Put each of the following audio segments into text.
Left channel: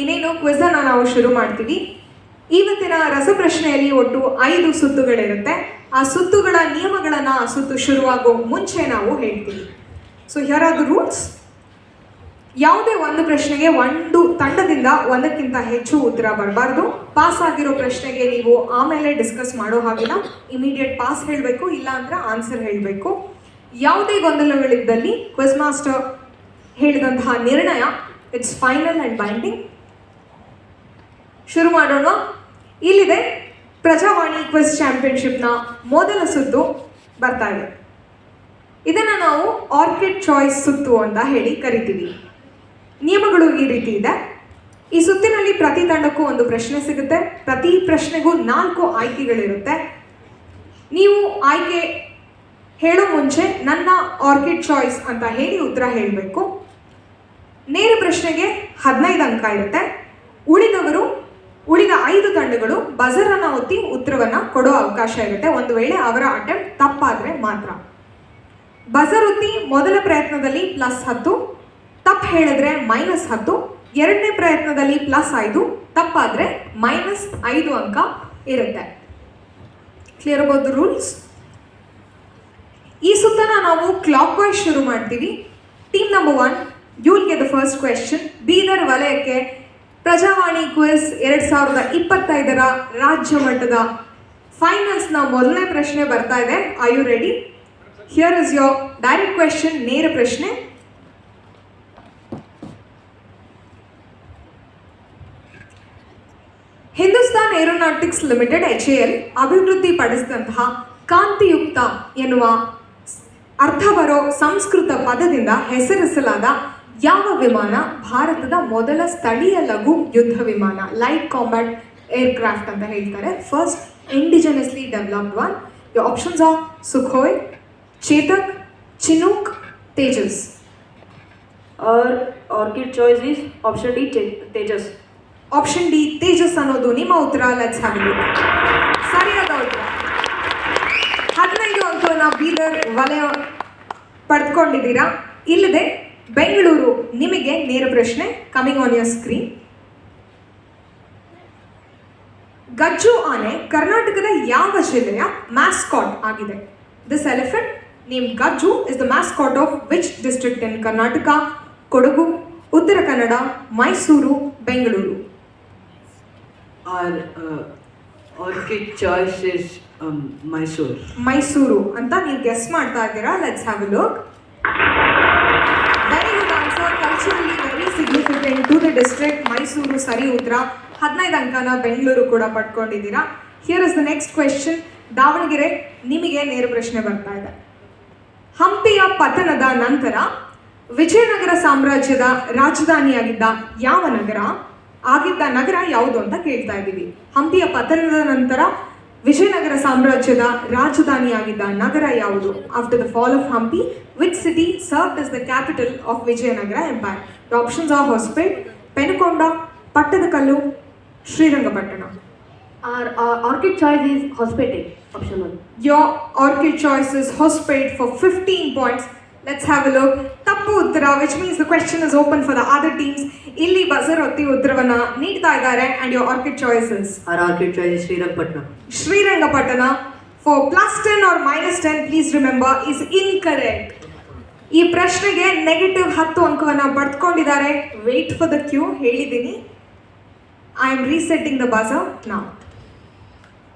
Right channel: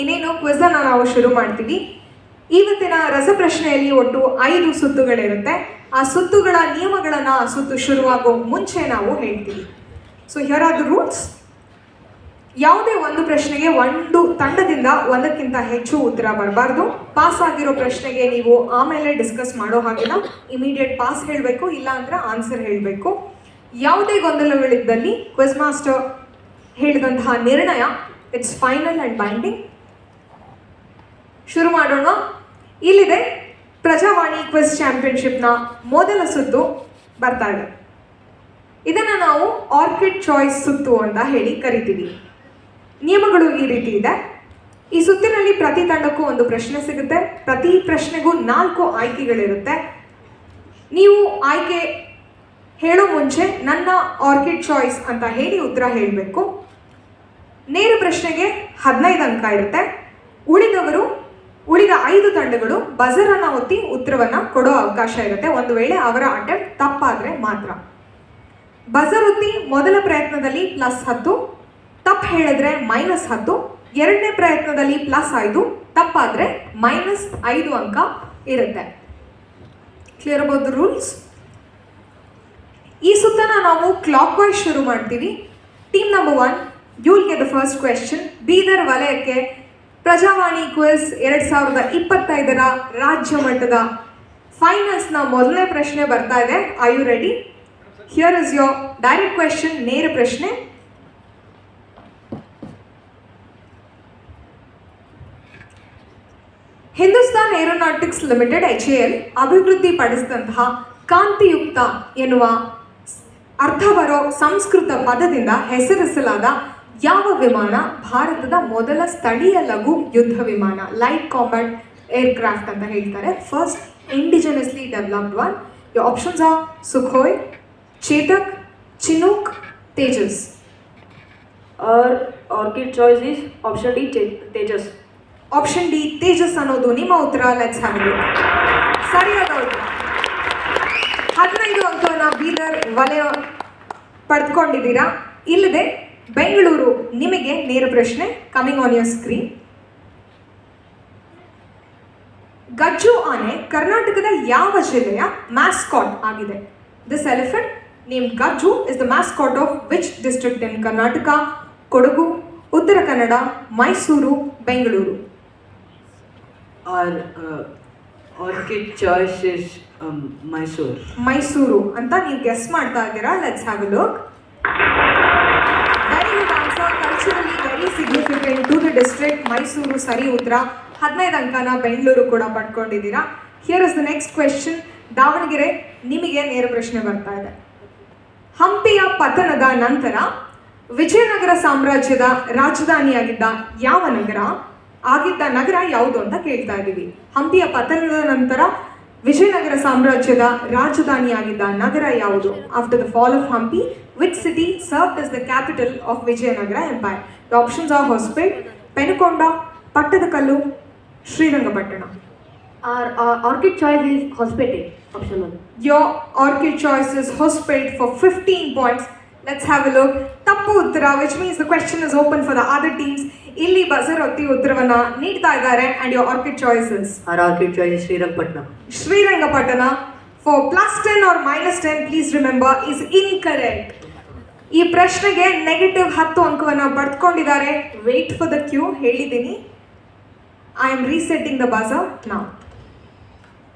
ಇನ್ನೇನು ಕ್ವಿಜ್ ಅನ್ನು ನಾವು ಶುರು ಮಾಡ್ತೀವಿ. ಇವತ್ತಿನ ರಸಪ್ರಶ್ನೆಯಲ್ಲಿ ಒಟ್ಟು 5 ಸುತ್ತುಗಳಿರುತ್ತೆ. ಆ ಸುತ್ತುಗಳ ನಿಯಮಗಳನ್ನು ಆ ಸುತ್ತು ಶುರುವಾಗೋ ಮುಂಚೆ ನಾವು ಹೇಳ್ತೀವಿ. So here are the rules. ಯಾವುದೇ ಒಂದು ಪ್ರಶ್ನೆಗೆ ಒಂದು ತಂಡದಿಂದ ಒಂದಕ್ಕಿಂತ ಹೆಚ್ಚು ಉತ್ತರ ಬರಬಾರ್ದು. ಪಾಸ್ ಆಗಿರೋ ಪ್ರಶ್ನೆಗೆ ನೀವು ಆಮೇಲೆ ಡಿಸ್ಕಸ್ ಮಾಡೋ ಹಾಗಿಲ್ಲ, ಇಮಿಡಿಯೇಟ್ ಪಾಸ್ ಹೇಳಬೇಕು, ಇಲ್ಲ ಅಂದ್ರೆ ಆನ್ಸರ್ ಹೇಳಬೇಕು. ಯಾವುದೇ ಗೊಂದಲಗಳಿದ್ದಲ್ಲಿ ಕ್ವಿಜ್ ಮಾಸ್ಟರ್ ಹೇಳಿದಂತಹ ನಿರ್ಣಯ ಇಟ್ಸ್ ಫೈನಲ್ ಆ್ಯಂಡ್ ಬೈಂಡಿಂಗ್. ಶುರು ಮಾಡೋಣ. ಇಲ್ಲಿದೆ ಪ್ರಜಾವಾಣಿ ಕ್ವಿಜ್ ಚಾಂಪಿಯನ್ಶಿಪ್ನ ಮೊದಲ ಸುತ್ತು ಬರ್ತಾ ಇದೆ. ಇದನ್ನು ನಾವು ಆರ್ಕಿಡ್ ಚಾಯ್ಸ್ ಸುತ್ತು ಅಂತ ಹೇಳಿ ಕರಿತೀವಿ. ನಿಯಮಗಳು ಈ ರೀತಿ ಇದೆ. ಈ ಸುತ್ತಿನಲ್ಲಿ ಪ್ರತಿ ತಂಡಕ್ಕೂ ಒಂದು ಪ್ರಶ್ನೆ ಸಿಗುತ್ತೆ. ಪ್ರತಿ ಪ್ರಶ್ನೆಗೂ 4 ಆಯ್ಕೆಗಳಿರುತ್ತೆ. ನೀವು ಆಯ್ಕೆ ಹೇಳೋ ಮುಂಚೆ ನನ್ನ ಆರ್ಕಿಡ್ ಚಾಯ್ಸ್ ಅಂತ ಹೇಳಿ ಉತ್ತರ ಹೇಳಬೇಕು. ನೇರ ಪ್ರಶ್ನೆಗೆ 15 ಅಂಕ ಇರುತ್ತೆ. ಉಳಿದ 5 ತಂಡಗಳು ಬಜರನ್ನು ಒತ್ತಿ ಉತ್ತರವನ್ನು ಕೊಡೋ ಅವಕಾಶ ಇರುತ್ತೆ, ಒಂದು ವೇಳೆ ಅವರ ಅಟೆಂಪ್ಟ್ ತಪ್ಪಾದರೆ ಮಾತ್ರ. ಬಜರ್ ಒತ್ತಿ ಮೊದಲ ಪ್ರಯತ್ನದಲ್ಲಿ +10, ತಪ್ಪು ಹೇಳಿದ್ರೆ -10, ಎರಡನೇ ಪ್ರಯತ್ನದಲ್ಲಿ +5, ತಪ್ಪಾದರೆ -5 ಅಂಕ ಇರುತ್ತೆ. Clear about the rules. ಈ ಸುತ್ತನ ನಾವು ಕ್ಲಾಕ್ ವೈಸ್ ಶುರು ಮಾಡ್ತೀವಿ. Team number 1, you will get the first question. Bidar ವಲಯಕ್ಕೆ ಪ್ರಜಾವಾಣಿ ಕ್ವಿಜ್ 2025ರ ರಾಜ್ಯ ಮಟ್ಟದ ಫೈನಲ್ಸ್ನ ಮೊದಲನೇ ಪ್ರಶ್ನೆ ಬರ್ತಾ ಇದೆ. Are you ready? Here is your direct question, ನೇರ ಪ್ರಶ್ನೆ. ಹಿಂದೂಸ್ತಾನ್ ಏರೋನಾಟಿಕ್ಸ್ ಲಿಮಿಟೆಡ್ HAL ಅಭಿವೃದ್ಧಿಪಡಿಸಿದಂತಹ ಕಾಂತಿಯುಕ್ತ ಎನ್ನುವ ಅರ್ಥ ಬರೋ ಸಂಸ್ಕೃತ ಪದದಿಂದ ಹೆಸರಿಸಲಾದ ಯಾವ ವಿಮಾನ ಭಾರತದ ಮೊದಲ ಸ್ಥಳೀಯ ಲಘು ಯುದ್ಧ ವಿಮಾನ, ಲೈಟ್ ಕಾಂಬ್ಯಾಟ್ ಏರ್ಕ್ರಾಫ್ಟ್ ಅಂತ ಹೇಳ್ತಾರೆ, first ಇಂಡಿಜಿನಸ್ಲಿ developed one? Your options R Sukhoi, Chetak, Chinook, Tejas. Orchid choice is option D, Tejas. Option D Tejas ಅನ್ನೋದು ನಿಮ್ಮ ಉತ್ತರ. Let's have it. ಸರಿಯಾದ ಉತ್ತರ. 15 ಅಂಕವನ್ನು ಬೀದರ್ ವಲಯ ಪಡೆದುಕೊಂಡಿದ್ದೀರಾ. ಇಲ್ಲದೆ ಬೆಂಗಳೂರು ನಿಮಗೆ ನೇರ ಪ್ರಶ್ನೆ. Coming on your screen. Gajju ಆನೆ ಕರ್ನಾಟಕದ ಯಾವ ಜಿಲ್ಲೆಯ ಮ್ಯಾಸ್ಕಾಟ್ ಆಗಿದೆ? This elephant name Gajju is the mascot of which district in Karnataka? Kodagu, Uttara Kannada, Mysuru, Bengaluru. Orchid choice is Mysuru ಅಂತ ನೀವು ಗೆಸ್ ಮಾಡ್ತಾ ಇದ್ದೀರಾ. Let's have a look. Very good answer. Culturally very significant to the district Mysuru. ಸರಿ ಉತ್ತರ. 15 ಅಂಕನ ಬೆಂಗಳೂರು ಕೂಡ ಪಡ್ಕೊಂಡಿದ್ದೀರಾ. Here is the next question. Davanagere ನಿಮಗೆ ನೇರ ಪ್ರಶ್ನೆ ಬರ್ತಾ ಇದೆ. ಹಂಪಿಯ ಪತನದ ನಂತರ ವಿಜಯನಗರ ಸಾಮ್ರಾಜ್ಯದ ರಾಜಧಾನಿಯಾಗಿದ್ದ ಯಾವ ನಗರ ಯಾವುದು ಅಂತ ಕೇಳ್ತಾ ಇದ್ದೀವಿ. ಹಂಪಿಯ ಪತನದ ನಂತರ ವಿಜಯನಗರ ಸಾಮ್ರಾಜ್ಯದ ರಾಜಧಾನಿಯಾಗಿದ್ದ ನಗರ ಯಾವುದು? After the fall of Hampi, which city served as the capital of Vijayanagara empire? The options are Hospet, Penukonda, Pattadakal, Srirangapatna. Orchid choice is Hosapete. Option 1. Your orchid choice is Hospet for 15 points. Let's have a look. ತಪ್ಪು ಉತ್ತರ, which means the question is open for the other teams. ಇಲ್ಲಿ buzzer ಒತ್ತಿ ಉತ್ತರವನ್ನ ನೀಡ್ತಾ ಇದ್ದಾರೆ. and your orchid choice is? Our orchid choice is Srirangapatna. Srirangapatna for +10 or -10, please remember, is incorrect. ಈ ಪ್ರಶ್ನೆಗೆ -10 ಅಂಕವನ್ನು ಪಡೆದುಕೊಂಡಿದ್ದಾರೆ. Wait for the cue. ಹೇಳಿದ್ದೀನಿ. I am resetting the buzzer now.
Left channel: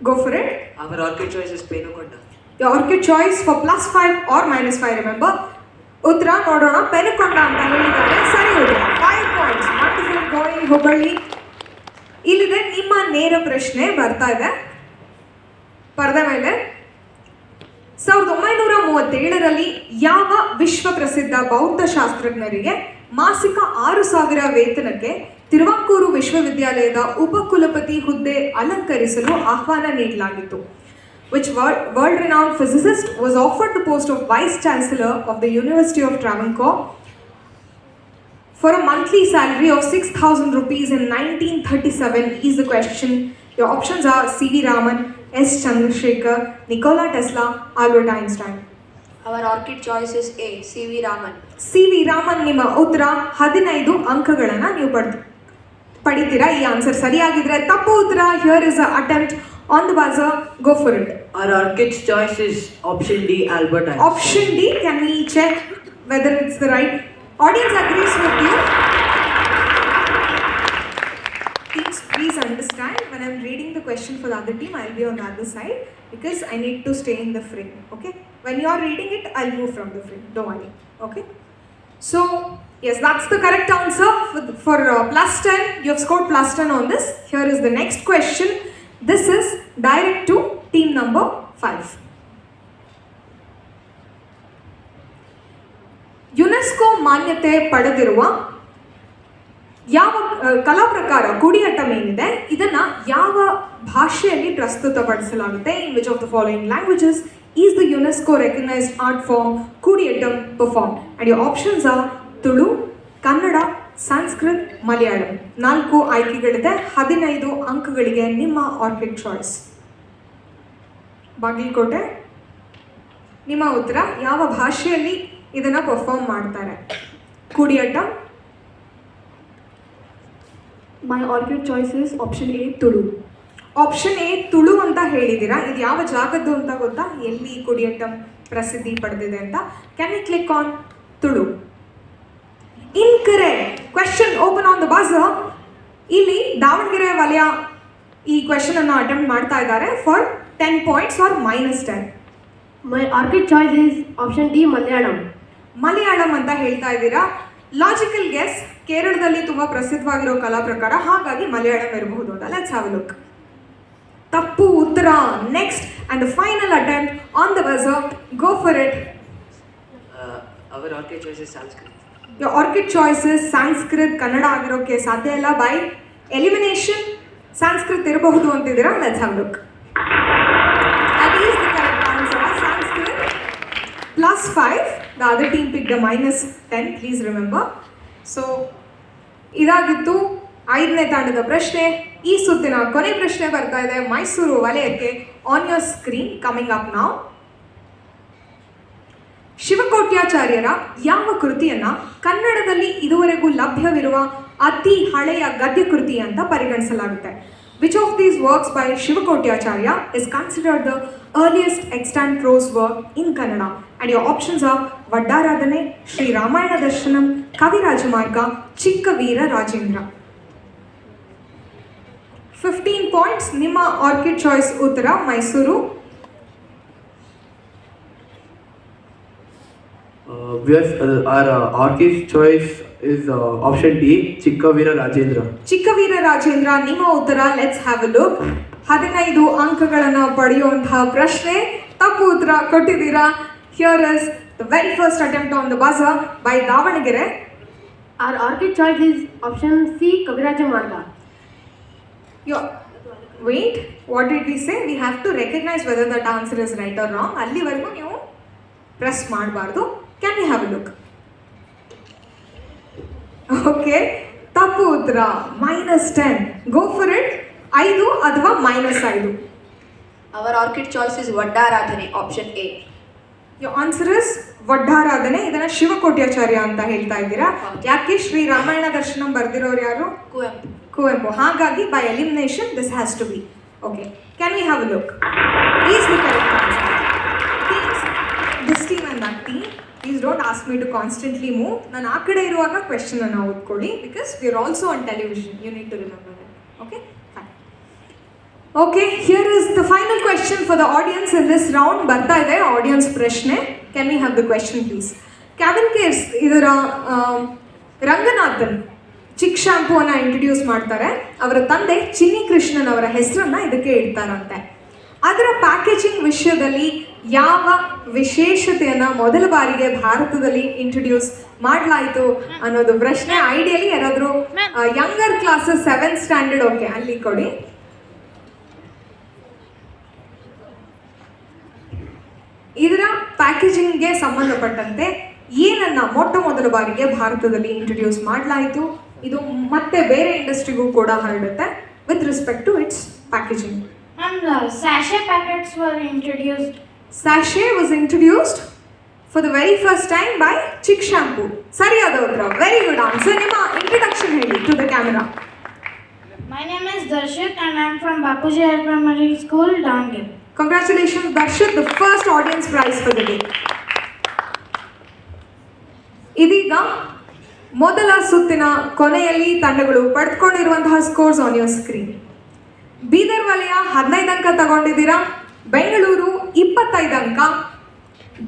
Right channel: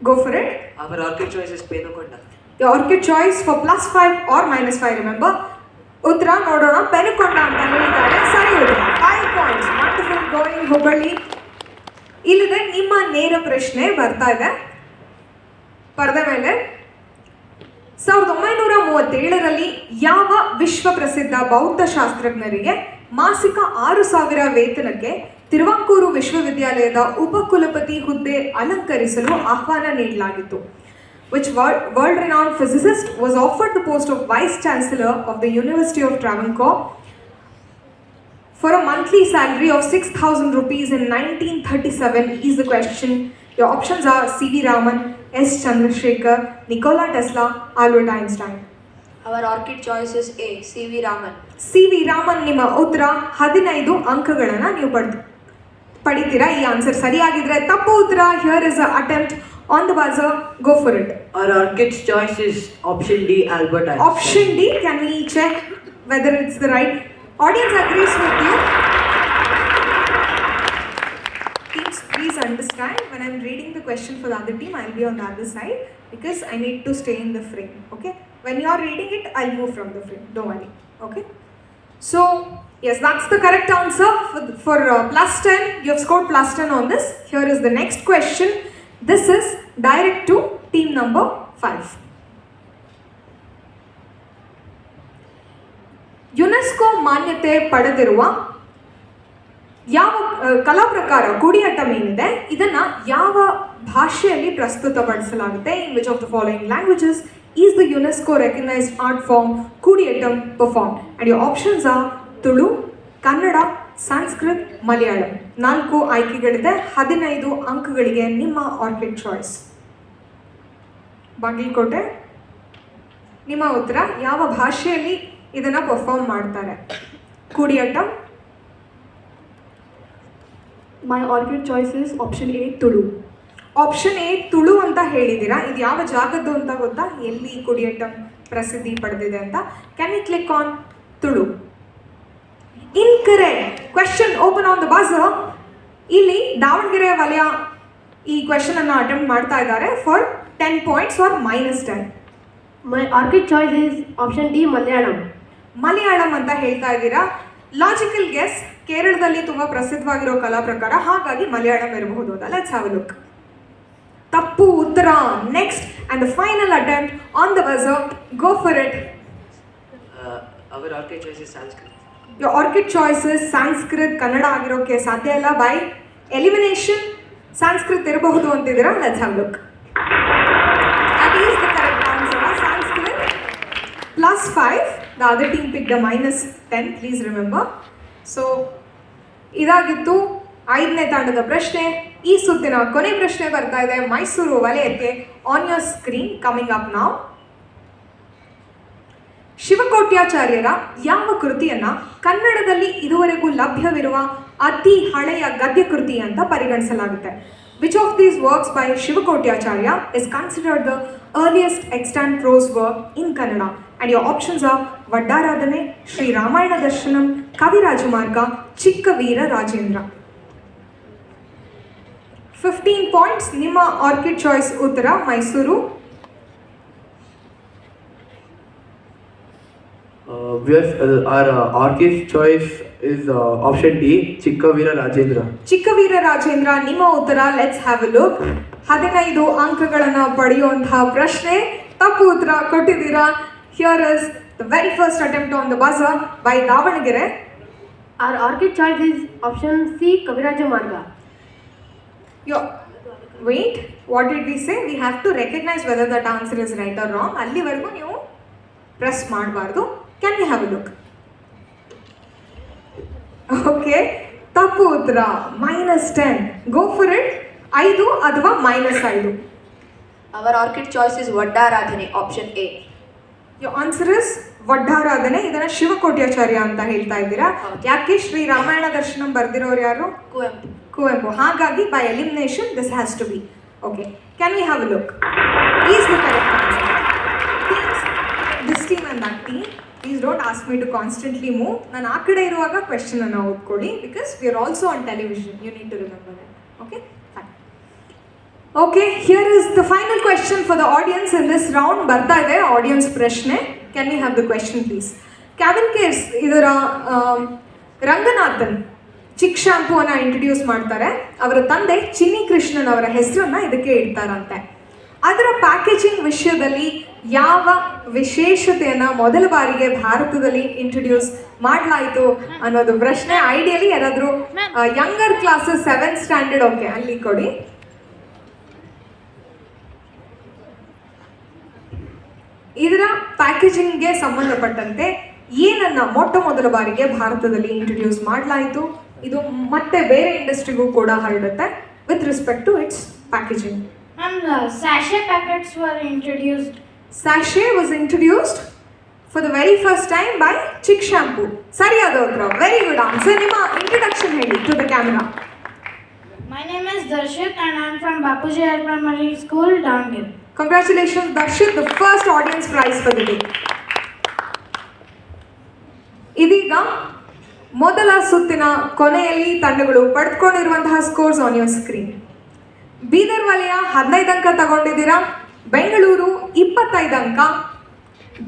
Go for it. Our orchid choice is Penukonda. Your orchid choice for +5 or -5, remember. ಉತ್ತರ ನೋಡೋಣ. ಪೆನುಕೊಂಡ ಅಂತ ಹೇಳಿದ್ದಾರೆ. ಸರಿ ಉತ್ತರ. 5 points. Wonderful going, Hubballi. ಇಲ್ಲಿದೆ ನಿಮ್ಮ ನೇರ ಪ್ರಶ್ನೆ ಬರ್ತಾ ಇದೆ ಪರದೆ ಮೇಲೆ. 1937ರಲ್ಲಿ ಯಾವ ವಿಶ್ವ ಪ್ರಸಿದ್ಧ ಬೌದ್ಧ ಶಾಸ್ತ್ರಜ್ಞರಿಗೆ ಮಾಸಿಕ 6,000 ವೇತನಕ್ಕೆ ತಿರುವಾಂಕೂರು ವಿಶ್ವವಿದ್ಯಾಲಯದ ಉಪಕುಲಪತಿ ಹುದ್ದೆ ಅಲಂಕರಿಸಲು ಆಹ್ವಾನ ನೀಡಲಾಗಿತ್ತು? Which world-renowned physicist was offered the post of Vice Chancellor of the University of Travancore for a monthly salary of 6,000 rupees in 1937 is the question. Your options are C.V. Raman, S. Chandrasekhar, Nikola Tesla, Albert Einstein. Our orchid choice is A, C.V. Raman. C.V. Raman ನಿಮ್ಮ ಉತ್ತರ. 15 ಅಂಕಗಳನ್ನು ನೀವು ಪಡಿತೀರಾ ಈ answer ಸರಿಯಾಗಿದ್ರೆ ತಪ್ಪು ಉತ್ತರ. Here is attempt on the buzzer, go for it. Our Orchid's choice is option D, Albert Einstein. Option D, can we check whether it's the right? Audience agrees with you. Teams, please understand, when I'm reading the question for the other team, I'll be on the other side because I need to stay in the frame, okay? When you're reading it, I'll move from the frame, don't worry, okay? So, yes, that's the correct answer for plus 10. You have scored plus 10 on this. Here is the next question. This is direct to team number 5. UNESCO ಮಾನ್ಯತೆ ಪಡೆದಿರುವ ಯಾವ ಕಲಾ ಪ್ರಕಾರ ಕೂಡಿಯಾಟ್ಟಂ ಏನಿದೆ ಇದನ್ನ ಯಾವ ಭಾಷೆಯಲ್ಲಿ ಪ್ರಸ್ತುತಪಡಿಸಲಾಗುತ್ತೆ? In which of the following languages is the UNESCO recognised art form Koodiyattam perform? And your options are Tulu, Kannada, Sanskrit, Malayalam. 4 ಆಯ್ಕೆಗಳಿದೆ. 15 ಅಂಕಗಳಿಗೆ ನಿಮ್ಮ ಆರ್ಕಿಡ್ ಚಾಯ್ಸ್. ಬಾಗಲಕೋಟೆ, ನಿಮ್ಮ ಉತ್ತರ. ಯಾವ ಭಾಷೆಯಲ್ಲಿ ಇದನ್ನು ಪರ್ಫಾರ್ಮ್ ಮಾಡ್ತಾರೆ ಕೂಡಿಯಾಟ್ಟಂ? My orchid choice is option A, Tulu. Option A Tulu ಅಂತ ಹೇಳಿದ್ದೀರಾ. ಇದು ಯಾವ ಜಾಗದ್ದು ಅಂತ ಗೊತ್ತಾ? ಎಲ್ಲಿ ಕೂಡಿಯಾಟ್ಟಂ ಪ್ರಸಿದ್ಧಿ ಪಡೆದಿದೆ ಅಂತ? Can you click on Tulu? Incorrect. Question open on the buzzer. ಇಲ್ಲಿ ದಾವಣಗೆರೆ ವಲಯ ಈ ಕ್ವೆಶ್ಚನ್ ಅನ್ನು ಅಟೆಂಪ್ಟ್ ಮಾಡ್ತಾ ಇದ್ದಾರೆ for 10 points or -10. My orchid choice is option D, Malayalam. Malayalam ಅಂತ ಹೇಳ್ತಾ ಇದ್ದೀರಾ. Logical guess. ಕೇರಳದಲ್ಲಿ ತುಂಬಾ ಪ್ರಸಿದ್ಧವಾಗಿರೋ ಕಲಾ ಪ್ರಕಾರ, ಹಾಗಾಗಿ ಮಲಯಾಳಂ ಇರಬಹುದು ಅಂತ. Let's have a look. ತಪ್ಪು ಉತ್ತರ. Next and the final attempt on the buzzer, go for it. Our Orchid choice is Sanskrit. Your orchid choices Sanskrit, Kannada ಆಗಿರೋಕ್ಕೆ ಸಾಧ್ಯ ಇಲ್ಲ. ಬೈ ಎಲಿಮಿನೇಷನ್ ಸಂಸ್ಕೃತ್ ಇರಬಹುದು ಅಂತಿದ್ದೀರಾ. Let's have look. That is the correct answer. Sanskrit plus 5. The other team pick the -10, please remember. So ಇದಾಗಿತ್ತು 5ನೇ ತಾಂಡದ ಪ್ರಶ್ನೆ. ಈ ಸುತ್ತಿನ ಕೊನೆ ಪ್ರಶ್ನೆ ಬರ್ತಾ ಇದೆ ಮೈಸೂರು ವಲಯಕ್ಕೆ. On your screen, coming up now. ಶಿವಕೋಟ್ಯಾಚಾರ್ಯರ ಯಾವ ಕೃತಿಯನ್ನ ಕನ್ನಡದಲ್ಲಿ ಇದುವರೆಗೂ ಲಭ್ಯವಿರುವ ಅತಿ ಹಳೆಯ ಗದ್ಯ ಕೃತಿ ಅಂತ ಪರಿಗಣಿಸಲಾಗುತ್ತೆ? Which of these works by Shivakotyacharya is considered the earliest extant prose work in Kannada? And your options are Vaddaradhane, Shri Ramayana Darshanam, Kavirajamarga, Chikkaveera Rajendra. 15 points. ನಿಮ್ಮ ಆರ್ಕಿಡ್ ಚಾಯ್ಸ್ ಉತ್ತರ Mysuru. Our Orchid choice is option D, Chikkavira Rajendra. Chikkaveera Rajendra ನಿಮ್ಮ ಉತ್ತರ. Let's have a look. 15 ಅಂಕಗಳನ್ನು ಪಡೆಯುವಂತಹ ಪ್ರಶ್ನೆ. ತಪ್ಪು ಉತ್ತರ ಕೊಟ್ಟಿದ್ದೀರಾ. Here is the very first attempt on the buzzer by Davanagere. Our orchid choice is option C, Kaviraja Marga. Wait, what did we say? We have to recognize whether that answer is right or wrong. ಅಲ್ಲಿವರೆಗೂ ನೀವು press ಮಾಡಬಾರ್ದು. Can you have a look? Okay, ತಪ್ಪು ಉತ್ತರ. -10. ಗೋ for it. 5 ಅಥವಾ -5? Our orchid choice is Vaddaradhane, option A. Your answer is Vaddaradhane. ಇದನ್ನ ಶಿವಕೋಟ್ಯಾಚಾರ್ಯ ಅಂತ ಹೇಳ್ತಾ ಇದ್ದೀರಾ. ಯಾಕೆ? ಶ್ರೀ ರಾಮಾಯಣ ದರ್ಶನಂ ಬರ್ದಿರೋರು ಯಾರು? Kuvempu. ಕುವೆಂಪು. ಹಾಗಾಗಿ by elimination this has to be. Okay, can we have a look? Is the correct answer. This team and that team, please don't ask me to constantly move. ನಾನು ಆ ಕಡೆ ಇರುವಾಗ ಕ್ವೆಶ್ಚನ್ ಅನ್ನು ಓದ್ಕೊಳ್ಳಿ, because we are also on television. You need to remember it. Okay, okay, here is the final question for the audience in this round. ಬರ್ತಾ ಇದೆ audience ಪ್ರಶ್ನೆ. Can we have the question please? Cavin Kare's ಇದರ ರಂಗನಾಥನ್ ಚಿಕ್ ಶಾಂಪೂವನ್ನು introduce ಮಾಡ್ತಾರೆ. ಅವರ ತಂದೆ ಚಿನ್ನಿ ಕೃಷ್ಣನ್ ಅವರ ಹೆಸರನ್ನ ಇದಕ್ಕೆ ಇಡ್ತಾರಂತೆ. ಅದರ ಪ್ಯಾಕೇಜಿಂಗ್ ವಿಷಯದಲ್ಲಿ ಯಾವ ವಿಶೇಷತೆಯನ್ನು ಮೊದಲ ಬಾರಿಗೆ ಭಾರತದಲ್ಲಿ ಇಂಟ್ರೊಡ್ಯೂಸ್ ಮಾಡಲಾಯಿತು ಅನ್ನೋದು ಪ್ರಶ್ನೆ. ಐಡಿಯಲಿ ಯಾರಾದರೂ younger classes 7th standard, okay, ಅಲ್ಲಿ ಕೊಡಿ. ಇದರ ಪ್ಯಾಕೇಜಿಂಗ್ಗೆ ಸಂಬಂಧಪಟ್ಟಂತೆ ಏನನ್ನ ಮೊಟ್ಟ ಮೊದಲ ಬಾರಿಗೆ ಭಾರತದಲ್ಲಿ ಇಂಟ್ರೊಡ್ಯೂಸ್ ಮಾಡಲಾಯಿತು? ಇದು ಮತ್ತೆ ಬೇರೆ ಇಂಡಸ್ಟ್ರಿಗೂ ಕೂಡ ಹರಡುತ್ತೆ with respect to its packaging. And sachet packets were introduced. Sachet was introduced for the very first time by Chick Shampoo. ಸರಿಯಾದ ಉತ್ತರ. Very good answer. ನಿಮ್ಮ ಇಂಟ್ರೊಡಕ್ಷನ್ ಹೇಳಿ to the camera. Darshit and I am from Bapuji Higher Primary School, Davangere. Congratulations, Darshit, the first audience prize for the day. ಇದೀಗ ಮೊದಲ ಸುತ್ತಿನ ಕೊನೆಯಲ್ಲಿ ತಂಡಗಳು ಪಡೆದುಕೊಂಡಿರುವಂತಹ scores on your screen. Bidar ವಲಯ 15 ಅಂಕ ತಗೊಂಡಿದ್ದೀರಾ, ಬೆಂಗಳೂರು 25 ಅಂಕ,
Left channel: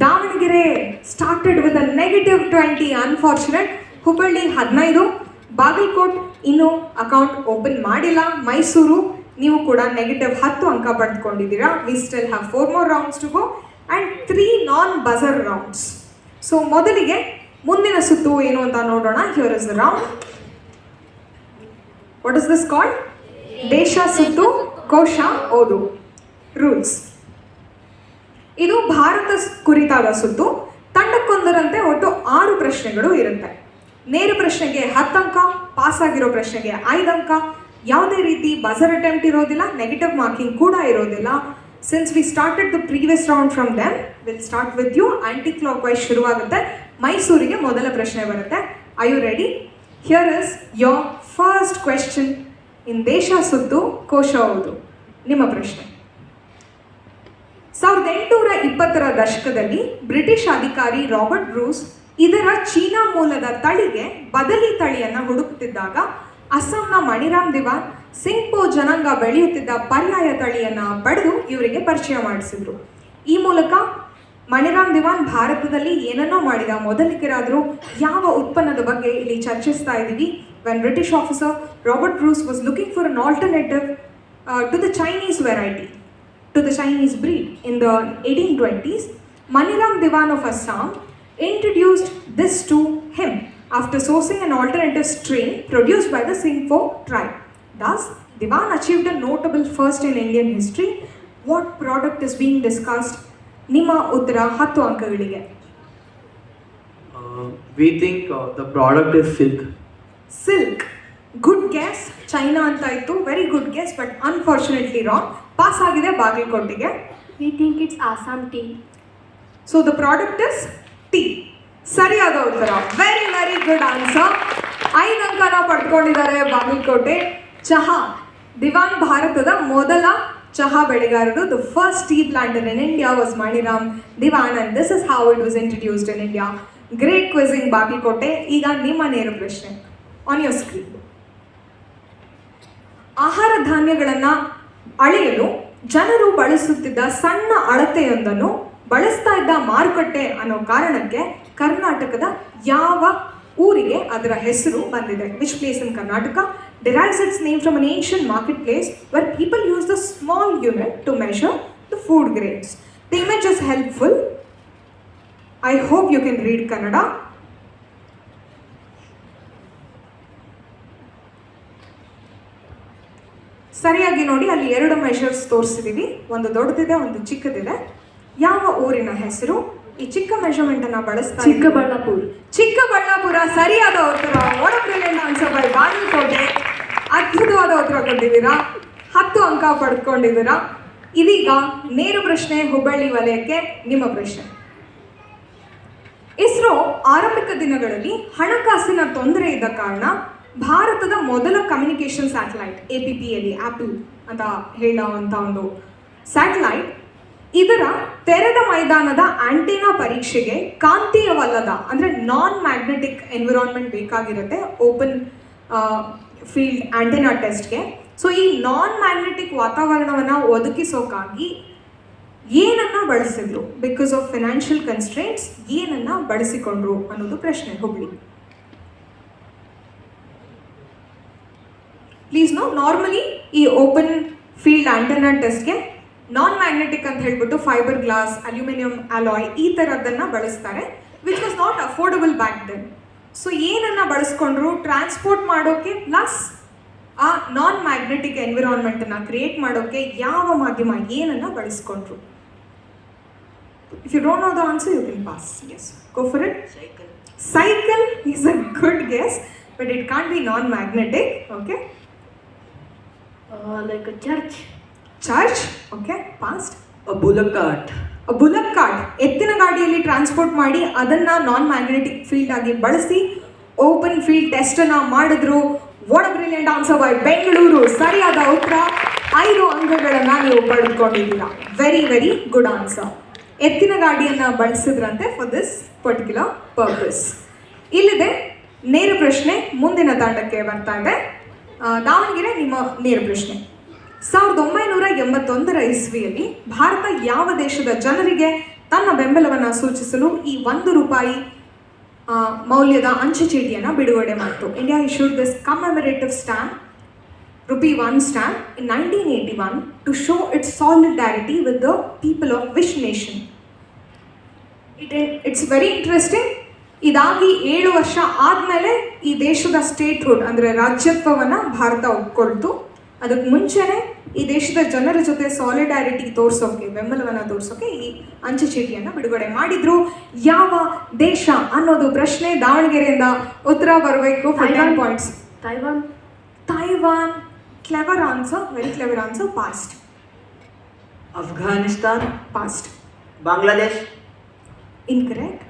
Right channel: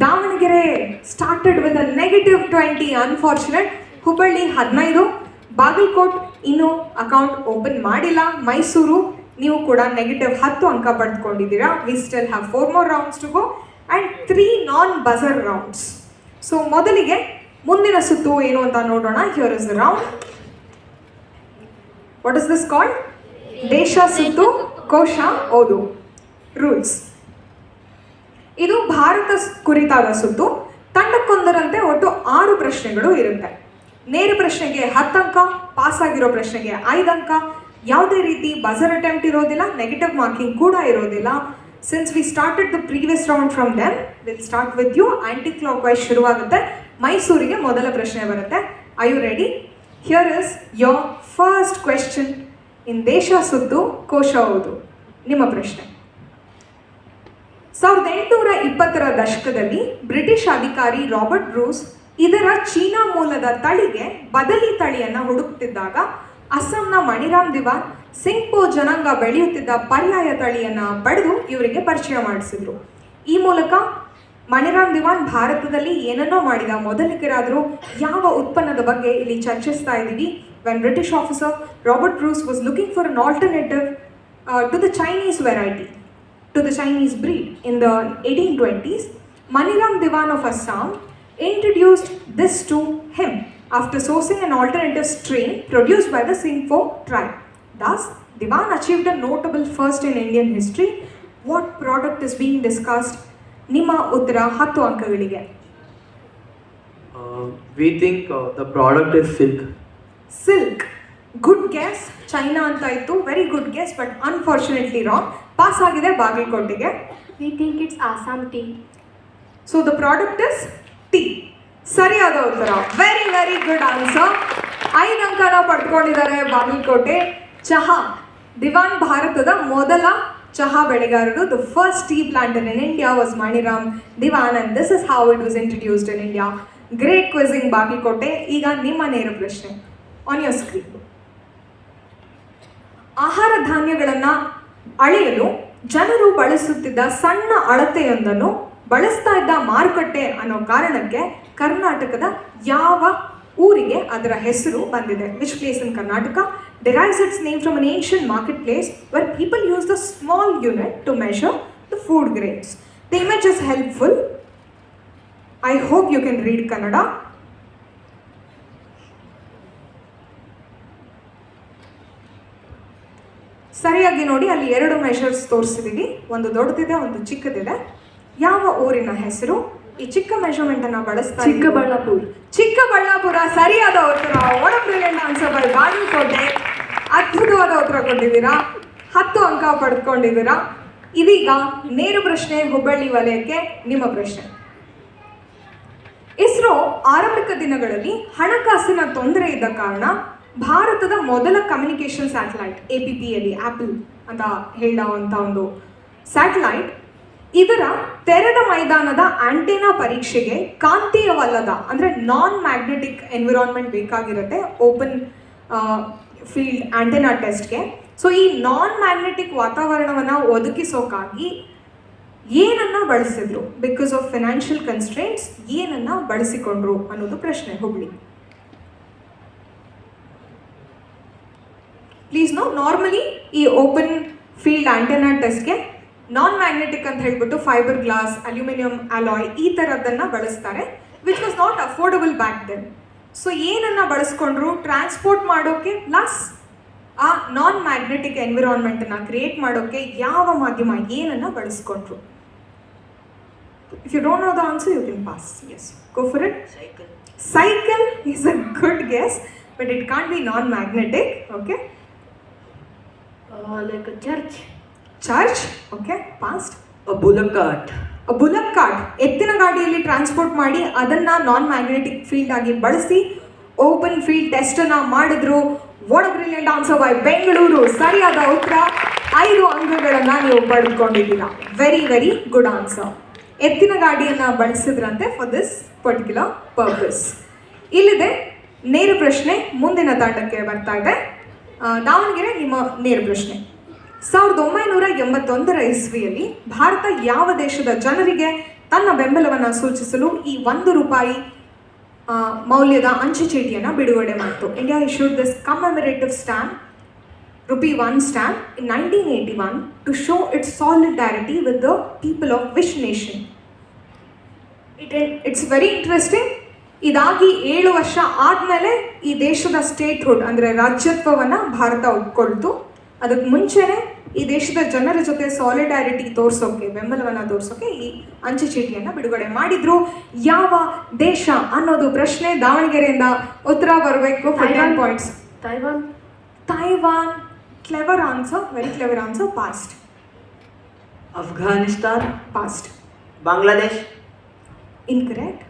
Davanagere started with a -20 unfortunate, Hubballi 15, Bagalkot ಇನ್ನೂ ಅಕೌಂಟ್ ಓಪನ್ ಮಾಡಿಲ್ಲ, ಮೈಸೂರು ನೀವು ಕೂಡ -10 ಅಂಕ ಪಡೆದುಕೊಂಡಿದ್ದೀರಾ. We still have 4 more rounds to go and 3 non-buzzer rounds. So ಮೊದಲಿಗೆ ಮುಂದಿನ ಸುತ್ತು ಏನು ಅಂತ ನೋಡೋಣ. Here is the round. What is this called? ದೇಶ ಸುತ್ತು ಕೋಶ ಓದು. ರೂಲ್ಸ್. ಇದು ಭಾರತ ಕುರಿತಾದ ಸುತ್ತು. ತಂಡಕ್ಕೊಂದರಂತೆ ಒಟ್ಟು 6 ಪ್ರಶ್ನೆಗಳು ಇರುತ್ತೆ. ನೇರ ಪ್ರಶ್ನೆಗೆ 10 ಅಂಕ, ಪಾಸ್ ಆಗಿರೋ ಪ್ರಶ್ನೆಗೆ 5 ಅಂಕ, ಯಾವುದೇ ರೀತಿ ಬಜರ್ ಅಟೆಂಪ್ಟ್ ಇರೋದಿಲ್ಲ, ನೆಗೆಟಿವ್ ಮಾರ್ಕಿಂಗ್ ಕೂಡ ಇರೋದಿಲ್ಲ. Since we started the previous round from them, will start with you. Anticlockwise ಶುರುವಾಗುತ್ತೆ. ಮೈಸೂರಿಗೆ ಮೊದಲ ಪ್ರಶ್ನೆ ಬರುತ್ತೆ. I you ready? Here is your first question in ದೇಶ ಸುತ್ತು ಕೋಶ ಓದು. ನಿಮ್ಮ ಪ್ರಶ್ನೆ. 1820ರ ದಶಕದಲ್ಲಿ ಬ್ರಿಟಿಷ್ ಅಧಿಕಾರಿ ರಾಬರ್ಟ್ ಬ್ರೂಸ್ ಇದರ ಚೀನಾ ಮೂಲದ ತಳಿಗೆ ಬದಲಿ ತಳಿಯನ್ನು ಹುಡುಕುತ್ತಿದ್ದಾಗ ಅಸ್ಸಾಂನ ಮಣಿರಾಮ್ ದಿವಾನ್ ಸಿಂಗ್ಪೋ ಜನಾಂಗ ಬೆಳೆಯುತ್ತಿದ್ದ ಪರ್ಯಾಯ ತಳಿಯನ್ನು ಪಡೆದು ಇವರಿಗೆ ಪರಿಚಯ ಮಾಡಿಸಿದ್ರು. ಈ ಮೂಲಕ ಮಣಿರಾಮ್ ದಿವಾನ್ ಭಾರತದಲ್ಲಿ ಏನನ್ನೋ ಮಾಡಿದ ಮೊದಲಿಗರಾದರೂ. ಯಾವ ಉತ್ಪನ್ನದ ಬಗ್ಗೆ ಇಲ್ಲಿ ಚರ್ಚಿಸ್ತಾ ಇದ್ದೀವಿ? When British officer Robert Bruce was looking for an alternative to the Chinese variety, to the Chinese breed in the 1820s, Maniram Diwan of Assam introduced this to him after sourcing an alternative strain produced by the Singpho tribe. Thus, Diwan achieved a notable first in Indian history. What product is being discussed? ನಿಮ್ಮ ಉತ್ತರ 10 ಅಂಕಗಳಿಗೆ. We think the product is silk. Silk. Good guess. China ಅಂತ ಇತ್ತು. Very good guess, but unfortunately wrong. Pass ಆಗಿದೆ ಬಾಗಲಕೋಟೆಗೆ. We think it's Assam tea. So the product is tea. ಸರಿಯಾದ ಉತ್ತರ. Very very good answer. 5 ಅಂಕನ ಪಡ್ಕೊಂಡಿದ್ದಾರೆ ಬಾಗಲಕೋಟೆ. ಚಹಾ. ದಿವಾನ್ ಭಾರತದ ಮೊದಲ ಚಹಾ ಬೆಳೆಗಾರರು. The first tea planter in India was Maniram Dewan and this is how it was introduced in India. Great ಕ್ವಿಜಿಂಗ್ Bagalkot. ಈಗ ನಿಮ್ಮ ನೇರ ಪ್ರಶ್ನೆ ಆನ್ ಯೋರ್ ಸ್ಕ್ರೀನ್. ಆಹಾರ ಧಾನ್ಯಗಳನ್ನು ಅಳೆಯಲು ಜನರು ಬಳಸುತ್ತಿದ್ದ ಸಣ್ಣ ಅಳತೆಯೊಂದನ್ನು ಬಳಸ್ತಾ ಇದ್ದ ಮಾರುಕಟ್ಟೆ ಅನ್ನೋ ಕಾರಣಕ್ಕೆ ಕರ್ನಾಟಕದ ಯಾವ ಊರಿಗೆ ಅದರ ಹೆಸರು ಬಂದಿದೆ? Which place in Karnataka derives its name from an ancient marketplace where people use the small unit to measure the food grains. The image is helpful. I hope you can read Kannada. ಸರಿಯಾಗಿ ನೋಡಿ, ಅಲ್ಲಿ 2 measures ತೋರಿಸಿದೀವಿ. ಒಂದು ದೊಡ್ಡದಿದೆ, ಒಂದು ಚಿಕ್ಕದಿದೆ. ಯಾವ ಊರಿನ ಹೆಸರು? ಈ ಚಿಕ್ಕ ಮೆಷರ್ಮೆಂಟ್ ಅನ್ನ ಬಳಸ್ತಾ ಚಿಕ್ಕಬಳ್ಳಾಪುರ. ಚಿಕ್ಕಬಳ್ಳಾಪುರ. ಸರಿಯಾದ ಉತ್ತರ. ಒಳ್ಳೆ ಬ್ರಿಲಿಯಂಟ್ ಆನ್ಸರ್ ಬೈ ಬಾಗಲಕೋಟೆ. ಅದ್ಭುತವಾದ ಉತ್ತರ ಕೊಟ್ಟಿದ್ದೀರಾ. 10 ಅಂಕ ಪಡ್ಕೊಂಡಿದ್ದೀರಾ. ಇದೀಗ ನೇರ ಪ್ರಶ್ನೆ ಹುಬ್ಬಳ್ಳಿ ವಲಯಕ್ಕೆ. ನಿಮ್ಮ ಪ್ರಶ್ನೆ. ಇಸ್ರೋ ಆರಂಭಿಕ ದಿನಗಳಲ್ಲಿ ಹಣಕಾಸಿನ ತೊಂದರೆ ಇದ್ದ ಕಾರಣ ಭಾರತದ ಮೊದಲ ಕಮ್ಯುನಿಕೇಷನ್ ಸ್ಯಾಟಲೈಟ್ APPLE, ಆಪಲ್ ಅಂತ ಹೇಳುವಂಥ ಒಂದು ಸ್ಯಾಟಲೈಟ್, ಇದರ ತೆರೆದ ಮೈದಾನದ ಆಂಟೆನಾ ಪರೀಕ್ಷೆಗೆ ಕಾಂತೀಯವಲ್ಲದ ಅಂದರೆ ನಾನ್ ಮ್ಯಾಗ್ನೆಟಿಕ್ ಎನ್ವಿರಾನ್ಮೆಂಟ್ ಬೇಕಾಗಿರುತ್ತೆ ಓಪನ್ ಫೀಲ್ಡ್ ಆಂಟೆನಾ ಟೆಸ್ಟ್ಗೆ. ಸೊ ಈ ನಾನ್ ಮ್ಯಾಗ್ನೆಟಿಕ್ ವಾತಾವರಣವನ್ನು ಒದಗಿಸೋಕ್ಕಾಗಿ ಏನನ್ನ ಬಳಸಿದ್ರು? ಬಿಕಾಸ್ ಆಫ್ ಫಿನಾನ್ಷಿಯಲ್ ಕನ್ಸ್ಟ್ರೇಂಟ್ಸ್ ಏನನ್ನ ಬಳಸಿಕೊಂಡ್ರು ಅನ್ನೋದು ಪ್ರಶ್ನೆ. ಹುಬ್ಳಿ. ಪ್ಲೀಸ್ ನೋ, ನಾರ್ಮಲಿ ಈ ಓಪನ್ ಫೀಲ್ಡ್ ಆಂಟೆನಾ ಟೆಸ್ಟ್ಗೆ ನಾನ್ ಮ್ಯಾಗ್ನೆಟಿಕ್ ಅಂತ ಹೇಳ್ಬಿಟ್ಟು ಫೈಬರ್ ಗ್ಲಾಸ್, ಅಲ್ಯೂಮಿನಿಯಂ ಅಲಾಯ್ ಈ ಥರದ್ದನ್ನು ಬಳಸ್ತಾರೆ, which was not affordable back then. So ಏನನ್ನ ಬಳಸ್ಕೊಂಡ್ರು? ಟ್ರಾನ್ಸ್ಪೋರ್ಟ್ ಮಾಡೋಕ್ಕೆ ಪ್ಲಸ್ ಆ ನಾನ್ ಮ್ಯಾಗ್ನೆಟಿಕ್ ಎನ್ವಿರಾನ್ಮೆಂಟನ್ನು ಕ್ರಿಯೇಟ್ ಮಾಡೋಕ್ಕೆ ಯಾವ ಮಾಧ್ಯಮ ಏನನ್ನ ಬಳಸ್ಕೊಂಡ್ರು? If you don't know the answer you can pass. Yes, go for it. Cycle. Cycle is a good guess, but it can't be non-magnetic. Okay. Like a church. Church. Okay. Past. A bullock cart. A bullock cart. ಎತ್ತಿನ ಗಾಡಿಯಲ್ಲಿ transport ಮಾಡಿ ಅದನ್ನ ನಾನ್ magnetic field ಆಗಿ ಬಳಸಿ open field test ಅನ್ನ ಮಾಡಿದ್ರು. What a brilliant answer by Bengaluru. ಸರಿಯಾದ ಉತ್ತರ. 5 ಅಂಕಗಳನ್ನ ನೀವು ಪಡೆದುಕೊಂಡಿದ್ದೀರಾ. Very very good answer. ಎತ್ತಿನ ಗಾಡಿಯನ್ನ ಬಳಸಿದ್ರಂತೆ ಫಾರ್ ದಿಸ್ ಪರ್ಟಿಕ್ಯುಲರ್ ಪರ್ಪಸ್. ಇಲ್ಲಿದೆ ನೇರ ಪ್ರಶ್ನೆ ಮುಂದಿನ ತಾಂಡಕ್ಕೆ ಬರ್ತಾ ಇದೆ. ದಾವಣಗೆರೆ ನಿಮ್ಮ ನೇರ ಪ್ರಶ್ನೆ. 1981 ಇಸ್ವಿಯಲ್ಲಿ ಭಾರತ ಯಾವ ದೇಶದ ಜನರಿಗೆ ತನ್ನ ಬೆಂಬಲವನ್ನು ಸೂಚಿಸಲು ಈ ₹1 ಮೌಲ್ಯದ ಅಂಚೆ ಚೀಟಿಯನ್ನು ಬಿಡುಗಡೆ ಮಾಡಿತು? India issued this commemorative stamp, ₹1 stamp in 1981 to show its solidarity with the people of which nation? It's very interesting. ಇದಾಗಿ 7 ವರ್ಷ ಆದಮೇಲೆ ಈ ದೇಶದ ಸ್ಟೇಟ್ಹುಡ್ ಅಂದರೆ ರಾಜ್ಯತ್ವವನ್ನು ಭಾರತ ಒಪ್ಕೊಳ್ತು. ಅದಕ್ಕೆ ಮುಂಚೆನೇ ಈ ದೇಶದ ಜನರ ಜೊತೆ ಸಾಲಿಡ್ಯಾರಿಟಿ ತೋರಿಸೋಕೆ, ಬೆಂಬಲವನ್ನು ತೋರಿಸೋಕೆ ಈ ಅಂಚೆ ಚೀಟಿಯನ್ನು ಬಿಡುಗಡೆ ಮಾಡಿದ್ರು. ಯಾವ ದೇಶ ಅನ್ನೋದು ಪ್ರಶ್ನೆ. ದಾವಣಗೆರೆಯಿಂದ ಉತ್ತರ ಬರಬೇಕು. 15 points. Taiwan. Taiwan. Clever answer, very clever answer. Past. Afghanistan. Past. Bangladesh. Incorrect.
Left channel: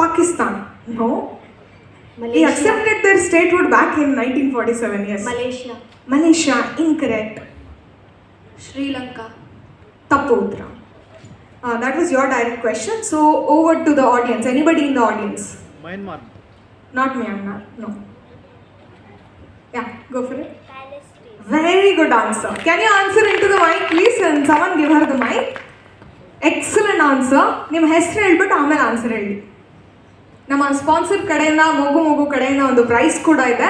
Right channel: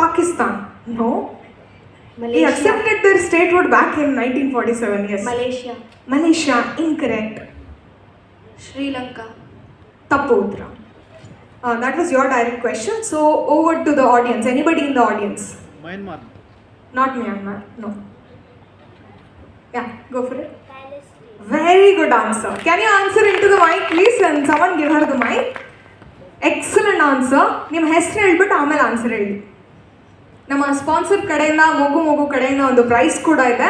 Pakistan. No. They Malaysia. accepted their statehood back in 1947. Yes. Malaysia. Malaysia. Incorrect. Sri Lanka. Tappu uttara. That was your direct question. So over to the audience. Anybody in the audience? Myanmar. Not Myanmar. No. Yeah, go for it. Very good answer. Can you answer into the mic, please? And someone give her the mic. Excellent answer. ನಿಮ್ಮ ಹೆಸರು ಹೇಳ್ಬಿಟ್ಟು ಆಮೇಲೆ answer ಹೇಳಿ. ನಮ್ಮ sponsor ಕಡೆಯಿಂದ ಮಗು ಕಡೆಯಿಂದ ಒಂದು ಪ್ರೈಸ್ ಕೂಡ ಇದೆ.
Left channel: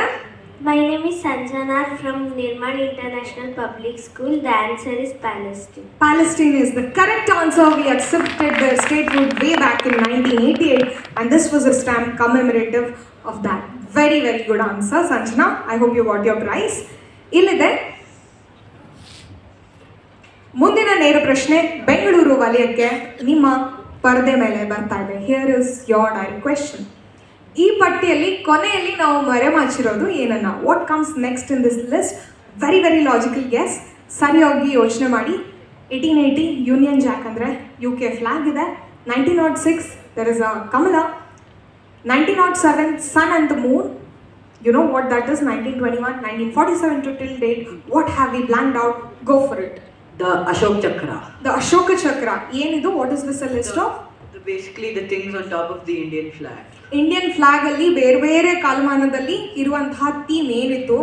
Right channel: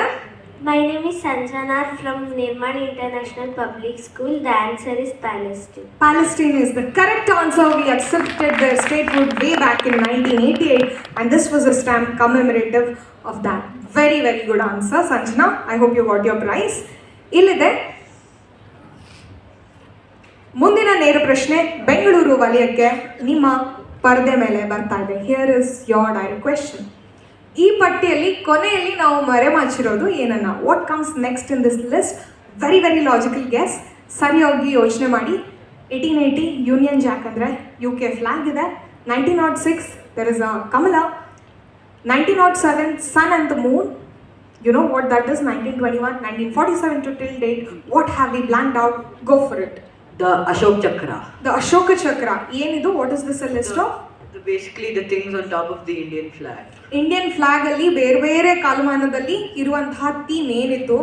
My name is Sanjana from Nirmal International Public School. The answer is Palestine. Palestine is the correct answer. We accepted their statehood way back in 1988 and this was a stamp commemorative of that. Very very good answer, Sanjana. I hope you got your prize. ಇಲ್ಲಿದೆ ಮುಂದಿನ ನೇರ ಪ್ರಶ್ನೆ. ಬೆಂಗಳೂರು ವಲಯಕ್ಕೆ ನಿಮ್ಮ ಪರದೆ ಮೇಲೆ ಬರ್ತಾ ಇದೆ. Here is your direct question. ಈ ಪಟ್ಟಿಯಲ್ಲಿ ಕೊನೆಯಲ್ಲಿ ನಾವು ಮರೆಮಾಚಿರೋದು ಏನನ್ನ? What comes next in this list? Very very logical guess. ಸರಿಯಾಗಿ ಯೋಚನೆ ಮಾಡಿ. 1880 ಯೂನಿಯನ್ ಜಾಕ್ ಅಂದರೆ UK ಫ್ಲಾಗ್ ಇದೆ. 1906 ದರ್ ಇಸ್ ಅ ಕಮಲ. 1907 sun and the moon. You know what that is? 1921, 1947 to till date. What have we blanked out? Go for it. The Ashok Chakra. The Ashoka Chakra. Yenidu, what is this a list of? Basically the things on top of the Indian flag. Indian flag ಅಲ್ಲಿ ಬೇರೆ ಬೇರೆ ಕಾಲಮಾನದಲ್ಲಿ ಇರುವಂತಹ theme ಏನಿತ್ತು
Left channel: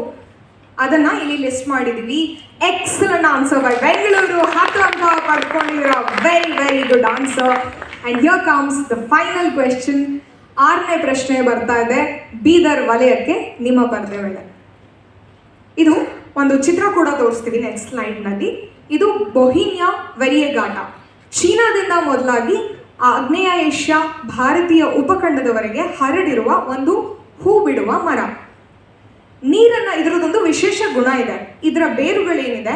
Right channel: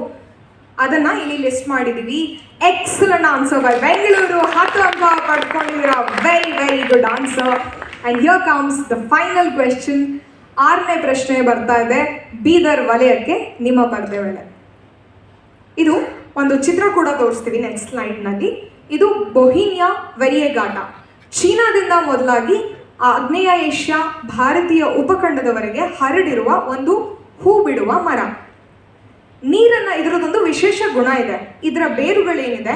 ಅದನ್ನ ಇಲ್ಲಿ list ಮಾಡಿದೀವಿ. Excellent answer by Bengaluru. 10 ಅಂಕ ಪಡ್ಕೊಂಡಿರೋ. Very very good answer. And here comes the final question. 6ನೇ ಪ್ರಶ್ನೆ ಬರ್ತಾ ಇದೆ. ಬೀದರ್ ವಲಯಕ್ಕೆ ನಿಮ್ಮ ಪರದೆ ಮೇಲೆ. ಇದು ಒಂದು ಚಿತ್ರ ಕೂಡ ತೋರಿಸ್ತೀವಿ ನೆಕ್ಸ್ಟ್ ಸ್ಲೈಡ್ನಲ್ಲಿ. ಇದು ಬೊಹಿನಿಯಾ ವೆರಿಯಗಾಟ. ಚೀನಾದಿಂದ ಮೊದಲಾಗಿ ಆಗ್ನೇಯ ಏಷ್ಯಾ, ಭಾರತೀಯ ಉಪಖಂಡದವರೆಗೆ ಹರಡಿರುವ ಒಂದು ಹೂ ಬಿಡುವ ಮರ. ನೀರನ್ನು, ಇದರದೊಂದು ವಿಶೇಷ ಗುಣ ಇದೆ. ಇದರ ಬೇರುಗಳೇನಿದೆ,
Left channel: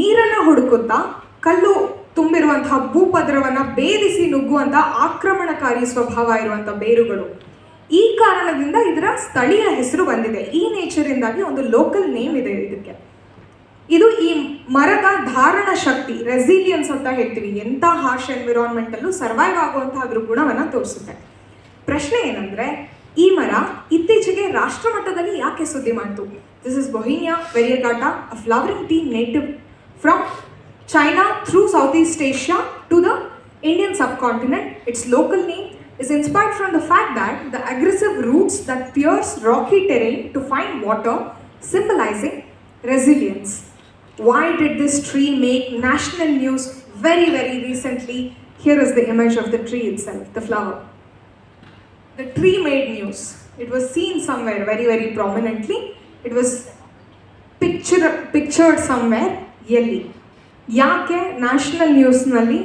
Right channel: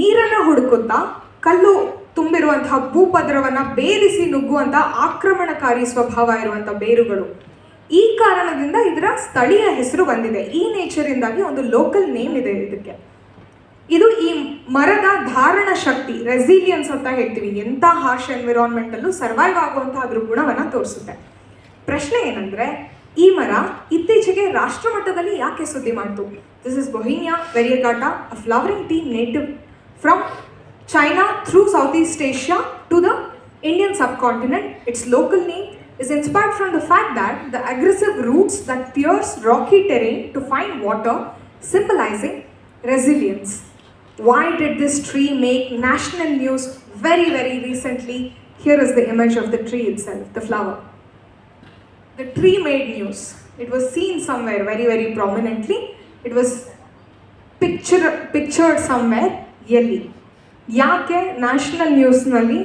ನೀರನ್ನು ಹುಡುಕುತ್ತಾ ಕಲ್ಲು ತುಂಬಿರುವಂತಹ ಭೂಪದರವನ್ನು ಭೇದಿಸಿ ನುಗ್ಗುವಂತಹ ಆಕ್ರಮಣಕಾರಿ ಸ್ವಭಾವ ಇರುವಂತಹ ಬೇರುಗಳು. ಈ ಕಾರಣದಿಂದ ಇದರ ಸ್ಥಳೀಯ ಹೆಸರು ಬಂದಿದೆ. ಈ ನೇಚರಿಂದಾಗಿ ಒಂದು ಲೋಕಲ್ ನೇಮ್ ಇದೆ ಇದಕ್ಕೆ. ಇದು ಈ ಮರದ ಧಾರಣ ಶಕ್ತಿ, ರೆಸಿಲಿಯನ್ಸ್ ಅಂತ ಹೇಳ್ತೀವಿ, ಎಂಥ ಹಾರ್ಶ್ ಎನ್ವಿರಾನ್ಮೆಂಟಲ್ಲೂ ಸರ್ವೈವ್ ಆಗುವಂತಹ ಅದ್ರ ಗುಣವನ್ನು ತೋರಿಸುತ್ತೆ. ಪ್ರಶ್ನೆ ಏನಂದರೆ, ಈ ಮರ ಇತ್ತೀಚೆಗೆ ರಾಷ್ಟ್ರಮಟ್ಟದಲ್ಲಿ ಯಾಕೆ ಸುದ್ದಿ ಮಾಡ್ತು? This is bauhinia variegata, a flowering tree native from China through Southeast Asia to the Indian subcontinent. Its local name is inspired from the fact that the aggressive roots that pierce rocky terrain to find water, symbolizing resilience. Why did this tree make national news very very recently? Here is the image of the tree itself, the flower. The tree made news. It was seen somewhere very very prominently. It was pictured somewhere. ಎಲ್ಲಿ, ಯಾಕೆ national ನ್ಯೂಸ್ನಲ್ಲಿ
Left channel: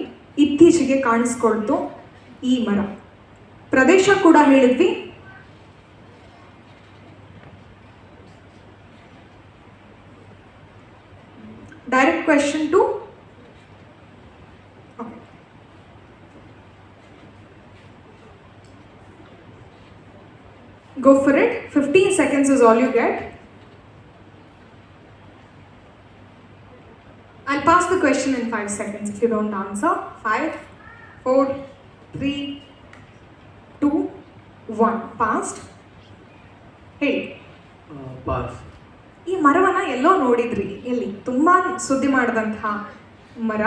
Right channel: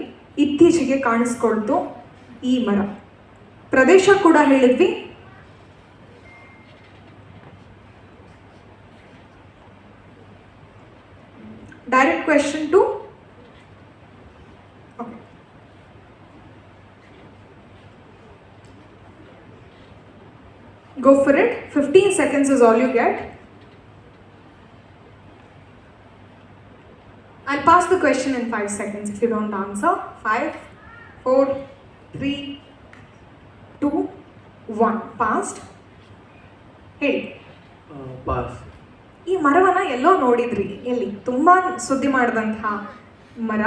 ಇತ್ತೀಚೆಗೆ ಕಾಣಿಸ್ಕೊಳ್ತು ಈ ಮರ? ಪ್ರದೇಶ ಕೂಡ ಹೇಳಿದ್ವಿ. Direct question to go for it. 15 seconds is all you get. I'll pass the question in 5 seconds if you don't answer. 5, 4, 3, 2, 1. Passed. Hey. Pass. ಈ ಮರವನ್ನ ಎಲ್ಲೋ ನೋಡಿದ್ರಿ, ಎಲ್ಲಿ ತುಂಬಾ ಸುದ್ದಿ ಮಾಡಿದಂತಹ ಮರ,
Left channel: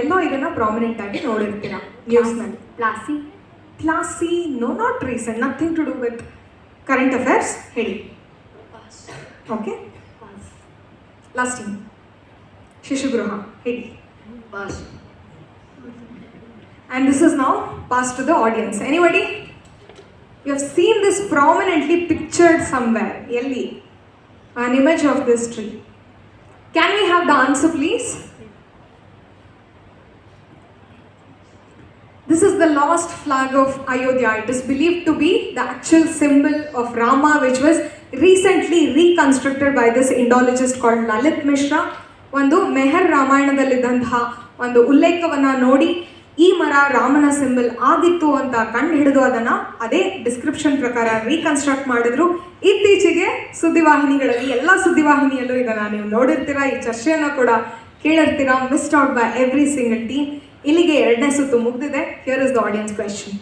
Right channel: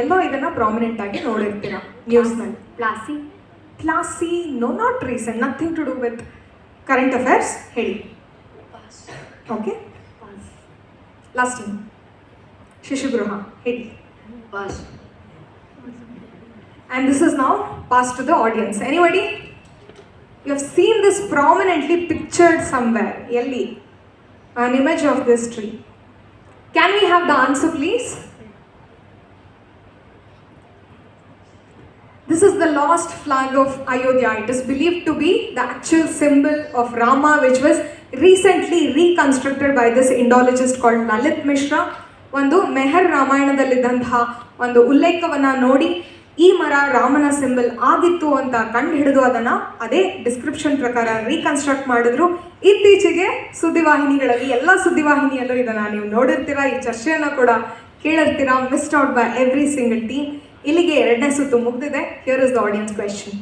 ಎಲ್ಲೋ ಇದನ್ನ ಪ್ರಾಮಿನೆಂಟ್ ಆಗಿ ನೋಡಿರ್ತೀರಾ ನ್ಯೂಸ್ನಲ್ಲಿ. Plastic. Classy, no, not recent, nothing to do with current affairs. ಹೇಳಿ. ಓಕೆ, ಲಾಸ್ಟ್ ಟೈಮ್ ಶಿಶುಗೃಹ, ಹೇಳಿ. Pass. And this is now passed to the audience. Anybody? You have seen this prominently pictured somewhere. Yelli. An image of this tree. Can we have the answer, please? This is the lost flag of Ayodhya. It is believed to be the actual symbol of Rama, which was recently reconstructed by this Indologist called Lalit Mishra. ಒಂದು ಮೆಹರ್ ರಾಮಾಯಣದಲ್ಲಿದ್ದಂತಹ ಒಂದು ಉಲ್ಲೇಖವನ್ನ ನೋಡಿ ಈ ಮರ ರಾಮನ symbol ಆಗಿತ್ತು ಅಂತ ಕಂಡು ಹಿಡಿದು ಅದನ್ನ ಅದೇ ಡಿಸ್ಕ್ರಿಪ್ಷನ್ ಪ್ರಕಾರ ರೀಕನ್ಸ್ಟ್ರಕ್ಟ್ ಮಾಡಿದ್ರು. ಇತ್ತೀಚೆಗೆ ಸುದ್ದಿವಾಹಿನಿಗಳಲ್ಲಿ, ಎಲ್ಲ ಸುದ್ದಿವಾಹಿನಿಯಲ್ಲೂ ಇದನ್ನ ನೀವು ನೋಡಿರ್ತೀರಾ, ಈ ಚರ್ಚೆಯನ್ನು ಕೂಡ ಕೇಳಿರ್ತೀರಾ. Missed out by every single team. ಇಲ್ಲಿಗೆ 2ನೇ ಸುತ್ತು ಮುಗಿದಿದೆ. Here is the audience question,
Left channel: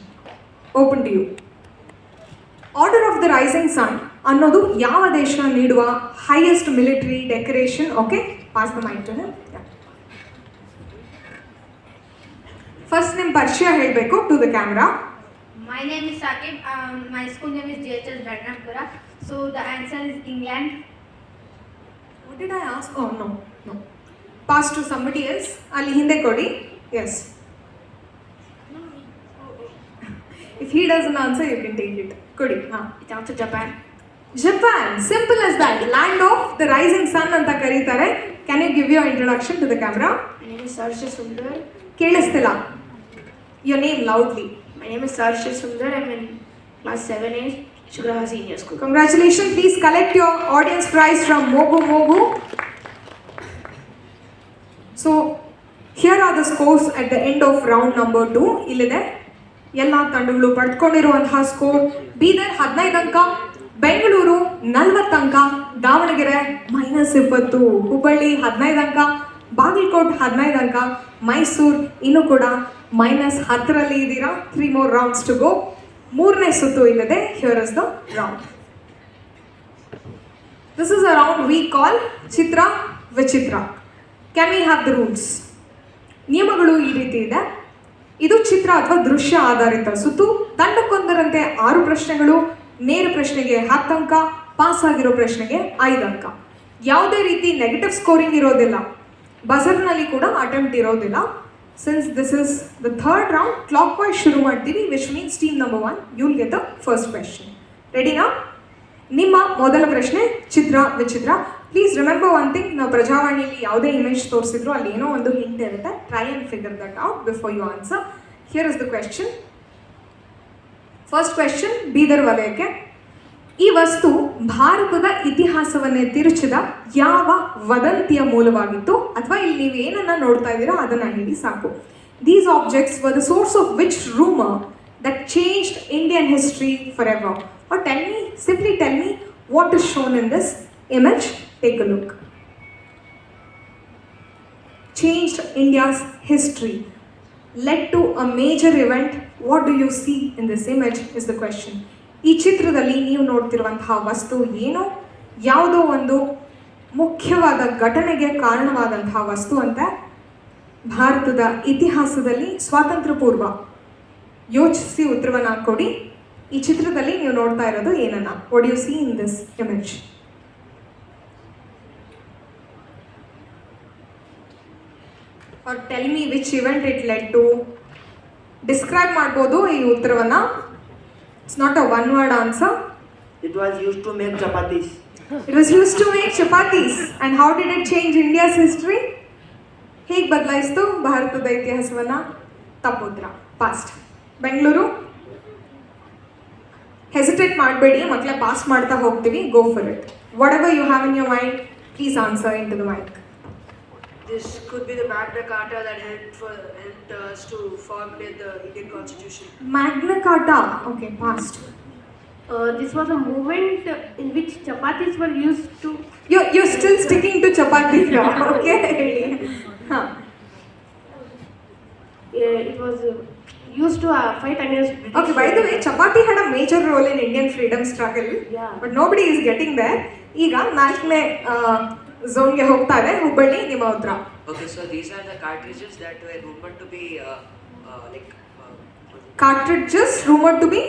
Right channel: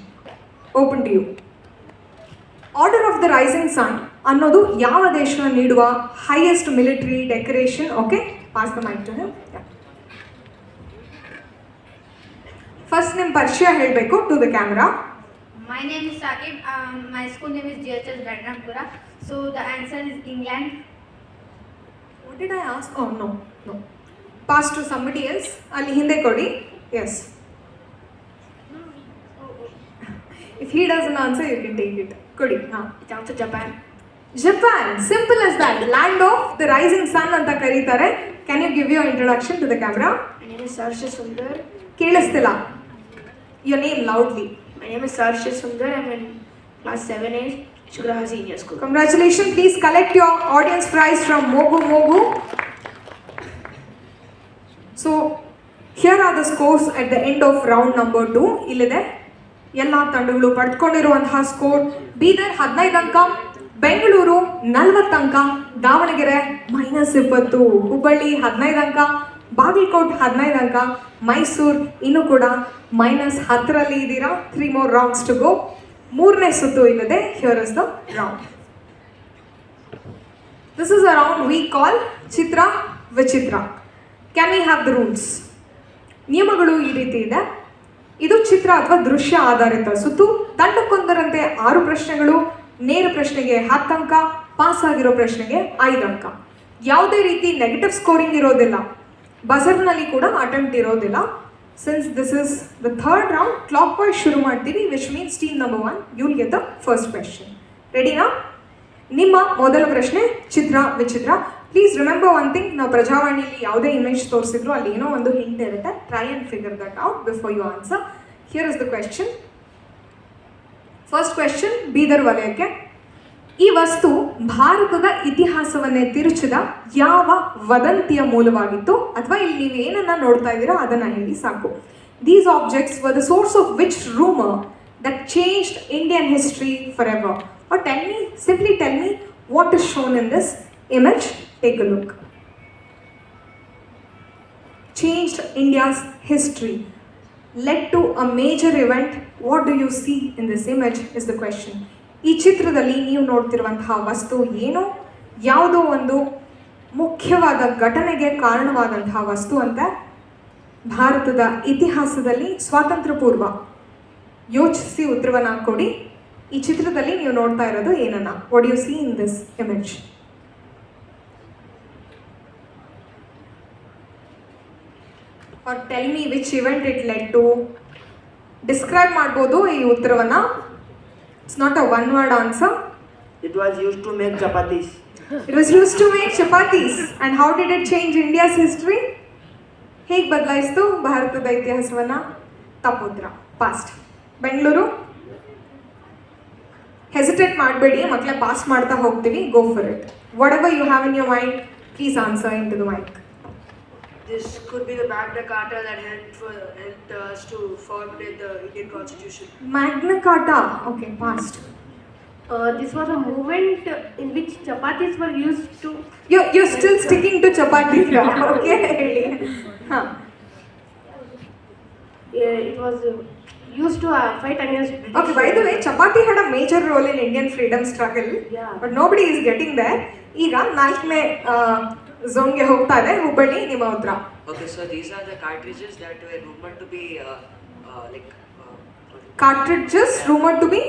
open to you. Order of the rising sun ಅನ್ನೋದು ಯಾವ ದೇಶ ನೀಡುವ highest military decoration? Okay, pass the mic to him. First ನಿಮ್ಮ ಪರಿಚಯ ಹೇಳಬೇಕು to the camera. My name is Sakib. My school name is JHS Bednampura. So the answer is England. What did I ask? Oh, no, no. Pass to somebody else. ಅಲ್ಲಿ ಹಿಂದೆ ಕೊಡಿ. Yes. If he doesn't answer, you can take it. ಕೊಡಿ. ಹಾಂ. It's also Japan. Japan. Simple as that. Land of the rising sun ಅಂತ ಕರೀತಾರೆ. Can you give your introduction to the camera? My name is Sarsha Sundar. ಕೇಳಿಸ್ತಿಲ್ಲ. Your name loudly. My name is Sarsha Sundar. I'm in class 7A, Shugraha Senior School. Congratulations. Please collect your audience prize from Mogu Mogu. So, here are the scores at the end of round number 2. ಇಲ್ಲಿದೆ ಎಲ್ಲ ತಂಡಗಳು ಪಡೆದುಕೊಂಡಿರುವಂತಹ score. Bidar 15 ಅಂಕ, ಬೆಂಗಳೂರು 40 ಅಂಕ, ದಾವಣಗೆರೆ -20, ಹುಬ್ಬಳ್ಳಿ 15 ಅಂಕ, ಬಾಗಲಕೋಟ್ 15 ಅಂಕ, ಮೈಸೂರು ಇನ್ನೂ ಕೂಡ -10ರಲ್ಲಿ ಇದ್ದೀರಾ. 3 more rounds to go. 3ನೇ ಸುತ್ತು ಇಲ್ಲಿದೆ. Here is the round. This is a round we call ಚಿತ್ರ ವಿಚಿತ್ರ. Can we have the rules? ನಿಯಮಗಳು ಈ ರೀತಿ ಇದೆ. ಇದು ಚಿತ್ರ ಅಥವಾ ದೃಶ್ಯ ಆಧಾರಿತ ಸುತ್ತು. ತಂಡಕ್ಕೊಂದರಂತೆ 6 ಪ್ರಶ್ನೆಗಳು, ನೇರ ಪ್ರಶ್ನೆಗೆ 10 ಅಂಕ, ಪಾಸ್ ಆಗಿರೋ ಪ್ರಶ್ನೆಗೆ 5 ಅಂಕ. ಯಾವುದೇ ರೀತಿ ನೆಗೆಟಿವ್ ಸ್ಕೋರಿಂಗ್ ಇರೋದಿಲ್ಲ. ಬಜರ್ನಲ್ಲಿ ಕೂಡ ಅಟೆಂಪ್ಟ್ ಇರೋದಿಲ್ಲ. Since this is the third round, clockwise ಶುರು ಮಾಡ್ತೀವಿ, which means team number 1 you will get the first question. ರೆಡಿನಾ? ನಿಮ್ಮ ಮೊದಲ ಪ್ರಶ್ನೆ ಚಿತ್ರ ವಿಚಿತ್ರ. ಪ್ಲೀಸ್ ರಿಮೆಂಬರ್ ಒನ್ ಥಿಂಗ್, ನಾವು ಪ್ರಜಾವಾಣಿಯಲ್ಲಿ ಯಾವುದೇ ಇಮೇಜ್ ತೋರಿಸಿದ್ರು ಅಲ್ಲಿ ಏನೋ ಒಂದು ಹಿಂಟ್ ಇರುತ್ತೆ. Try and figure that out before you answer. Here is the question. First question Bidar ವಲಯಕ್ಕೆ. ಈ ವಸ್ತು ಭಾರತದ ಇತಿಹಾಸವನ್ನೇ ತಿರುಚಿದ ಯಾವ ವದಂತಿಯ ಮೂಲವಾಗಿತ್ತು? ಅಥವಾ ಇಲ್ಲಿ ನೀವು ಏನನ್ನ ನೋಡ್ತಾ ಇದ್ದೀರಾ ಅದನ್ನ ಹೇಳಿ ಸಾಕು. These objects were the source of which rumour that changed Indian history forever? Or tell me, simply tell me what is shown in this image. Take a look. Changed India's history, led to a major event. What do you see in this image is the question. ಈ ಚಿತ್ರದಲ್ಲಿ ನೀವು ನೋಡ್ತಿರುವಂತಹ ವಸ್ತು ಏನು? ಯಾವುದೋ ಒಂದು ಮುಖ್ಯವಾದ ಘಟನೆಗೆ ಕಾರಣವಾದಂತಹ ವಸ್ತು ಅಂತ. ಭಾರತದ ಇತಿಹಾಸದಲ್ಲಿ ಸ್ವಾತಂತ್ರ್ಯ ಪೂರ್ವ. ಯೋಚಿಸಿ ಉತ್ತರವನ್ನು ಕೊಡಿ. ಈ ಚಿತ್ರದಲ್ಲಿ ನೀವು ನೋಡ್ತಾ ಇರೋದು ಏನನ್ನ? What U C in this image? Or tell me which event it led to. Describe ಮಾಡ್ಬೋದು ಈ ಉತ್ತರವನ್ನ. It's not a one word answer. It was used to make chapatis. It was used to make chapatis. And how did it change India's history? ಹೇಗೆ ಬದಲಾಯಿಸ್ತು ಭಾರತದ ಇತಿಹಾಸವನ್ನ? ತಪ್ಪು ಉತ್ತರ. Past. Bengaluru. Hesitate ಮಾಡಬೇಡಿ, ಮಕ್ಕಳ pass ಮಾಡ್ತಾ ಹೋಗ್ತೀವಿ. Go for it. Whatever you have in your mind, please answer into the mic. This could be the Magna Carta that helped us to formulate the Indian Constitution. Magna Carta. Okay, past. This was a movement in which chapatis were used to. You're still sticking to chapati now, okay? Huh. It was used to fight against British. Okay, by the way, chapati had a major role in Indian freedom struggle, Yeah. but nobody is getting there. ಈಗ 4ನೇ ಝೋನ್ಗೆ ಹೋಗ್ತಾ ಇದೆ. ಹುಬ್ಬಳ್ಳಿ, ನಿಮ್ಮ ಉತ್ತರ. Okay, so these are the cartridges that were rumored to be like Cartridges rumored to be,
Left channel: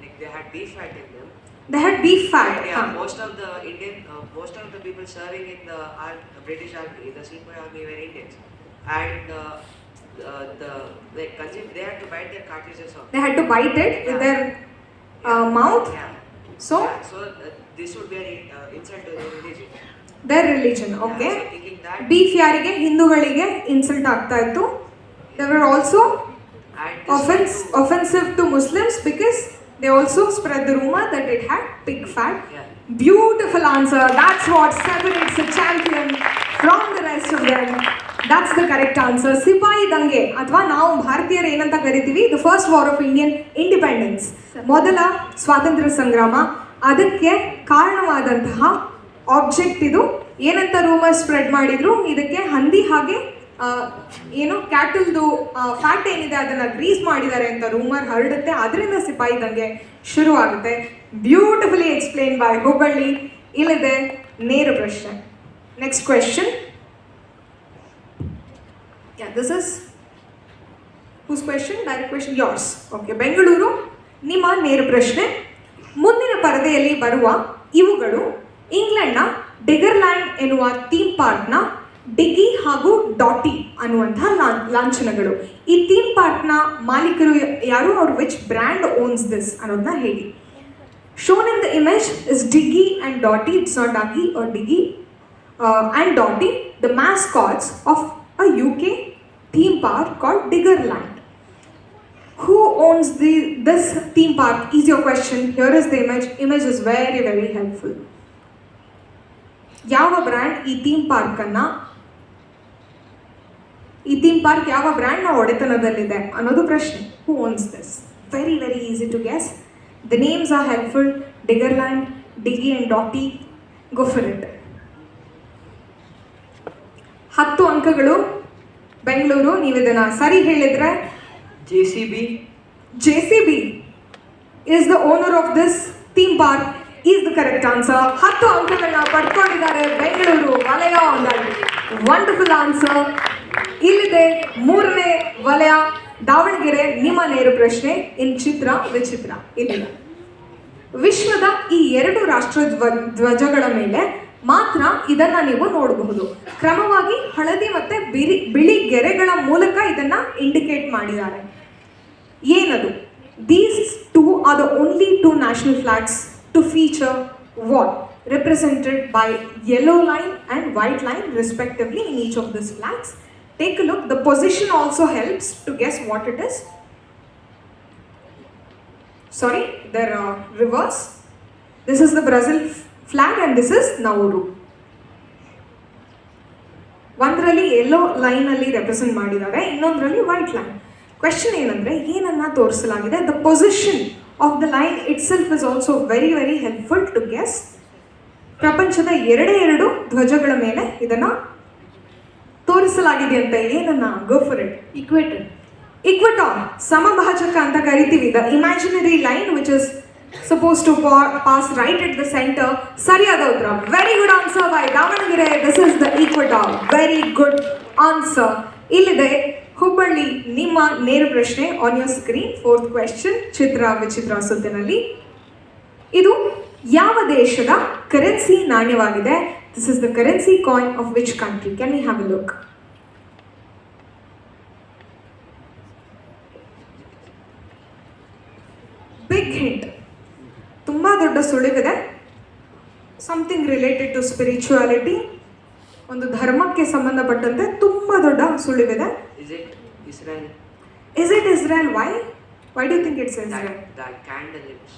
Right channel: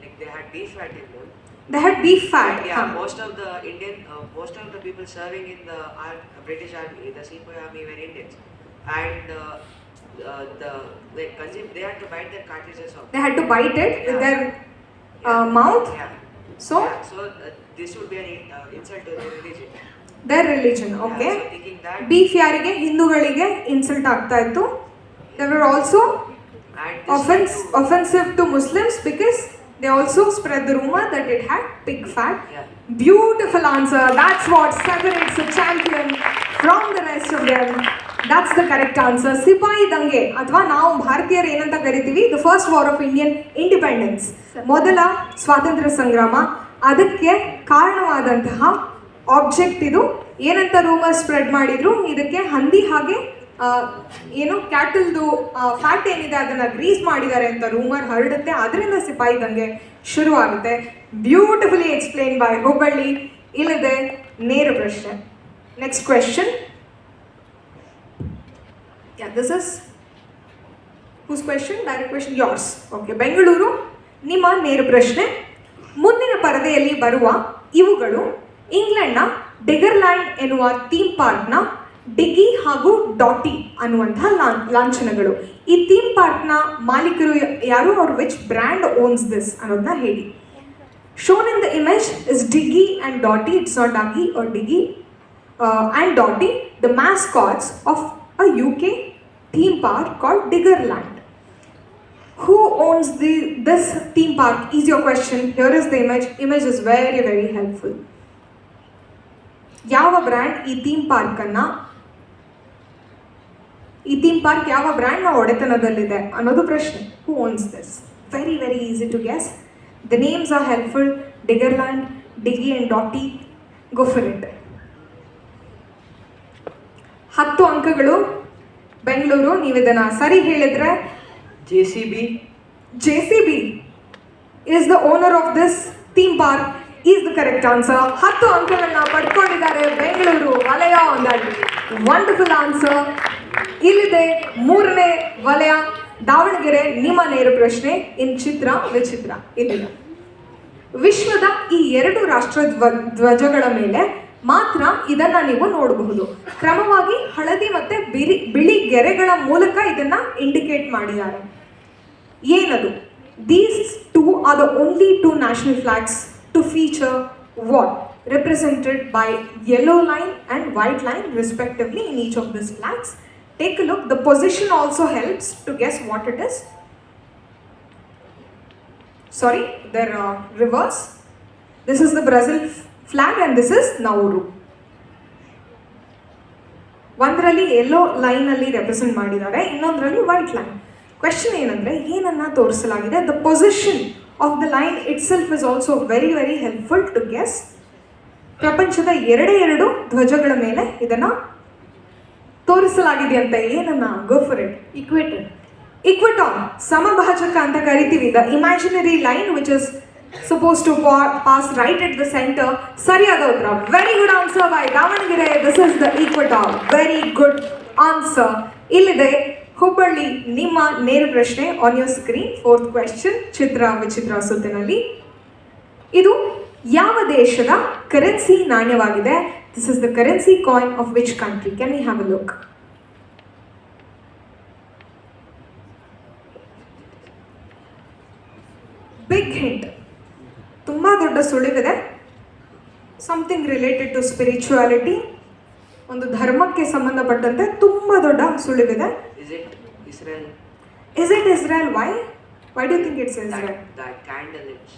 like they had beef fat in them. they had beef fat. Yeah, Huh. most of the people serving in the British Army, the Sepoy Army, were Indians, and they had to bite their cartridges off. They had to bite it with their mouth. Yeah. So This would be an insult to their religion. their religion. Okay. Yeah, so thinking that, beef ಯಾರಿಗೆ? ಹಿಂದೂಗಳಿಗೆ insult ಆಗ್ತಾ ಇತ್ತು. They were also and this offensive to Muslims because they also spread the rumor that it had pig fat. Yeah. Beautiful answer. That's what separates the champion from the rest of them. That's the correct answer. ಸಿಪಾಯಿ ದಂಗೆ ಅಥವಾ ನಾವು ಭಾರತೀಯರು ಏನಂತ ಕರಿತೀವಿ, the first war of Indian independence, ಮೊದಲ ಸ್ವಾತಂತ್ರ್ಯ ಸಂಗ್ರಾಮ. ಅದಕ್ಕೆ ಕಾರಣವಾದಂತಹ ಆಬ್ಜೆಕ್ಟ್ ಇದು. ಏನಂತ ರೂಮರ್ ಸ್ಪ್ರೆಡ್ ಮಾಡಿದ್ರು, ಇದಕ್ಕೆ ಹಂದಿ ಹಾಗೆ ಏನು ಕ್ಯಾಟಲ್ದು ಫ್ಯಾಟ್ ಏನಿದೆ ಅದನ್ನು ಗ್ರೀಸ್ ಮಾಡಿದ್ದಾರೆ ಅಂತ ರೂಮರ್ ಹರಡುತ್ತೆ. ಅದರಿಂದ ಸಿಪಾಯಿ ದಂಗೆ ಶುರು ಆಗುತ್ತೆ. Beautifully explain by Hubballi. ಇಲ್ಲದೆ ನೇರ ಪ್ರಶ್ನೆ. Next question. Yeah, this is whose question? Direct question, yours. Okay, Bengaluru, ನಿಮ್ಮ ನೇರ ಪ್ರಶ್ನೆ. ಮುಂದಿನ ಪರದೆಯಲ್ಲಿ ಬರುವ ಇವುಗಳು ಇಂಗ್ಲೆಂಡ್ನ ಡಿಗರ್ಲ್ಯಾಂಡ್ ಎನ್ನುವ ಥೀಮ್ ಪಾರ್ಕ್ನ ಡಿಗ್ಗಿ ಹಾಗೂ ಡಾಟಿ ಅನ್ನುವಂತಹ ಲಾಂಛನಗಳು. ಈ ಥೀಮ್ ಪಾರ್ಕ್ನ ಮಾಲೀಕರು ಯಾರು, or which brand owns this ಅನ್ನೋದನ್ನ ಹೇಳಿ. Shown in the image is Diggy and Dotty. It's not Duggy or Diggy and Dotty, the mascots of a UK theme park called Diggerland. Who owns this theme park is your question. Here is the image. Image is very, very helpful. ಯಾವ brand ಈ theme park ಯಾವ ಬ್ರ್ಯಾಂಡ್ನ ಒಡೆತನದಲ್ಲಿದೆ ಅನ್ನೋದು ಪ್ರಶ್ನೆ. Who owns this? Very very easy to guess. The names are helpful. Diggerland, Diggi and Dotty. Go for it. 10 ಅಂಕಗಳು ಬೆಂಗಳೂರು. ನೀವು ಇದನ್ನು ಸರಿ ಹೇಳಿದ್ರೆ JCB. JCB is the owner of this theme park is the correct answer. 10 ಅಂಕಗಳನ್ನ ಪಡ್ಕೊಂಡಿದ್ದಾರೆ ಬೆಂಗಳೂರು ವಲಯ ಒಂದಾಗಿ. Wonderful answer. ಇಲ್ಲಿದೆ 3ನೇ ವಲಯ ದಾವಣಗೆರೆ. ನಿಮ್ಮ ನೇರ ಪ್ರಶ್ನೆ ಇನ್ ಚಿತ್ರ ವಿಚಿತ್ರ. ಇಲ್ಲಿದೆ ವಿಶ್ವದ ಈ 2 ರಾಷ್ಟ್ರ ಧ್ವಜಗಳ ಮೇಲೆ ಮಾತ್ರ ಇದನ್ನ ನೀವು ನೋಡಬಹುದು. ಕ್ರಮವಾಗಿ ಹಳದಿ ಮತ್ತೆ ಬಿಳಿ ಗೆರೆಗಳ ಮೂಲಕ ಇದನ್ನ ಇಂಡಿಕೇಟ್ ಮಾಡಿದ್ದಾರೆ. ಏನದು? These two are the only 2 national flags to feature what? Represented by yellow line and white line respectively in each of these flags. Take a look. The position also helps to guess what it is. Sorry, they're reverse. This is the Brazil flag and this is Nauru. ಒಂದರಲ್ಲಿ yellow ಲೈನಲ್ಲಿ represent ಮಾಡಿದ್ದಾರೆ, ಇನ್ನೊಂದರಲ್ಲಿ white line. Question ಏನಂದರೆ ಏನನ್ನ ತೋರಿಸಲಾಗಿದೆ. The position of the line itself is also very very helpful to guess. ಪ್ರಪಂಚದ 2 ಧ್ವಜಗಳ ಮೇಲೆ ಇದನ್ನು ತೋರಿಸಲಾಗಿದೆ ಅಂತ. ಏನನ್ನ? Go for it. Equator. Equator, ಸಮಭಾಜಕ ಅಂತ ಕರಿತೀವಿ. The imaginary line which is supposed to pass right at the center. ಸರಿಯಾದ ಉತ್ತರ. Very good answer by Davanagere. This is the equator. Very good answer. ಇಲ್ಲಿದೆ ಹುಬ್ಬಳ್ಳಿ. ನಿಮ್ಮ ನೇರ ಪ್ರಶ್ನೆ on your screen. 4th question ಚಿತ್ರ ವಿಚಿತ್ರ ಸುತ್ತಿನಲ್ಲಿ. ಇದು ಯಾವ ದೇಶದ ಕರೆನ್ಸಿ ನಾಣ್ಯವಾಗಿದೆ? This is the currency coin of which country? Can we have a look? Big hint. ತುಂಬ ದೊಡ್ಡ ಸುಳಿವಿದೆ. ಸಮಥಿಂಗ್ ರಿಲೇಟೆಡ್ ಟು ಸ್ಪಿರಿಚುಯಾಲಿಟಿ, ಒಂದು ಧರ್ಮಕ್ಕೆ ಸಂಬಂಧಪಟ್ಟಂತೆ ತುಂಬ ದೊಡ್ಡ ಸುಳಿವಿದೆ. Is it Israel? Is it Israel? Why? Why do you think it's Israel? That candle, it's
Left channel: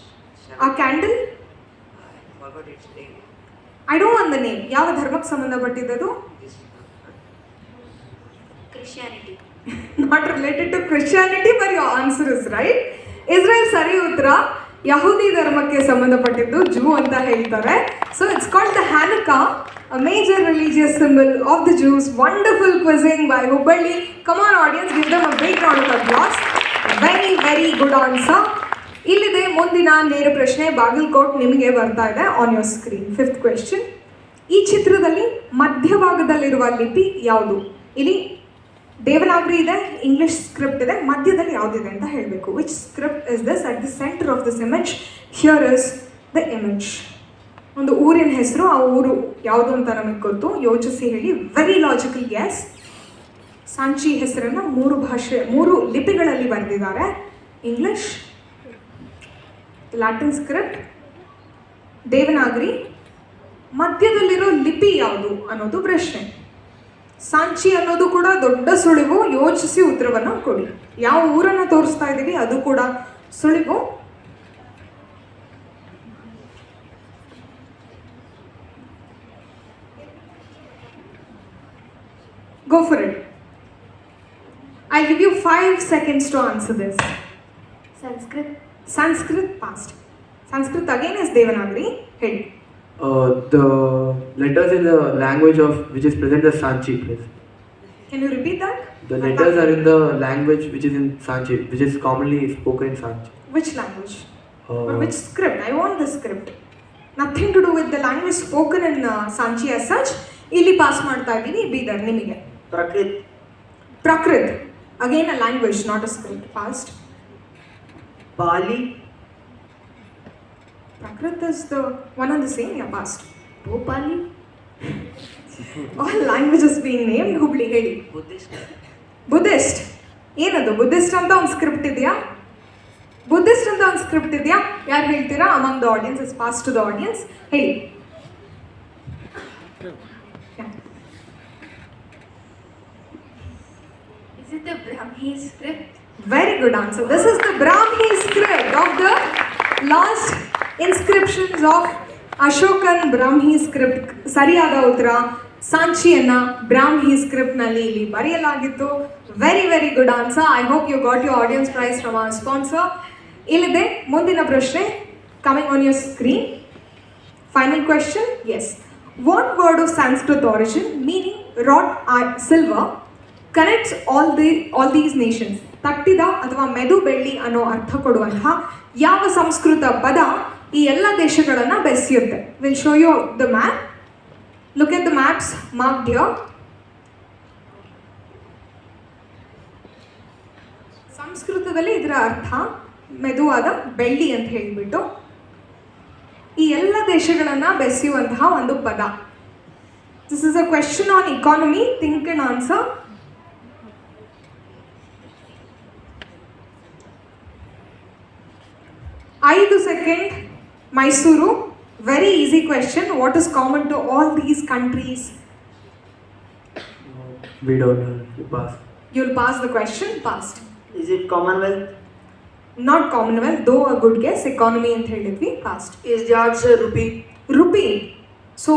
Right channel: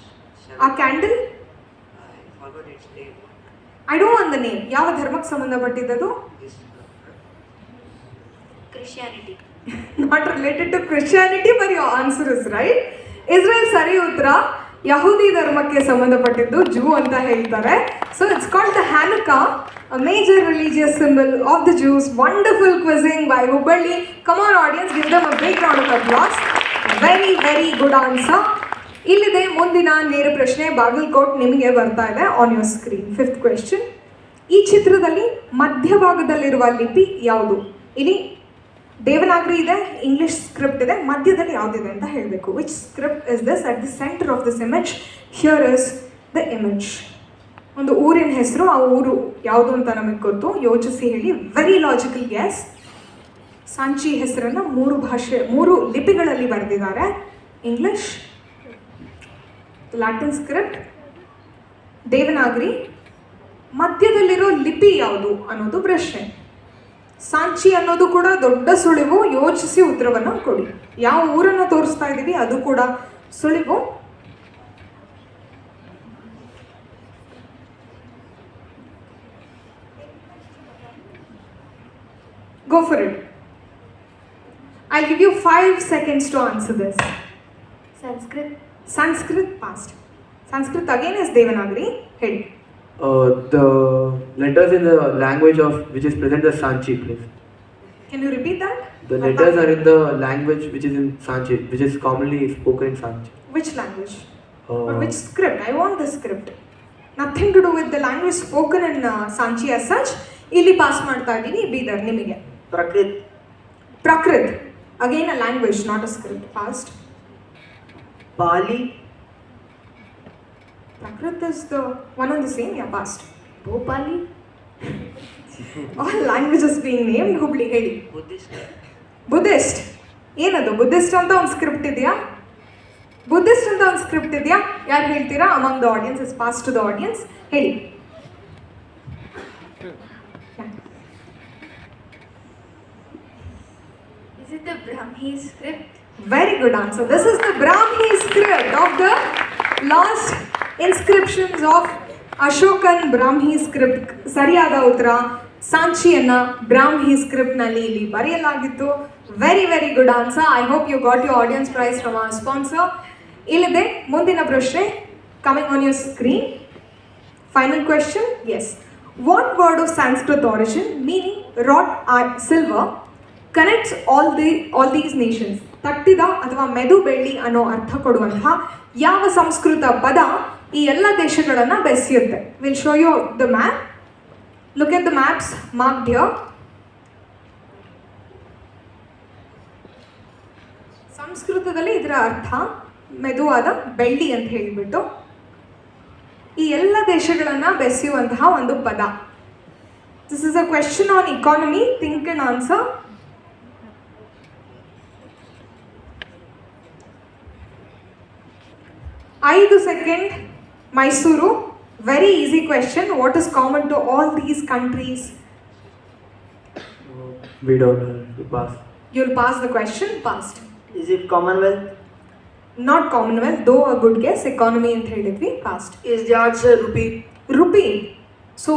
A candle? I forgot its name. I don't want the name. ಯಾವ ಧರ್ಮಕ್ಕೆ ಸಂಬಂಧಪಟ್ಟಿದ್ದದು? This Christianity. Not related to Christianity, but your answer is right. Israel ಸರಿ ಉತ್ತರ. ಯಹೂದಿ ಧರ್ಮಕ್ಕೆ ಸಂಬಂಧಪಟ್ಟಿದ್ದು Jew ಅಂತ ಹೇಳ್ತಾರೆ. So it's called the Hanukkah, a major religious symbol of the Jews. Wonderful quizzing by Hubballi. Come on audience, give them a big round of applause. Very very good answer. ಇಲ್ಲಿದೆ ಮುಂದಿನ ನೇರ ಪ್ರಶ್ನೆ. ಬಾಗಲಕೋಟ್ ನಿಮಗೆ ಬರ್ತಾ ಇದೆ on your screen. 5th question. ಈ ಚಿತ್ರದಲ್ಲಿ ಮಧ್ಯಭಾಗದಲ್ಲಿರುವ ಲಿಪಿ ಯಾವುದು? ಇಲ್ಲಿ ದೇವನಾಗರಿ ಇದೆ, ಇಂಗ್ಲಿಷ್ ಸ್ಕ್ರಿಪ್ಟ್ ಇದೆ, ಮಧ್ಯದಲ್ಲಿ ಯಾವುದಿದೆ ಅಂತ ಹೇಳಬೇಕು. Which script is this? At the centre of this image here is the image. ಒಂದು ಊರಿನ ಹೆಸರು, ಆ ಊರು ಯಾವುದು ಅಂತ ನಮಗೆ ಗೊತ್ತು, ಯೋಚಿಸಿ ಹೇಳಿ. Very logical gas. ಸಾಂಚಿ ಹೆಸರನ್ನು 3 ಲಿಪಿಗಳಲ್ಲಿ ಬರೆದಿದ್ದಾರೆ. English, Latin script, Devanagari. ಮಧ್ಯದಲ್ಲಿರೋ ಲಿಪಿ ಯಾವುದು ಅನ್ನೋದು ಪ್ರಶ್ನೆ. ಸಾಂಚಿ ಅನ್ನೋದು ಕೂಡ ದೊಡ್ಡ ಸುಳಿವು. ಯೋಚಿಸಿ ಉತ್ತರವನ್ನು ಕೊಡಿ. ಯಾವ ಊರನ್ನು ತೋರಿಸ್ತಾ ಇದ್ದೀವಿ ಅದು ಕೂಡ ಸುಳಿವು. Go for it. I'll give you 5 seconds to answer this. Sanskrit. Sanskrit past. Sanskrit again is Devanagari. Head. The letters in the language of which is present as Sanchi, please. Can you repeat that? The letters are in the language which is in Sanchi, which is commonly spoken in Sanchi. Which language? Or which script? I want the script. Nothing to do with the language spoken in Sanchi as such. ಇಲ್ಲಿ pass ಮಾಡ್ತಾ ಇದ್ದೀನಿ ಬೀದರ್ ನಿಮಗೆ. Prakrit. Prakrit. Again a language, not a script. Fast. Pali. Prakrit is the one and the same. Yeah, past. Bhopali. All languages being named. Hubli ಹೇಳಿ. Buddhist. Buddhist. ಏನದು Buddhist ಅಂತ ಒಂದು script ಇದೆಯಾ? Buddhist ಅಂತ ಒಂದು ಸ್ಕ್ರಿಪ್ಟ್ ಇದೆಯಾ? ಯಾರು ಹೇಳ್ತೀರಾ? Among the audience is pass to the audience. ಹೇಳಿ. Is it the Brahmi script? Very good answer. This is the Brahmi script of the last inscriptions of Ashokan Brahmi script. ಸರಿಯಾದ ಉತ್ತರ ಸಾಂಚಿಯನ್ನ ಬ್ರಾಹ್ಮಿ script ನಲ್ಲಿ ಇಲ್ಲಿ ಬರೆಯಲಾಗಿತ್ತು. Very very good answer. I hope you got your audience prize from our sponsor. ಇಲ್ಲಿದೆ ಮುಂದಿನ ಪ್ರಶ್ನೆ. Coming on your screen. Final question. Yes. What word of Sanskrit origin meaning wrought or silver connects all these nations? ತಟ್ಟಿದ ಅಥವಾ ಮೆದು ಬೆಳ್ಳಿ ಅನ್ನೋ ಅರ್ಥ ಕೊಡುವಂತಹ ಯಾವ ಸಂಸ್ಕೃತ ಪದ ಈ ಎಲ್ಲ ದೇಶಗಳನ್ನು ಬೆಸೆಯುತ್ತೆ? Will show you the map. Look at the maps marked here. ಸಂಸ್ಕೃತದಲ್ಲಿ ಇದರ ಅರ್ಥ ಮೆದುವಾದ ಬೆಳ್ಳಿ ಅಂತ ಹೇಳಿಬಿಟ್ಟು ಈ ಎಲ್ಲ ದೇಶಗಳನ್ನು ಬೆಸೆಯುವಂತಹ ಒಂದು ಪದ. This is a question on economy. Think and answer. ಐದು second. Mysuru. Very easy question. What is common to all these countries? We don't know. You pass. You'll pass the question. Passed. Is it Commonwealth? Not Commonwealth, though a good guess. Economy ಅಂತ ಹೇಳಿದ್ವಿ. Passed. Is the answer rupee? Rupee. So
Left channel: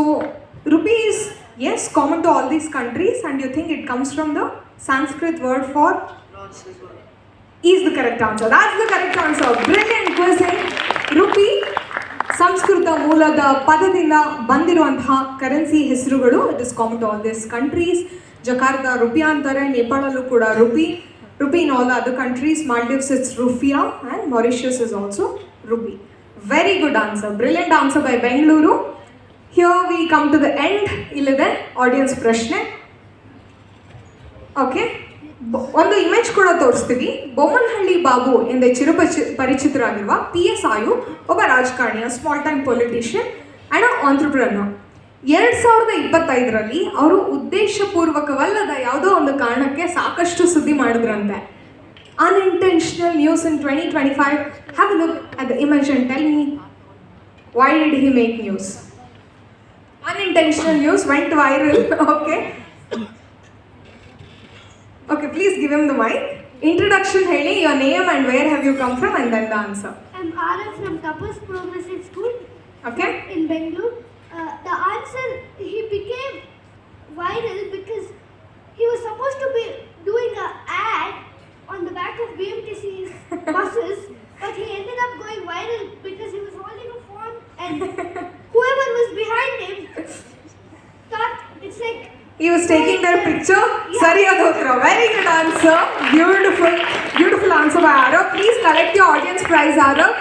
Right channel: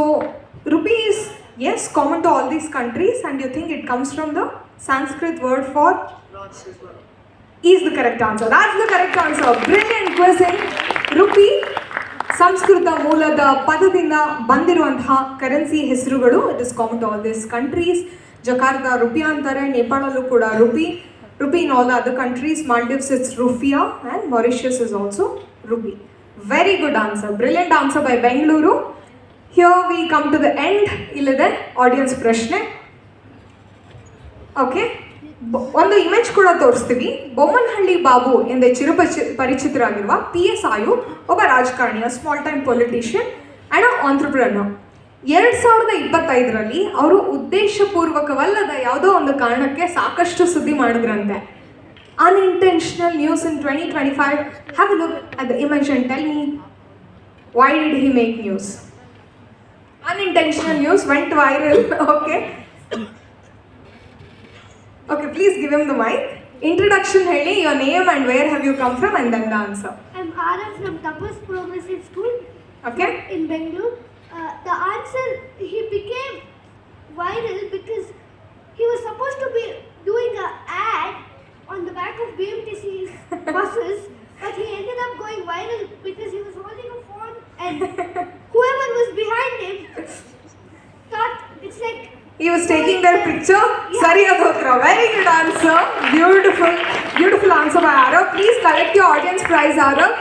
rupee is yes common to all these countries, and you think it comes from the Sanskrit word for is the correct answer. That's the correct answer. Brilliant quizzing. Rupee Sanskrit ಮೂಲದ ಪದದಿಂದ ಬಂದಿರುವಂತಹ currency ಹೆಸರುಗಳು. It is common to all this countries. Jakarta rupiah ಅಂತಾರೆ, ನೇಪಾಳಲ್ಲೂ ಕೂಡ rupee. Rupee in all other countries. Maldives it's Rufia and Mauritius is also Rupee. Very good answer. Brilliant answer by Bengaluru. Here we come to the end. Illide audience ಪ್ರಶ್ನೆ. Okay, ಒಂದು image ಕೂಡ ತೋರಿಸ್ತೀವಿ. ಬೊಮ್ಮನಹಳ್ಳಿ ಬಾಬು ಎಂದೇ ಪರಿಚಿತರಾಗಿರುವ PSI ಒಬ್ಬ ರಾಜಕಾರಣಿಯ, small time politician and entrepreneur. 2025ರಲ್ಲಿ ಅವರು ಉದ್ದೇಶಪೂರ್ವಕವಲ್ಲದ ಯಾವುದೋ ಒಂದು ಕಾರಣಕ್ಕೆ ಸಾಕಷ್ಟು ಸುದ್ದಿ ಮಾಡಿದ್ರಂತೆ. Unintentional news in 2025. Have a look at the image and tell me why did he make news? Unintentional news went viral. Okay, please give him the mic. Introduction ಹೇಳಿ, your name and where have you come from, and then the answer. I'm Arav from Tapas Progressive School Okay? in Bengaluru. The answer, he became viral because he was supposed to be doing an ad on the back of BMTC's buses, but he ended up going viral He was taking their picture. Sariyaದ ಉತ್ತರ. Very good answer. Beautiful answer by Arav. Please collect your audience prize, Arav,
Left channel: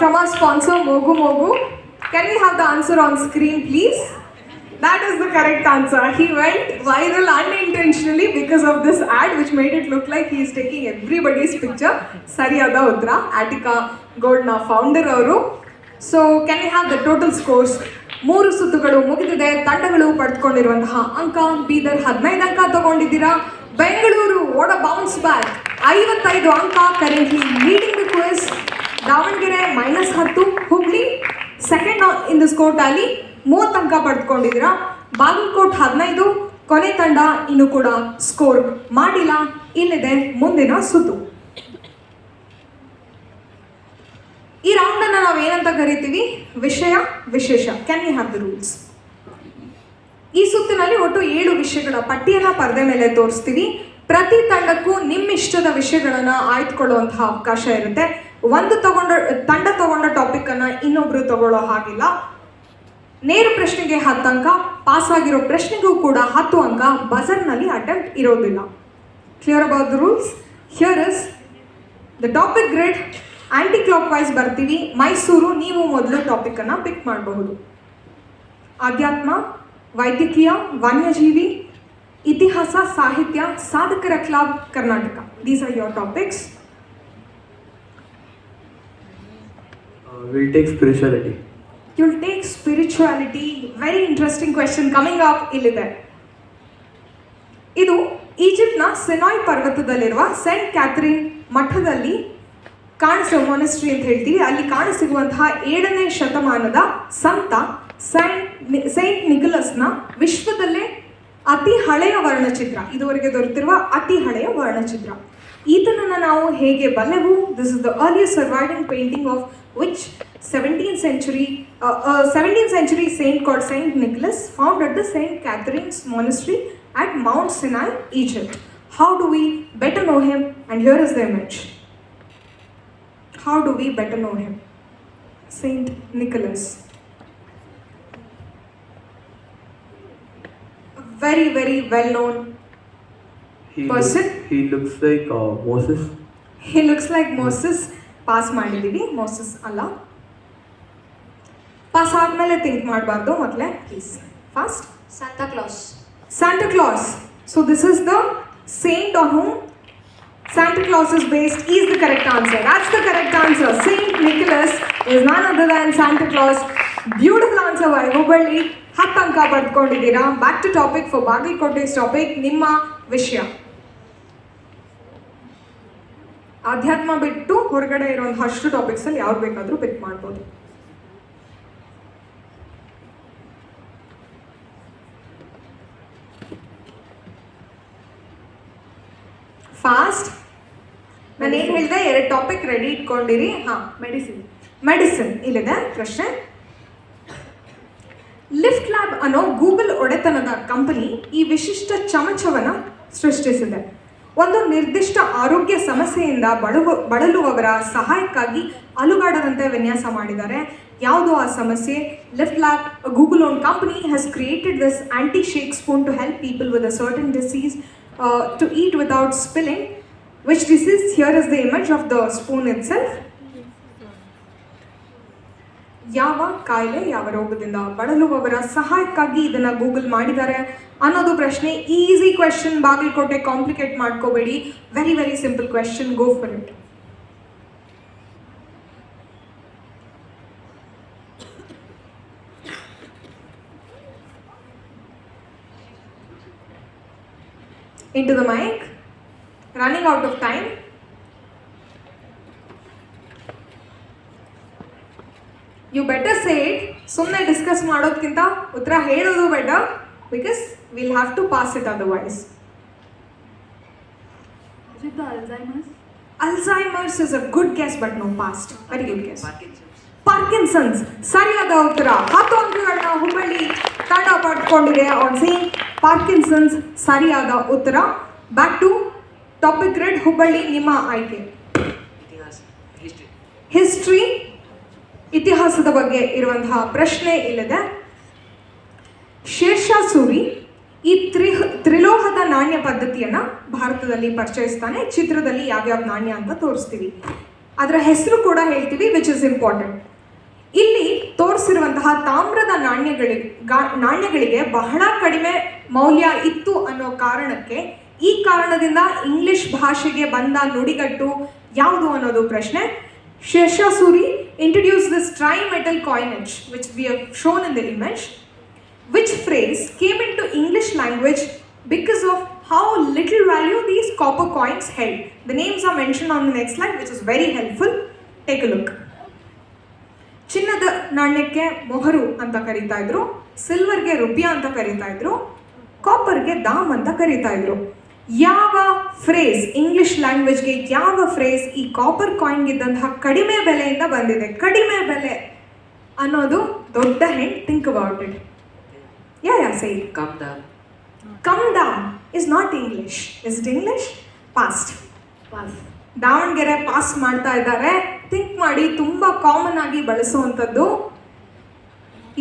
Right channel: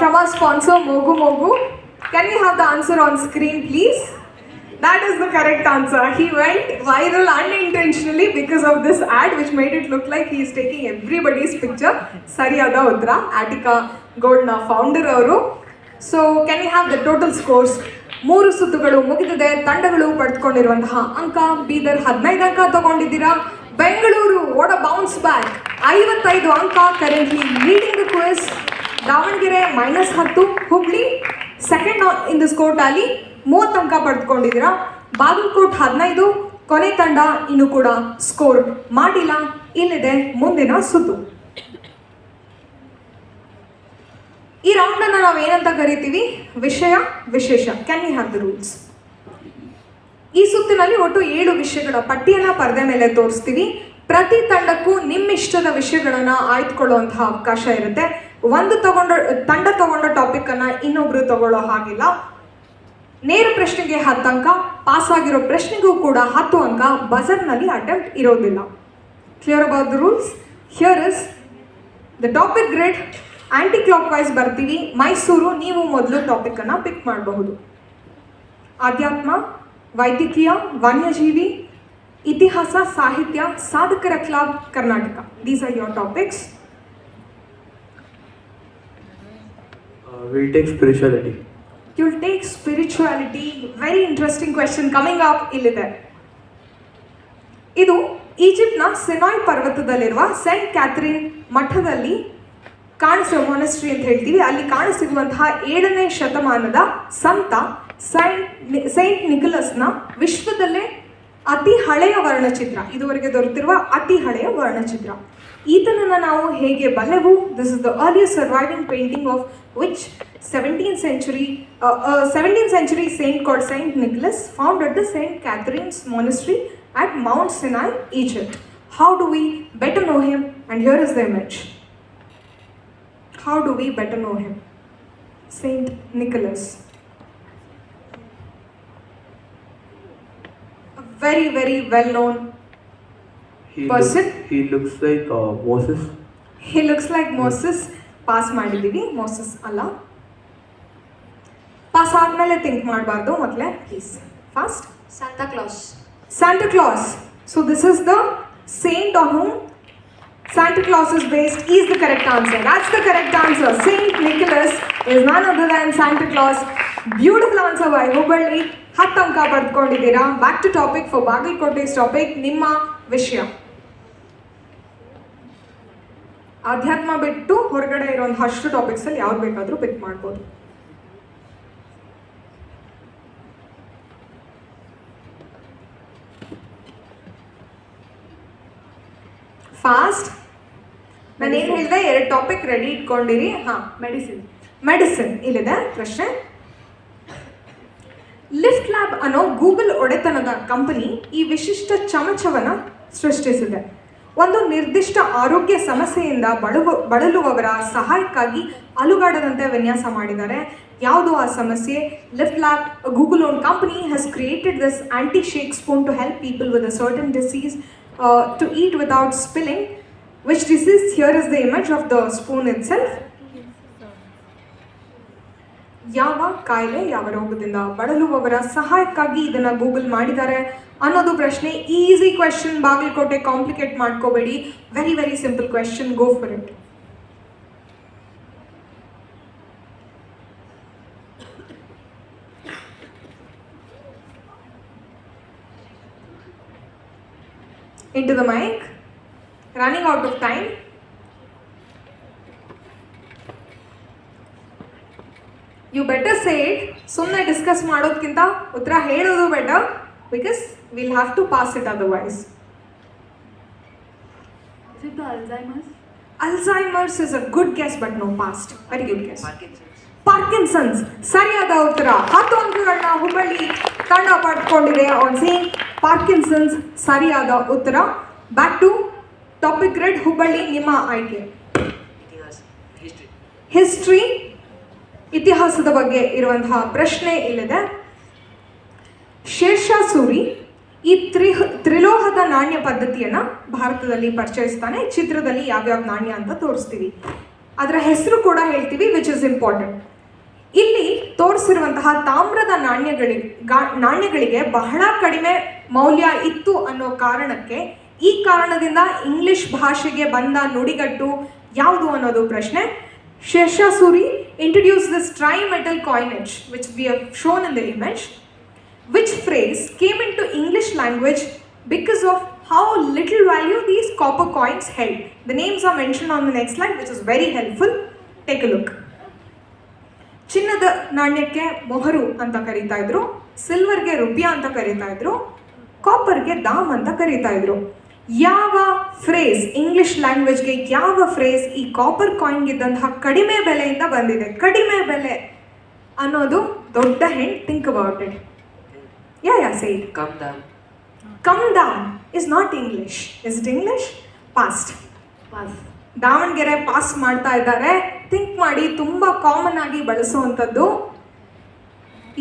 from our sponsor Mogu Mogu. Can we have the answer on screen, please? That is the correct answer. He went viral unintentionally because of this ad, which made it look like he is taking everybody's picture. Sariyada Uttara, Attica Gold na founder ಅವರು. So can we have the total scores? 3 ಸುತ್ತುಗಳು ಮುಗಿದಿದೆ. ತಂಡಗಳು ಪಡೆದುಕೊಂಡಿರುವಂತಹ ಅಂಕ: ಬೀದರ್ 15 ಅಂಕ ತಗೊಂಡಿದ್ದೀರಾ. ಬೆಂಗಳೂರು ಓಡ bounce back 55 ಅಂಕ, currently leading the quiz. Davanagere -10, Hubli second in the score tally 30 ಅಂಕ ಪಡೆದುಕೊಂಡಿದ್ದೀರಾ. ಬಾಗಲಕೋಟ್ 15, ಕೊನೆ ತಂಡ ಇನ್ನೂ ಕೂಡ ಸ್ಕೋರ್ ಮಾಡಿಲ್ಲ. ಇಲ್ಲಿದೆ ಮುಂದಿನ ಸುತ್ತು. ಈ ರೌಂಡ್ ಅನ್ನ ನಾವು ಏನಂತ ಕರಿತೀವಿ? ವಿಷಯ ವಿಶೇಷ. Can you have the rules? ಈ ಸುತ್ತಿನಲ್ಲಿ ಒಟ್ಟು 7 ವಿಷಯಗಳ ಪಟ್ಟಿಯನ್ನ ಪರದೆ ಮೇಲೆ ತೋರಿಸ್ತೀವಿ. ಪ್ರತಿ ತಂಡಕ್ಕೂ ನಿಮ್ಮಿಷ್ಟದ ವಿಷಯಗಳನ್ನ ಆಯ್ದುಕೊಳ್ಳುವಂತಹ ಅವಕಾಶ ಇರುತ್ತೆ. ತಂಡ ತಗೊಂಡ ಟಾಪಿಕ್ ಅನ್ನ ಇನ್ನೊಬ್ರು ತಗೊಳ್ಳೋ ಹಾಗಿಲ್ಲ. ನೇರ ಪ್ರಶ್ನೆಗೆ 10 ಅಂಕ, ಪಾಸ್ ಆಗಿರೋ ಪ್ರಶ್ನೆಗೂ ಕೂಡ 10 ಅಂಕ. ಬಜರ್ನಲ್ಲಿ ಅಟೆಂಪ್ಟ್ ಇರೋದಿಲ್ಲ. Clear about the rules? Here is the topic grid. Anticlockwise ಬರ್ತೀವಿ. ಮೈಸೂರು, ನೀವು ಮೊದಲು ಟಾಪಿಕ್ ಅನ್ನ ಪಿಕ್ ಮಾಡಬಹುದು. ಆಧ್ಯಾತ್ಮ, ವೈದ್ಯಕೀಯ, ವನ್ಯಜೀವಿ, ಇತಿಹಾಸ, ಸಾಹಿತ್ಯ, ಸಾಧಕರ club, Karnataka. These are your topics. We'll take spirituality. You'll take spirituality. Very interesting question coming up. ಇಲ್ಲಿದೆ. ಇದು ಈಜಿಪ್ಟ್ನ ಸಿನಾಯ್ ಪರ್ವತದಲ್ಲಿರುವ ಸೇಂಟ್ ಕ್ಯಾಥರಿನ್ ಮಠದಲ್ಲಿ ಕಾಣಿಸೋ ಮೊನಸ್ಟ್ರಿ ಅಂತ ಹೇಳ್ತೀವಿ. ಅಲ್ಲಿ ಕಾಣಸಿಗುವಂತಹ 7ನೇ ಶತಮಾನದ ಸಂತ ಸೈಂಟ್ ನಿಕೋಲಸ್ನ ವಿಶ್ವದಲ್ಲೇ ಅತಿ ಹಳೆಯ ವರ್ಣಚಿತ್ರ, ಇದುವರೆಗೆ ದೊರೆತಿರುವ ಅತಿ ಹಳೆಯ ವರ್ಣಚಿತ್ರ. ಈತನನ್ನು ನಾವು ಹೇಗೆ ಬಲ್ಲೆವು? This is the earliest surviving painting of which 17th century saint called Saint Nicholas founded the Saint Catherine's Monastery at Mount Sinai, Egypt. How do we better know him? And here is the image. How do we better know him? Saint Nicholas. A very, very well-known person. He looks like Moses. He looks like Moses. Pass ಮಾಡಿದ್ದೀವಿ. Moses ಅಲ್ಲ. Pass ಆದಮೇಲೆ think ಮಾಡಬಾರ್ದು. ಮೊದಲೇ please fast. Santa Claus. Santa Claus. So this is the saint on whom Santa Claus is based. Is the correct answer. That's the correct answer. Saint Nicholas is none other than Santa Claus. Beautiful answer by Hubballi. 10 ಅಂಕ ಪಡೆದುಕೊಂಡಿದ್ದೀರಾ. Back to topic for Bagalkote's topic. ನಿಮ್ಮ ವಿಷಯ ಆಧ್ಯಾತ್ಮ ಬಿಟ್ಟು ಹೊರಗಡೆ ಇರುವಂತಹ ಅಷ್ಟು topics ಅಲ್ಲಿ ಯಾವ್ದು ಬೇಕಾದರೂ ಪಿಕ್ ಮಾಡ್ಬೋದು. ಫಾಸ್ಟ್. ನಾನು ಏನು ಹೇಳಿದೆ? 2 ಟಾಪಿಕ್ ರೆಡಿ ಇಟ್ಕೊಂಡಿರಿ. ಮೆಡಿಸಿನ್ ಇಲ್ಲಿದೆ ಪ್ರಶ್ನೆ. ಲಿಫ್ಟ್ ಲ್ಯಾಬ್ ಅನ್ನೋ ಗೂಗಲ್ ಒಡೆತನದ ಕಂಪನಿ ಈ ವಿಶಿಷ್ಟ ಚಮಚವನ್ನು ಸೃಷ್ಟಿಸಿದೆ. ಒಂದು ನಿರ್ದಿಷ್ಟ ಆರೋಗ್ಯ ಸಮಸ್ಯೆಯಿಂದ ಬಳಲುವವರ ಸಹಾಯಕ್ಕಾಗಿ ಅಲುಗಾಡದಂತೆ ವಿನ್ಯಾಸ ಮಾಡಿದ್ದಾರೆ. ಯಾವುದು ಆ ಸಮಸ್ಯೆ? Lift Lab, Google own company, has created this anti shake spoon to help people with a certain disease to eat without spilling. Which disease? Here is the image of the spoon itself. ಯಾವ ಕಾಯಿಲೆ, ಯಾವ ರೋಗದಿಂದ ಬಳಲುವವರ ಸಹಾಯಕ್ಕಾಗಿ ಇದನ್ನು Google ಮಾಡಿದ್ದಾರೆ ಅನ್ನೋದು ಪ್ರಶ್ನೆ. Easy question. Bagalkote complicate ಮಾಡ್ಕೋಬೇಡಿ. Very very simple question. Go for it. Into the mic. Running out of time. You better say it. ಸುಮ್ಮನೆ ಡಿಸ್ಕಸ್ ಮಾಡೋದಕ್ಕಿಂತ ಉತ್ತರ ಹೇಳೋದು better, because will have to pass it otherwise. Alzheimer's is a good guess but no past. Very good guess. Parkinson's. ಸರಿಯಾದ ಉತ್ತರ. 10 ಅಂಕಗಳನ್ನ ಹುಬ್ಬಳ್ಳಿ ತಂಡ ಪಡ್ಕೊಂಡಿದೆ. On same Parkinson's ಸರಿಯಾದ ಉತ್ತರ. Back to topic grid. Hubballi, ನಿಮ್ಮ ಆಯ್ಕೆ. ಹಿಸ್ಟ್ರಿ, ಇತಿಹಾಸದ ಬಗ್ಗೆ ಇರುವಂತಹ ಪ್ರಶ್ನೆ ಇಲ್ಲಿದೆ. ಶೇರ್ಷಾ ಸೂರಿ ಈ ಪದ್ಧತಿಯನ್ನು ಭಾರತದಲ್ಲಿ ಪರಿಚಯಿಸ್ತಾನೆ. ಚಿತ್ರದಲ್ಲಿ ಯಾವ್ಯಾವ ನಾಣ್ಯ ಅಂತ ತೋರಿಸ್ತೀವಿ, ಅದರ ಹೆಸರು ಕೂಡ ಹೇಳ್ತೀವಿ, ವಿಚ್ ಇಸ್ ಇಂಪಾರ್ಟೆಂಟ್. ಇಲ್ಲಿ ತೋರಿಸಿರುವಂತಹ ತಾಮ್ರದ ನಾಣ್ಯಗಳಿಗೆ ಬಹಳ ಕಡಿಮೆ ಮೌಲ್ಯ ಇತ್ತು ಅನ್ನೋ ಕಾರಣಕ್ಕೆ, ಈ ಕಾರಣದಿಂದ ಇಂಗ್ಲಿಷ್ ಭಾಷೆಗೆ ಬಂದ ನುಡಿಗಟ್ಟು ಯಾವುದು ಅನ್ನೋದು ಪ್ರಶ್ನೆ. ಶೇಷಾಸೂರಿ introduced this tri-metal coinage which we have shown in the image. Which phrase came into English language because of how little value these copper coins held? The names are mentioned on the next slide, which is very helpful. Take a look. ಚಿನ್ನದ ನಾಣ್ಯಕ್ಕೆ ಮೊಹರು ಅಂತ ಕರೀತಾ ಇದ್ರು, ಸಿಲ್ವರ್ಗೆ ರುಪಿಯಾ ಅಂತ ಕರೀತಾ ಇದ್ರು, ಕಾಪರ್ಗೆ ದಾಮ್ ಅಂತ ಕರೀತಾ ಇದ್ರು. ಯಾವ ಫ್ರೇಸ್, ಇಂಗ್ಲಿಷ್ ಲ್ಯಾಂಗ್ವೇಜ್ಗೆ ಯಾವ ಫ್ರೇಸ್ ಈ ಕಾಪರ್ ಕಾಯಿನ್ಗೆ ಇದ್ದಂತಹ ಕಡಿಮೆ ಬೆಲೆಯಿಂದ ಬಂದಿದೆ? ಕಡಿಮೆ ಬೆಲೆ ಅನ್ನೋದು ದೊಡ್ಡ hint. Think about it. Yeah say Come down. Come down is not English. Is it English? Passed. Davanagere pass ಮಾಡ್ತಾ ಇದ್ದಾರೆ. ಥಿಂಕ್ ಮಾಡಿ, ತುಂಬ ಕಾಮನ್ ಆಗಿ ಬಳಸುವಂಥದ್ದು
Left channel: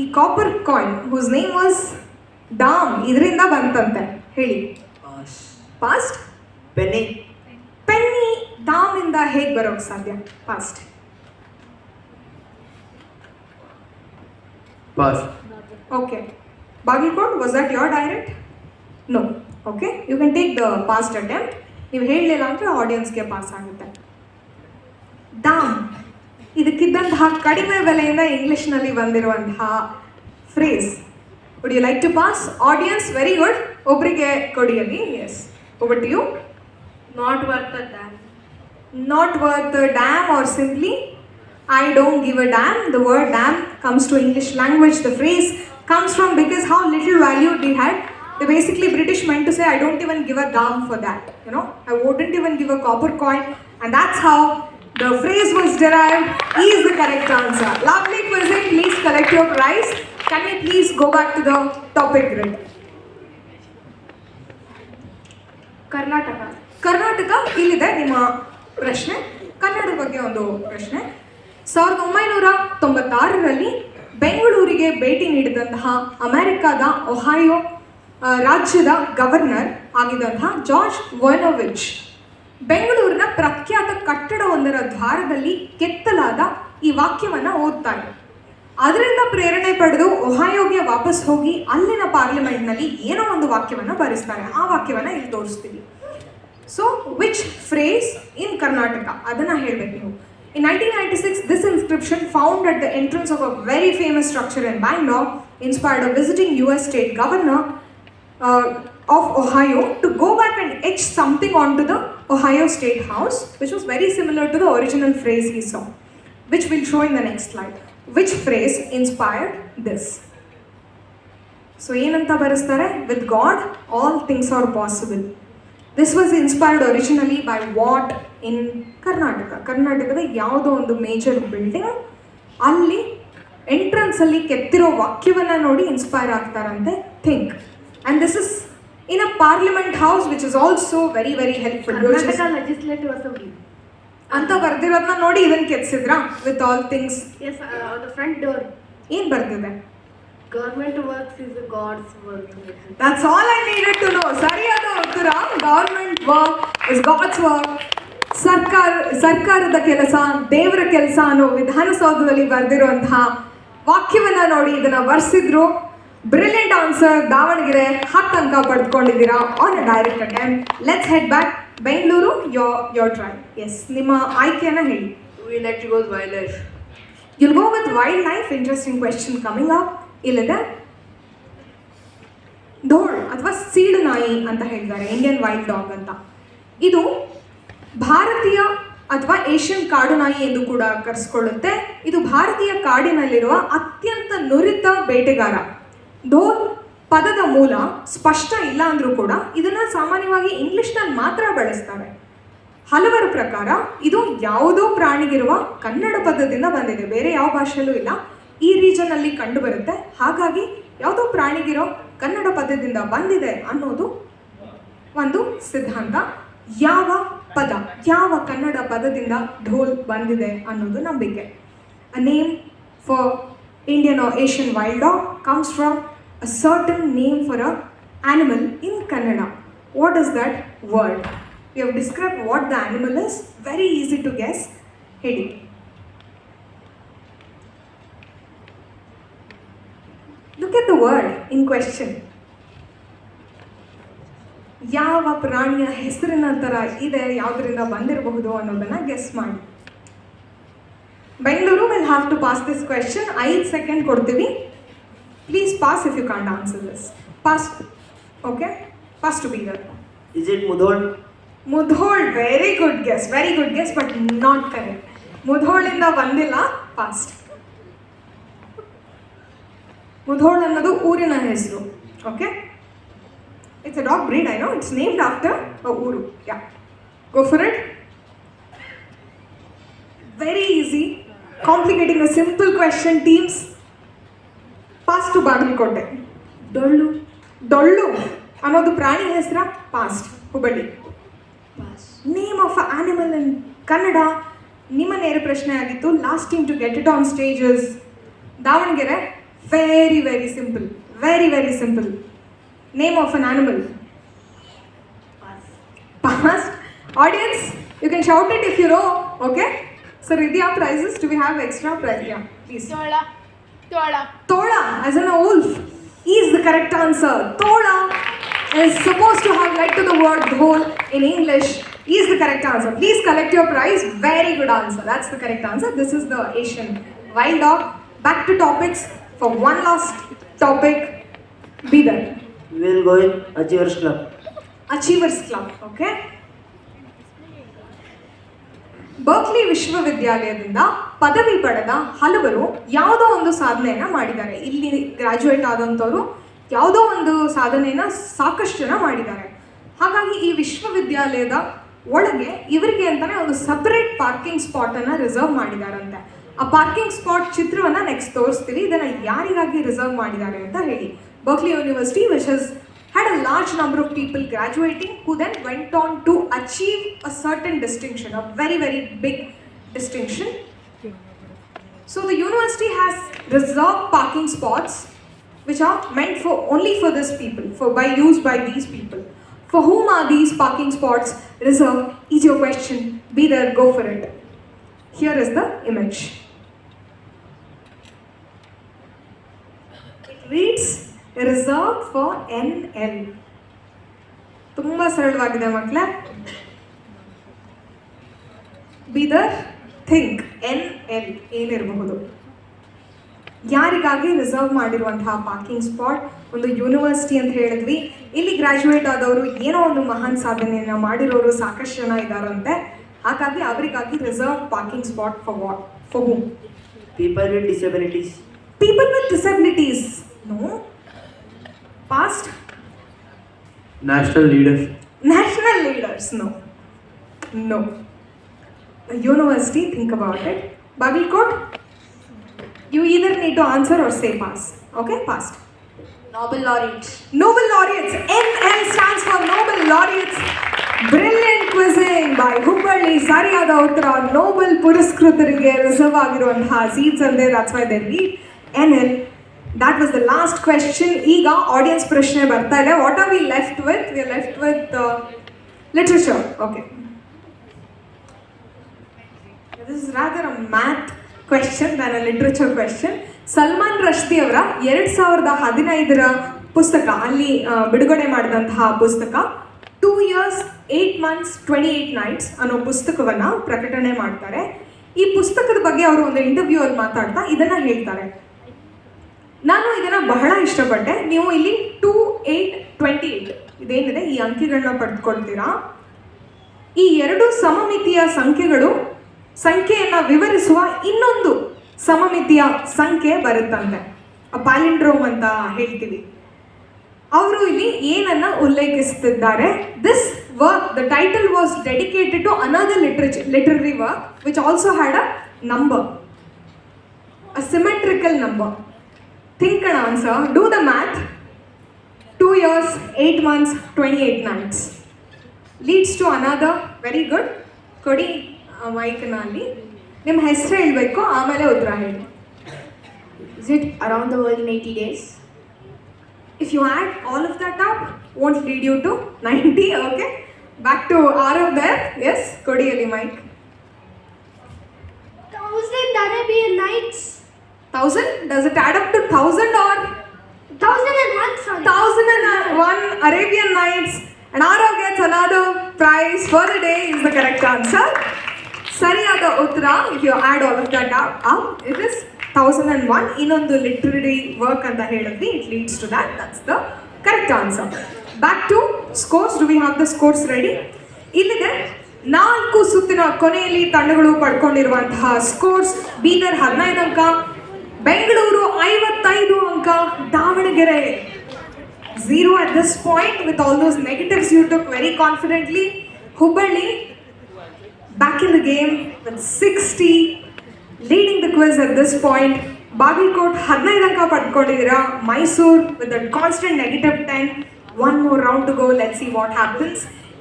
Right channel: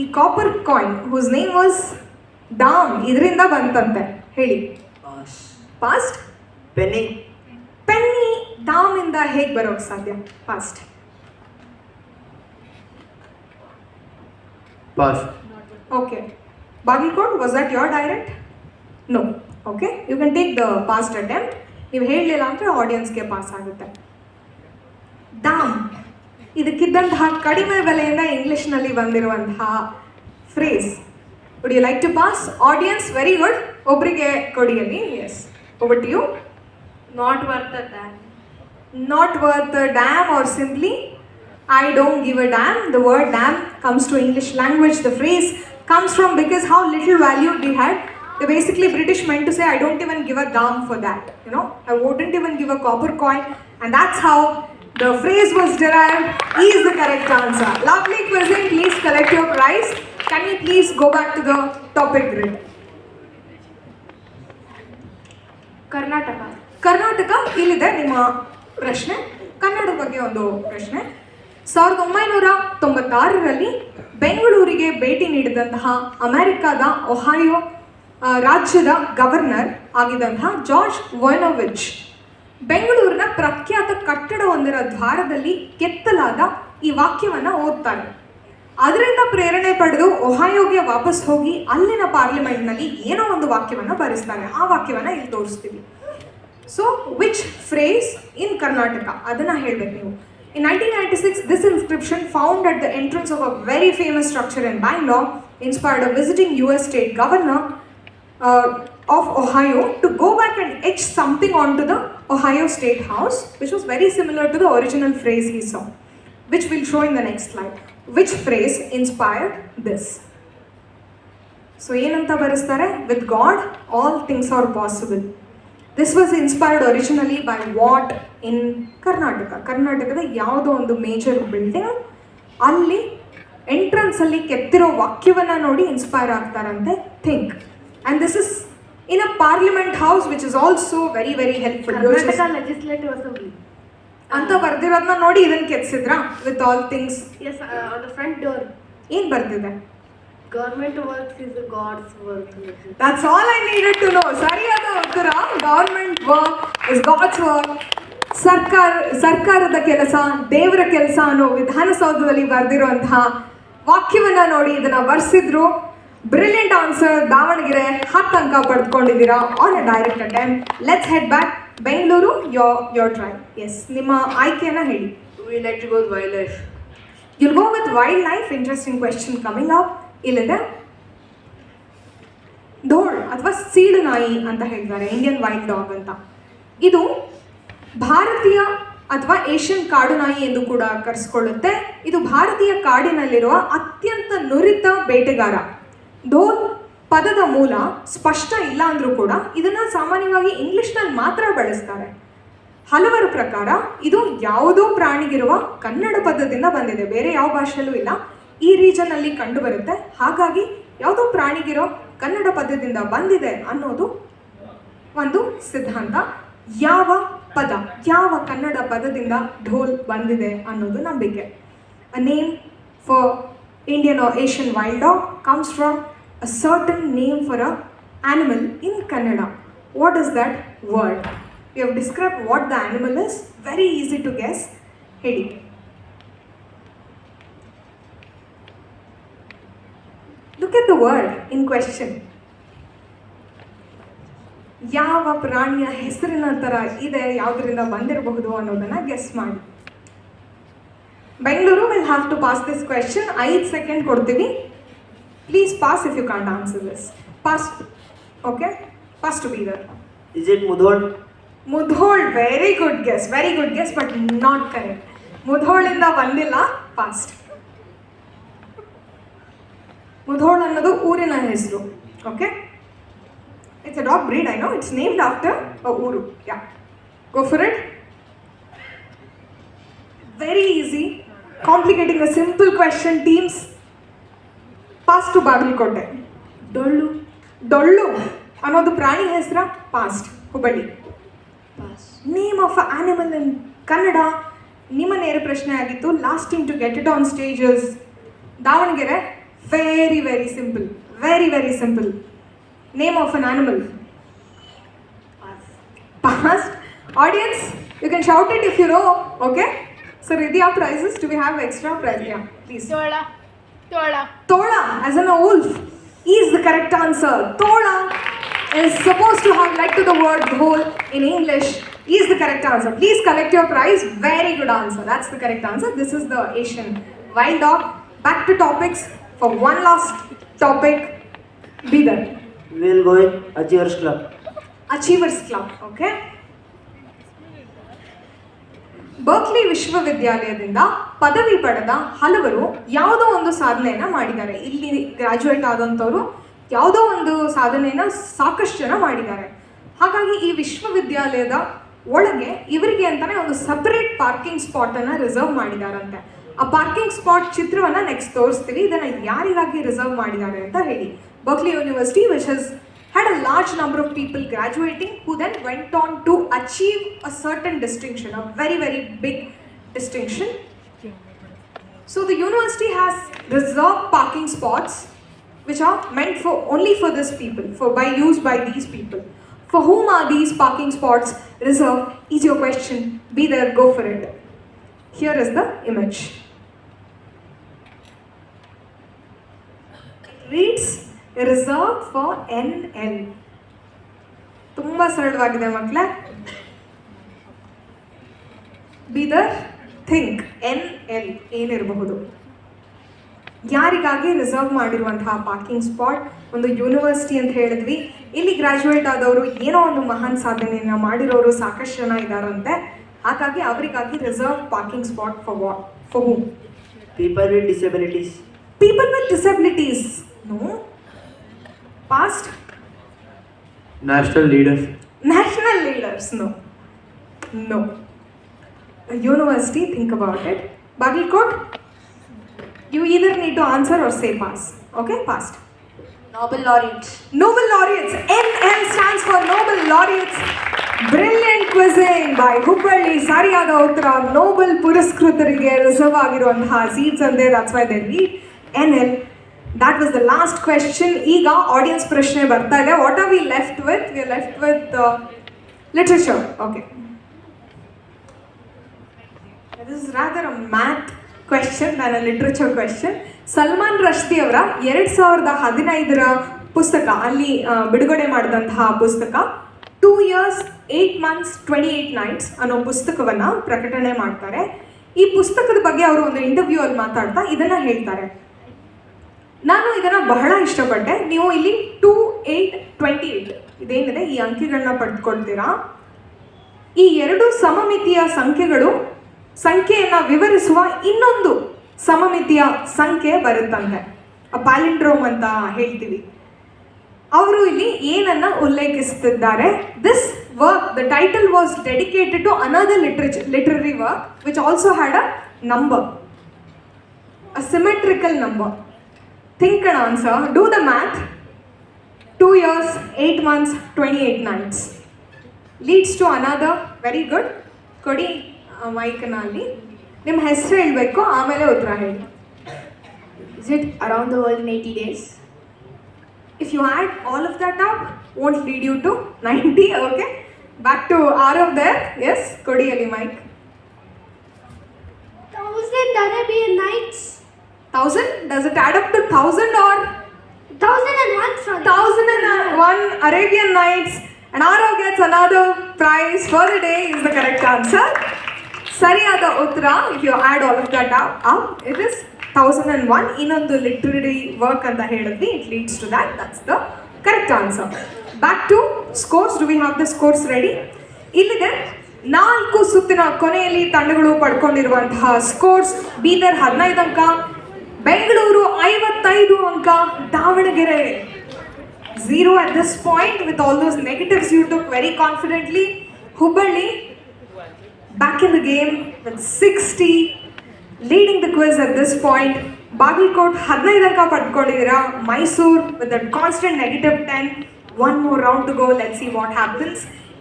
ಈ copper coin whose name was dam, ಇದರಿಂದ ಬಂತಂತೆ. ಹೇಳಿ. ಪಾಸ್ಟ್. Penny. ಪೆನ್ನಿ ದಾಮಿಂದ ಹೇಗೆ ಬರೋಕ್ಕೆ ಸಾಧ್ಯ? Past. Pass. Okay. Bagilkot, was that your direct? No. Okay. You can take the past attempt. ನೀವು ಹೇಳಲಿಲ್ಲ ಅಂದರೆ ಆಡಿಯನ್ಸ್ಗೆ ಪಾಸ್ ಆಗುತ್ತೆ. ದಾಮ್, ಇದಕ್ಕಿದ್ದಂತಹ ಕಡಿಮೆ ಬೆಲೆಯಿಂದ ಇಂಗ್ಲೀಷ್ನಲ್ಲಿ ಬಂದಿರುವಂತಹ phrase. Would you like to pass? Audience, very good. ಒಬ್ಬರಿಗೆ ಕೊಡಿಯಲ್ಲಿ. Yes, over to you. Not worth a damn. Not worth a damn, or simply I don't give a damn. The word damn comes to English language. The phrase comes from because how little value they had. They basically British meant to say I don't even give a damn for that. You know, I wouldn't even give a copper coin, and that's how the phrase was derived. E is the correct answer. Lovely quizzing. Please collect your prize. Can we please go back to the topic grid? Karnataka. Karnataka ಇಲ್ಲಿದೆ ನಿಮ್ಮ ಪ್ರಶ್ನೆ. ಕನ್ನಡದ ಬಗ್ಗೆ ಒಂದು ಪ್ರಶ್ನೆ. 1996ರಲ್ಲಿ ಬೆಂಗಳೂರಿಗೆ ಭೇಟಿ ನೀಡಿದಂತಹ ಅಮೆರಿಕಾದ ಒಹಾಯೋ ರಾಜ್ಯದ ಗವರ್ನರ್ ಆಗಿದ್ದಂತಹ ಜಾರ್ಜ್ ವೊಯ್ನೋವಿಚ್ ಬೆಂಗಳೂರಿನ ಪ್ರಖ್ಯಾತ ಕಟ್ಟಡವೊಂದರ ದ್ವಾರದಲ್ಲಿ ಕೆತ್ತಲಾದ ಈ ವಾಕ್ಯವನ್ನು ಓದ್ತಾರೆ. ಅದರಿಂದ ಪ್ರೇರಣೆ ಪಡೆದು ಒಹಾಯೋಗೆ ವಾಪಸ್ ಹೋಗಿ ಅಲ್ಲಿನ ಪಾರ್ಲಿಮೆಂಟ್ನಲ್ಲಿ ಏನೋ ಒಂದು ವಾಕ್ಯವನ್ನು ಬರೆಸ್ತಾರೆ. ಆ ವಾಕ್ಯವನ್ನು ಇಲ್ಲಿ ತೋರಿಸ್ತೀವಿ. ಸೊ ವಿಚ್ ಫ್ರೇಸ್ ಇನ್ ಕರ್ನಾಟಕ, ಅದನ್ನು ಹೇಳಬೇಕು ನೀವು. In 1996, this inscription found at the entrance of a very famous structure in Bangalore inspired a visiting US state governor of Ohio to go back and etch something onto the Ohio State House, which was very similar to the original phrase he saw, which we'll show in the next slide. Which phrase inspired this? So, ಏನಂತ ಬರೆಸ್ತಾರೆ? With God, all things are possible. This was inspired originally by what in Karnataka? ಕರ್ನಾಟಕದ ಯಾವುದೋ ಒಂದು major building, ಅಲ್ಲಿ entrance ಅಲ್ಲಿ ಕೆತ್ತಿರೋ ವಾಕ್ಯವನ್ನು ನೋಡಿ inspire ಆಗ್ತಾರಂತೆ. Think. And this is in a parliament house which is also very very helpful. Karnataka legislative assembly ಅಂತ ಬರ್ದಿರೋದನ್ನ ನೋಡಿ ಇದನ್ನು ಕೆತ್ತಿಸಿದ್ರಾ? With all things. Yes, the front door ಏನು ಬರ್ದಿದೆ? Government works is god's work. That's all I needed to know. ಸರಿಯಾದ ಉತ್ತರ. Government work is god's work. ಸರ್ಕಾರದ ಕೆಲಸ ದೇವರ ಕೆಲಸ ಅನ್ನೋ ವಿಧಾನಸೌಧದಲ್ಲಿ ಬರೆದಿರುವಂತಹ ವಾಕ್ಯವನ್ನು ನೋಡಿ ಇದನ್ನು ಬರ್ಸಿದ್ರು. Brilliant answer. ದಾವಣಗೆರೆ 10 ಅಂಕ ಪಡೆದುಕೊಂಡಿದ್ದೀರಾ on a direct attempt. Let's head back. Bengaluru, your try. Yes, ನಿಮ್ಮ ಆಯ್ಕೆಯನ್ನು ಹೇಳಿ. We like to go with wildlife. You'll go with wildlife. Interesting question coming up. ಇಲ್ಲಿದೆ ಧೋಳ್ ಅಥವಾ ಸೀಳು ನಾಯಿ ಅಂತ ಹೇಳ್ತಾರೆ, ಇಂಡಿಯನ್ ವೈಲ್ಡ್ ಡಾಗ್ ಅಂತ. ಇದು ಭಾರತೀಯ ಅಥವಾ ಏಷ್ಯನ್ ಕಾಡು ನಾಯಿ ಎಂದು ಕೂಡ ಕರೆಸ್ಕೊಳ್ಳುತ್ತೆ. ಇದು ಭಾರತೀಯ ಕಾಡಿನಲ್ಲಿರುವ ಅತ್ಯಂತ ನುರಿತ ಬೇಟೆಗಾರ. ಧೋಳ್ ಪದದ ಮೂಲ ಸ್ಪಷ್ಟ ಇಲ್ಲ ಅಂದರೂ ಕೂಡ ಇದನ್ನು ಸಾಮಾನ್ಯವಾಗಿ ಇಂಗ್ಲಿಷ್ನಲ್ಲಿ ಮಾತ್ರ ಬಳಸ್ತಾರೆ. ಹಲವರ ಪ್ರಕಾರ ಇದು ಯಾವುದೋ ಪ್ರಾಣಿಗಿರುವ ಕನ್ನಡ ಪದದಿಂದ ಬಂದಿದೆ, ಬೇರೆ ಯಾವ ಭಾಷೆಯಲ್ಲೂ ಇಲ್ಲ. ಈ ರೀಜನಲ್ಲಿ ಕಂಡು ಬರುತ್ತೆ. ಹಾಗಾಗಿ ಯಾವುದೋ ಪ್ರಾಣಿಗಿರೋ ಕನ್ನಡ ಪದದಿಂದ ಬಂದಿದೆ ಅನ್ನೋದು ಒಂದು ಸಿದ್ಧಾಂತ. ಯಾವ ಪದ, ಯಾವ ಕನ್ನಡ ಪದದಿಂದ ಢೋಲ್ ಬಂದಿದೆ ಅನ್ನೋದು ನಂಬಿಕೆ. A name for Indian or Asian wild dog comes from a certain name for a animal in Kannada. What is that word? We have described what the animal is. Very easy to guess. ಹೇಳಿ. Look at the word in question. ಯಾವ ಪ್ರಾಣಿಯ ಹೆಸರಿನ ಥರ ಇದೆ, ಯಾವುದರಿಂದ ಬಂದಿರಬಹುದು ಅನ್ನೋದನ್ನು guess ಮಾಡಿ. Bengaluru will have to pass this question. 5 second ಕೊಡ್ತೀವಿ. Please pass if you can't answer this. Pass. Okay, pass to Bidar. Is it Mudhol? Mudhol. Very good guess but not correct. ಮುಧೋಳಿಂದ ಬಂದಿಲ್ಲ. ಫಾಸ್ಟ್. ಮುಧೋಳ್ ಅನ್ನೋದು ಊರಿನ ಹೆಸರು. Okay, it's a dog breed. I know it's named after a ಊರು. Yeah, go for it. Very easy. Complicating a simple question teams. Pass to Bagalkot. ಡೊಳ್ಳು ಅನ್ನೋದು ಪ್ರಾಣಿ ಹೆಸರ. Passed. Hubballi. Name of animal in Kannada. ನಿಮ್ಮ ನೇರ ಪ್ರಶ್ನೆ ಆಗಿತ್ತು. Lasting to get it on stages. Davanagere. Very simple. Very simple. Name of an animal. Passed. Audience, you can shout it if you know. Okay sir, ಇದೆಯಾ prizes? Do we have extra prize? Yeah please. Tola, as in a wolf, is the correct answer. Tola is supposed to have led to the word whole in English. Is the correct answer. Please collect your prize. Very good answer. That's the correct answer. This is the Asian wild dog. Back to topics for one last topic. Be there. We will go in Achievers Club. Achievers Club. Okay. Berkeley ವಿಶ್ವವಿದ್ಯಾಲಯದಿಂದ ಪದವಿ ಪಡೆದ ಹಲವರು ಯಾವುದೋ ಒಂದು ಸಾಧನೆಯನ್ನು ಮಾಡಿದ್ದಾರೆ. ಇಲ್ಲಿ graduate ಆದಂಥವರು ಯಾವುದೋ ಒಂದು ಸಾಧನೆಯನ್ನು ಸಾಕಷ್ಟು ಜನ ಮಾಡಿದ್ದಾರೆ. ಹಾಗಾಗಿ ಈ ವಿಶ್ವವಿದ್ಯಾಲಯದ ಒಳಗೆ ಇವರಿಗೆ ಅಂತಲೇ ಒಂದು ಸಪರೇಟ್ ಪಾರ್ಕಿಂಗ್ ಸ್ಪಾಟನ್ನು ರಿಸರ್ವ್ ಮಾಡಿದಾರಂತೆ. ಆ ಪಾರ್ಕಿಂಗ್ ಸ್ಪಾಟ್ ಚಿತ್ರವನ್ನು ನೆಕ್ಸ್ಟ್ ತೋರಿಸ್ತೀವಿ. ಇದನ್ನು ಯಾರಿಗಾಗಿ ರಿಸರ್ವ್ ಮಾಡಿದ್ದಾರೆ ಅಂತ ಹೇಳಿ. Berkeley university which is had a large number of people graduating who then went on to achieve a certain distinction, a very big distinction. So the university has reserved parking spots which are meant for only for these people, used by these people. For whom are these parking spots reserved is your question. Be there, go for it. Here is the image. It reads reserve for NL. ತುಂಬ ಸರಳವಾಗಿದೆ ಮಕ್ಕಳೇ. Bidar. Think NL ಏನಿರಬಹುದು. ಯಾರಿಗಾಗಿ reserve ಮಾಡಿರುವಂತಹ parking spot? ಒಂದು university ಅಂತ ಹೇಳಿದ್ವಿ. ಇಲ್ಲಿ ಗ್ರ್ಯಾಜುಯೇಟ್ ಆದವರು ಏನೋ ಒಂದು ಮಹಾನ್ ಸಾಧನೆಯನ್ನು ಮಾಡಿರೋರು ಸಾಕಷ್ಟು ಜನ ಇದ್ದಾರಂತೆ. ಹಾಗಾಗಿ ಅವರಿಗಾಗಿ reserve parking spot for what? For whom? People with disabilities. People with disabilities. No. Past? National leaders. National leaders. No. A university, think about it. Bagalkot, you either need to answer or say pass. Okay, past. Nobel laureates. Nobel laureates. NL stands for Nobel laureates. Brilliant quizzing by Hubballi. ಸರಿಯಾದ ಉತ್ತರ. Nobel ಪುರಸ್ಕೃತರಿಗೆ reserve ಆಗಿರುವಂತಹ seats ಅಂದೆ. that's why they read NL. That was the last question. ಈಗ audience ಪ್ರಶ್ನೆ ಬರ್ತಾ ಇದೆ. What are we left with? We are left with literature. Okay, this is rather a math question than a literature question. Salman Rushdie ಅವರ 2015 ಪುಸ್ತಕ, ಅಲ್ಲಿ ಬಿಡುಗಡೆ ಮಾಡಿದಂತಹ ಪುಸ್ತಕ 2 years 8 months 28 nights ಅನ್ನೋ ಪುಸ್ತಕವನ್ನು ಪ್ರಕಟಣೆ ಮಾಡ್ತಾರೆ. ಈ ಪುಸ್ತಕದ ಬಗ್ಗೆ ಅವರು ಒಂದು ಇಂಟರ್ವ್ಯೂ ಅಲ್ಲಿ ಮಾತಾಡ್ತಾ ಇದನ್ನು ಹೇಳ್ತಾರೆ. ನಾನು ಇದನ್ನು ಬಹಳ ಇಷ್ಟಪಟ್ಟೆ. ನೀವು ಇಲ್ಲಿ 2, 8, 28 ಇದೇನಿದೆ ಈ ಅಂಕೆಗಳನ್ನ ಪಡೆದುಕೊಳ್ತೀರಾ. ಈ ಎರಡು ಸಮಮಿತಿಯ ಸಂಖ್ಯೆಯನ್ನು ವಿವರಿಸುವ ಇನ್ನೊಂದು ಸಮಮಿತಿಯ ಸಂಖ್ಯೆ ಬರುತ್ತಂತೆ. ಪ್ಯಾಲಿಂಡ್ರೋಮ್ ಅಂತ ಹೇಳ್ತೀವಿ. ಅವರು ಇಲ್ಲಿ ಏನನ್ನ ಉಲ್ಲೇಖಿಸುತ್ತಿದ್ದಾರೆ? This work, the title was dedicated to another literary work which also had a number, a symmetrical number. Think and answer. Do the math. 2 years, 8 months, 28 nights. Leads to another. Very good. ಕೊಡಿ ಮೈಕ್ನಲ್ಲಿ. ನಿಮ್ಮ ಹೆಸರು ಹೇಳಬೇಕು, ಆಮೇಲೆ ಉತ್ತರ ಹೇಳಿ. Is it around the world in 80 days? If you add all of that up, won't lead you to 90. Okay, back to Arav there. Yes, Kodiyali mic. 1,000 Arabian Nights. 1000, does it add up to 1000 or 1,001, sorry. 1001 Arabian Nights? And Arav gets another prize for the day is the correct answer. Sariyada Uttara, if you add all of that up, it is 1001. Innondu literary work anta helidri, it leads to that. That's the correct answer. Back to scores. Do we have the scores ready? ಇಲ್ಲಿದೆ 4 ಸುತ್ತಿನ ಕೊನೆಯಲ್ಲಿ ತಂಡಗಳು ಪಡ್ಕೊಂಡಿರುವಂತಹ scores. Bidar 15 ಅಂಕ, ಬೆಂಗಳೂರು 55 ಅಂಕ, Davanagere 0 at this point. With all those negatives you took very confidently. Hubballi back in the game with 60, leading the quiz at this point. Bagalkot 15 ಅಂಕ ಪಡ್ಕೊಂಡಿದ್ದೀರಾ. Mysuru with a constant -10. One more round to go. Let's see what happens.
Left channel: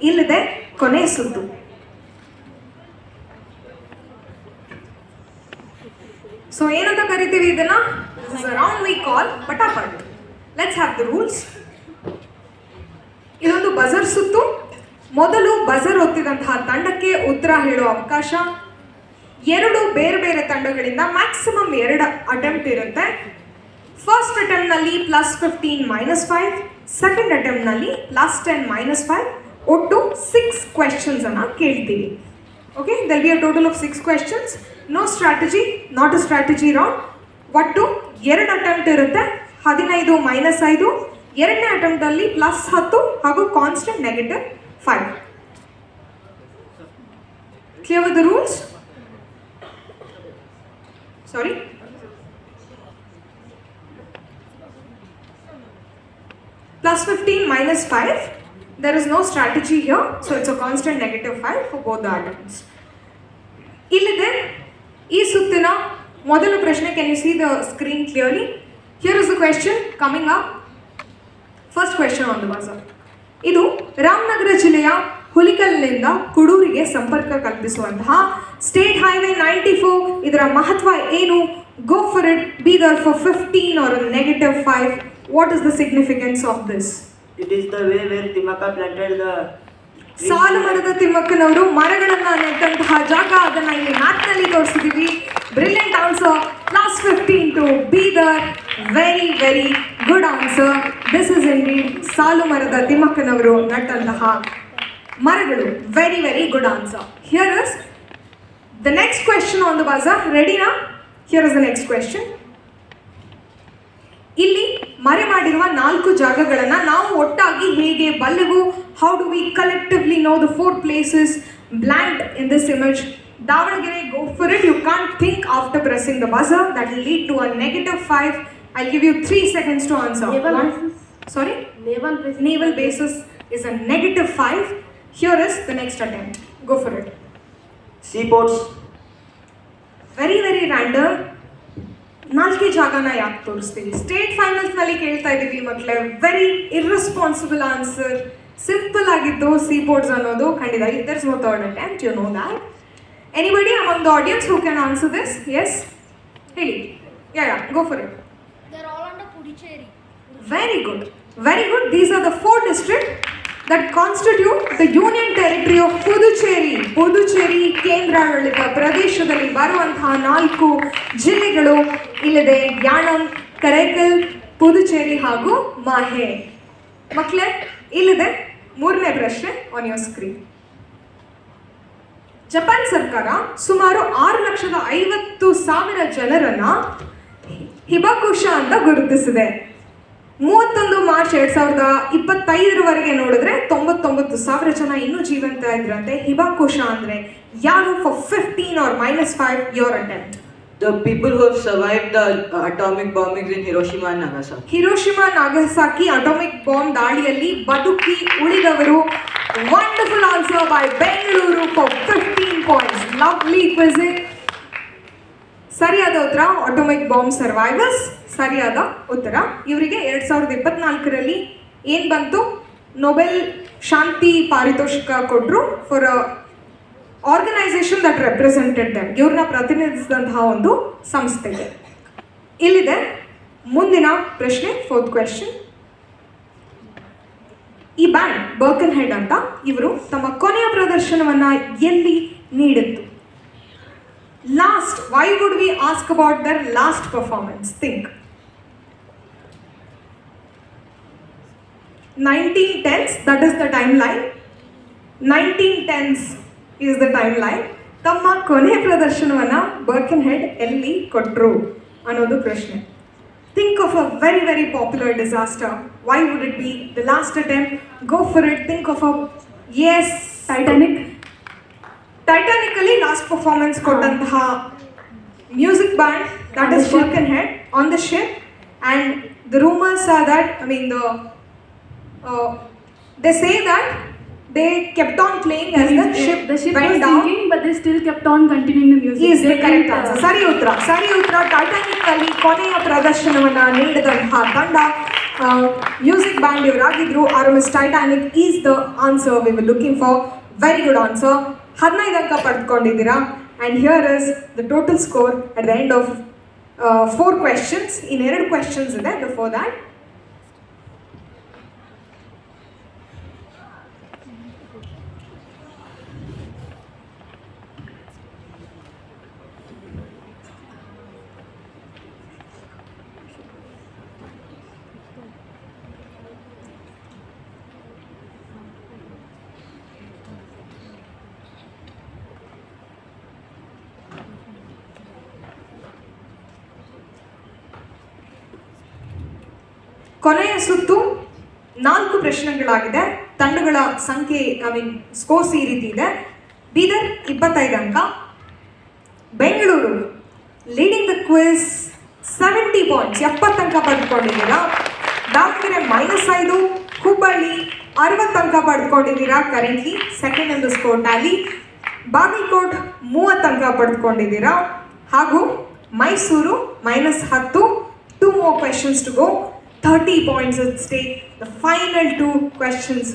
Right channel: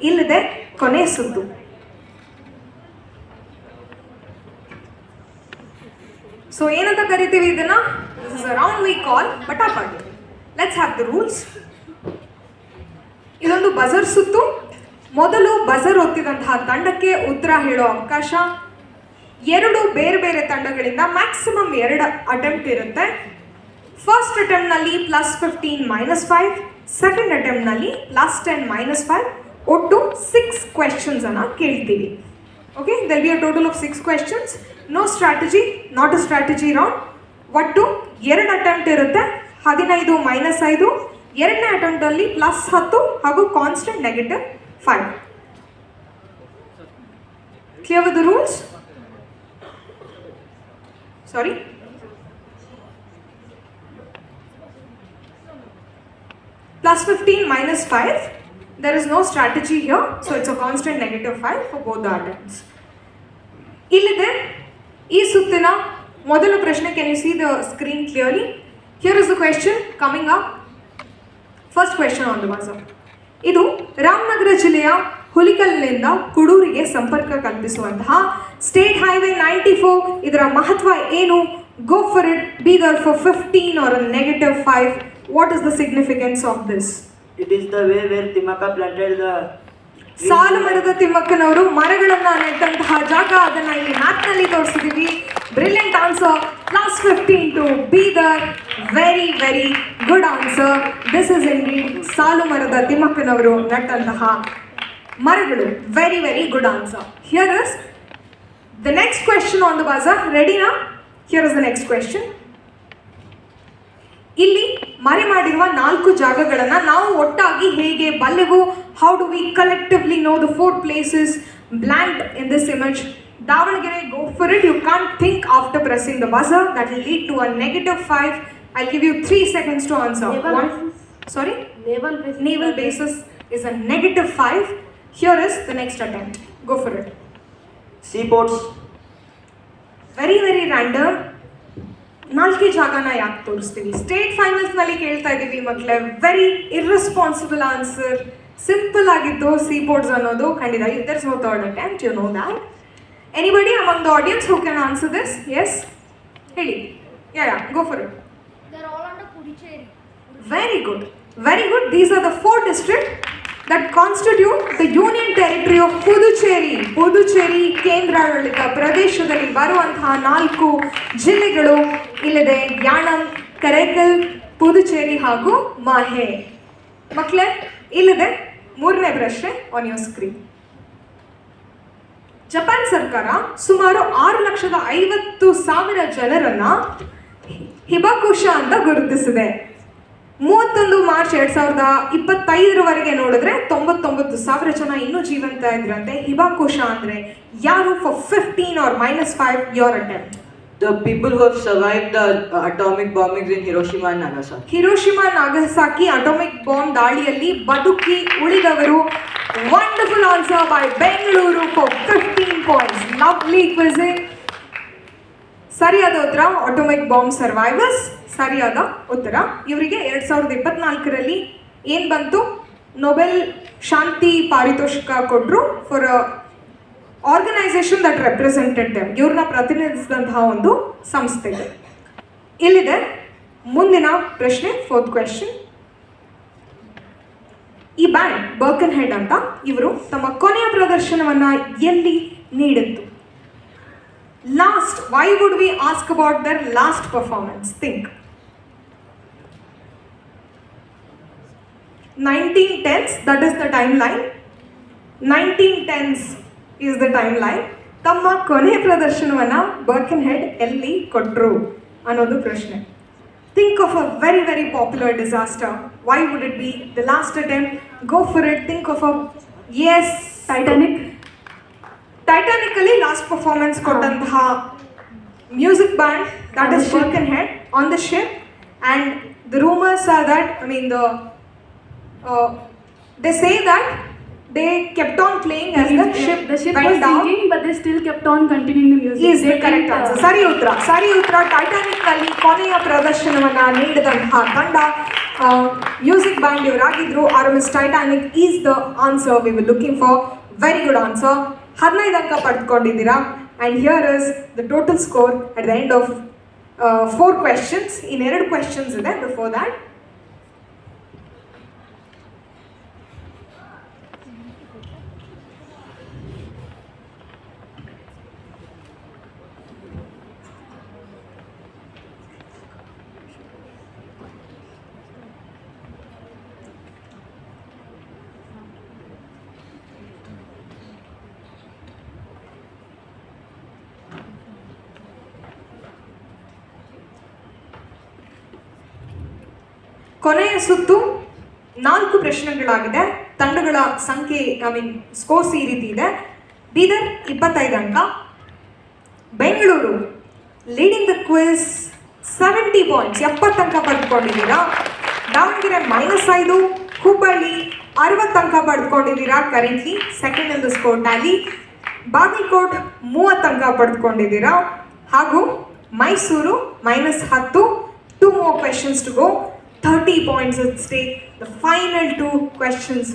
ಇಲ್ಲಿದೆ ಕೊನೆ ಸುತ್ತು. So ಏನಂತ ಕರಿತೀವಿ ಇದನ್ನ? This is a round we call ಪಟಾಪಟ್. Let's have the rules. ಇದೊಂದು buzzer ಸುತ್ತು. ಮೊದಲು ಬಜರ್ ಒತ್ತಿದಂತಹ ತಂಡಕ್ಕೆ ಉತ್ತರ ಹೇಳೋ ಅವಕಾಶ. 2 ಬೇರೆ ಬೇರೆ ತಂಡಗಳಿಂದ ಮ್ಯಾಕ್ಸಿಮಮ್ 2 ಅಟೆಂಪ್ಟ್ ಇರುತ್ತೆ. ಫಸ್ಟ್ ಅಟೆಂಪ್ಟ್ನಲ್ಲಿ +15 -5, ಸೆಕೆಂಡ್ ಅಟೆಂಪ್ಟ್ನಲ್ಲಿ +10 -5, ಒಟ್ಟು 6 ಕ್ವೆಶನ್ಸ್ ಅನ್ನ ಕೇಳ್ತೀವಿ. Okay, there'll be a total of 6 questions. No strategy, not a strategy round. ಒಟ್ಟು 2 ಅಟೆಂಪ್ಟ್ ಇರುತ್ತೆ. 15 -5, ಎರಡನೇ ಅಟೆಂಪ್ಟಲ್ಲಿ +10 ಹಾಗೂ constant -5. Clear with the rules? Sorry? +15 -5. There is no strategy here, so it's a constant -5 for both the attempts. ಇಲ್ಲಿದೆ ಈ ಸುತ್ತಿನ ಮೊದಲ ಪ್ರಶ್ನೆ. Can you see the screen clearly? Here is the question coming up. First question on the buzzer. ಇದು ರಾಮನಗರ ಜಿಲ್ಲೆಯ ಹುಲಿಕಲ್ನಿಂದ ಕುಡೂರಿಗೆ ಸಂಪರ್ಕ ಕಲ್ಪಿಸುವಂತಹ state highway 94. ಇದರ ಮಹತ್ವ ಏನು? ಗೋ for it. Bidar for 15 or a -5. What is the significance of this? It is the way where Timaka planted the trees. ಸಾಲು ಮರದ ತಿಮ್ಮಕ್ಕನವರು ಮರಗಳನ್ನ ನೆಟ್ಟಂತಹ ಜಾಗ. ಅದನ್ನ ಇಲ್ಲಿ ಮ್ಯಾಪ್ನಲ್ಲಿ ತೋರಿಸಿದೀವಿ. Brilliant answer. +15 to Bidar. Very very good answer. This is indeed ಸಾಲು ಮರದ ತಿಮ್ಮಕ್ಕನವರು ನೆಟ್ಟಂತಹ ಮರಗಳು. Very very good answer. Here is the next question on the buzzer. ರೆಡಿನಾ? Here is the next question. ಇಲ್ಲಿ ಮರೆ ಮಾಡಿರುವ 4 ಜಾಗಗಳನ್ನು ನಾವು ಒಟ್ಟಾಗಿ ಹೇಗೆ ಬಲ್ಲೆವು? How do we collectively know the 4 places blank in this image? Davangere, go for it. You can't think after pressing the buzzer. That will lead to a -5. I'll give you 3 seconds to answer. Sorry? Naval basis is a -5. Here is the next attempt. Go for it. Seaports. Very very random. 4 ಜಾಗನ ಯಾಕೆ ತೋರಿಸ್ತೀವಿ? State ಫೈನಲ್ಸ್ನಲ್ಲಿ ಕೇಳ್ತಾ ಇದ್ದೀವಿ ಮಕ್ಕಳೇ. Very irresponsible answer. Simple ಆಗಿತ್ತು seaports ಅನ್ನೋದು. ಖಂಡಿತ there is no third attempt, you know that. Anybody among the audience who can answer this? Yes, ಹೇಳಿ. Yeah, go for it. They're all under Puducherry. Very good, very good. These are the 4 districts that constitute the Union Territory of Puducherry. Puducherry ಕೇಂದ್ರಾಡಳಿತ ಪ್ರದೇಶದಲ್ಲಿ ಬರುವಂತಹ 4 ಜಿಲ್ಲೆಗಳು ಇಲ್ಲಿದೆ. ಯಾಣಂ, ಕರೈಕಲ್, ಪುದುಚೇರಿ ಹಾಗೂ ಮಾಹೆ. ಮಕ್ಕಳೇ, ಇಲ್ಲಿದೆ 3ನೇ ಪ್ರಶ್ನೆ ಆನ್ ಯೋರ್ ಸ್ಕ್ರೀನ್. ಜಪಾನ್ ಸರ್ಕಾರ ಸುಮಾರು 6,50,000 ಜನರನ್ನ ಹಿಬಾಕುಶ ಅಂತ ಗುರುತಿಸಿದೆ. 31 ಮಾರ್ಚ್ 2025 ನೋಡಿದ್ರೆ 99,000 ಜನ ಇನ್ನೂ ಜೀವಂತ ಇದ್ರಂತೆ. ಹಿಬಾಕುಶ ಅಂದ್ರೆ ಯಾರು? For 15 or -5 your attempt. The people who have survived the atomic bombings in Hiroshima and Nagasaki. Hiroshima Nagasaki atomic bomb ದಾಳಿಯಲ್ಲಿ ಬದುಕಿ ಉಳಿದವರು. Wonderful answer by Bengaluru for 15 points. Lovely quizzing. ಸರಿಯಾದ ಉತ್ತರ ಅಟಾಮಿಕ್ ಬಾಂಬ್ ಸರ್ವೈವರ್ಸ್. ಸರಿಯಾದ ಉತ್ತರ. ಇವರಿಗೆ 2024 ಏನು ಬಂತು? ನೊಬೆಲ್ ಶಾಂತಿ ಪಾರಿತೋಷಿಕ ಕೊಟ್ಟರು for organisation that represented them. ಇವ್ರನ್ನ ಪ್ರತಿನಿಧಿಸಿದಂತಹ ಒಂದು ಸಂಸ್ಥೆ. ಇಲ್ಲಿದೆ ಮುಂದಿನ ಪ್ರಶ್ನೆ, 4th ಕ್ವೆಶ್ಚನ್. ಈ ಬ್ಯಾಂಡ್ ಬರ್ಕನ್ ಹೆಡ್ ಅಂತ ಇವರು ತಮ್ಮ ಕೊನೆಯ ಪ್ರದರ್ಶನವನ್ನ ಎಲ್ಲಿ ನೀಡಿತ್ತು? Last, why would we ask about their last performance? Think. 1910s, that is the timeline. 1910s is the timeline. ತಮ್ಮ ಕೊನೆಯ ಪ್ರದರ್ಶನವನ್ನ ಬರ್ಕನ್ ಹೆಡ್ ಎಲ್ಲಿ ಕೊಟ್ಟರು ಅನ್ನೋದು ಪ್ರಶ್ನೆ. Think of a very, very popular disaster. Why would it be the last attempt? Go for it. Think of a, yes, Titanic. Titanic ಅಲ್ಲಿ last performance ಕೊಟ್ಟಂತಹ music band, that is Birkenhead, on the ship. And the rumors are that, they say that they kept on playing as the ship went was down. sinking, but they still kept on continuing the music. Is the They correct didn't, answer. ಸರಿ ಉತ್ತರ. Titanic ಅಲ್ಲಿ ಕೊನೆಯ ಪ್ರದರ್ಶನವನ್ನ ನೀಡಿದಂತಹ ತಂಡ music band ಇವರಾಗಿದ್ರು. RMS Titanic is the answer we will looking for. Very good answer. 15 ಅಂಕ ಪಡೆದುಕೊಂಡಿದ್ದೀರಾ. And here is the total score at the end of 4 questions. In 2 questions ಇದೆ ಬಿಫೋರ್ ದ್ಯಾಟ್. ಕೊನೆಯ ಸುತ್ತು 4 ಪ್ರಶ್ನೆಗಳಾಗಿದೆ. ತಂಡಗಳ ಸಂಖ್ಯೆ ಸ್ಕೋರ್ಸ್ ಈ ರೀತಿ ಇದೆ. ಬೀದರ್ 25 ಅಂಕ, Bengaluru leading the quiz 70 points 70 ಅಂಕ ಪಡೆದುಕೊಂಡಿದ್ದೀರಾ. ದಾವಣಗೆರೆ -5, ಹುಬ್ಬಳ್ಳಿ 60 ಅಂಕ ಪಡೆದುಕೊಂಡಿದ್ದೀರಾ, currently second in the score tally. Bagalkot 30 ಅಂಕ ಪಡೆದುಕೊಂಡಿದ್ದೀರಾ, ಹಾಗೂ Mysuru -10. 2 more questions to go. 30 points at stake. The final 2 questions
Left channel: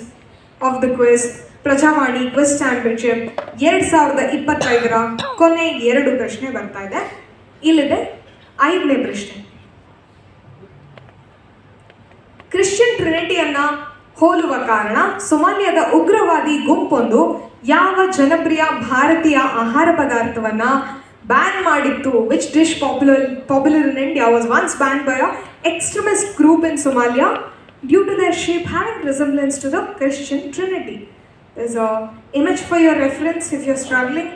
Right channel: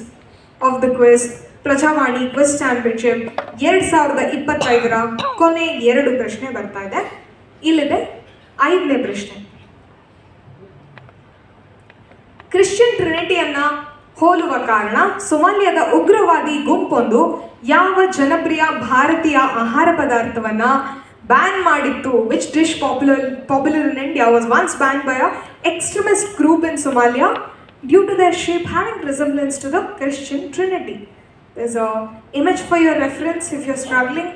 of the quiz. Prajavani quiz championship 2025ರ ಕೊನೆ 2 ಪ್ರಶ್ನೆ ಬರ್ತಾ ಇದೆ. ಇಲ್ಲಿದೆ 5ನೇ ಪ್ರಶ್ನೆ. ಕ್ರಿಶ್ಚಿಯನ್ ಟ್ರಿನಿಟಿಯನ್ನ ಹೋಲುವ ಕಾರಣ ಸೊಮಾಲಿಯಾದ ಉಗ್ರವಾದಿ ಗುಂಪೊಂದು ಯಾವ ಜನಪ್ರಿಯ ಭಾರತೀಯ ಆಹಾರ ಪದಾರ್ಥವನ್ನ ಬ್ಯಾನ್ ಮಾಡಿತ್ತು? Which dish popular in India was once ban by a extremist group in Somalia due to their shape having resemblance to the Christian Trinity. There's a image for your reference if you're struggling.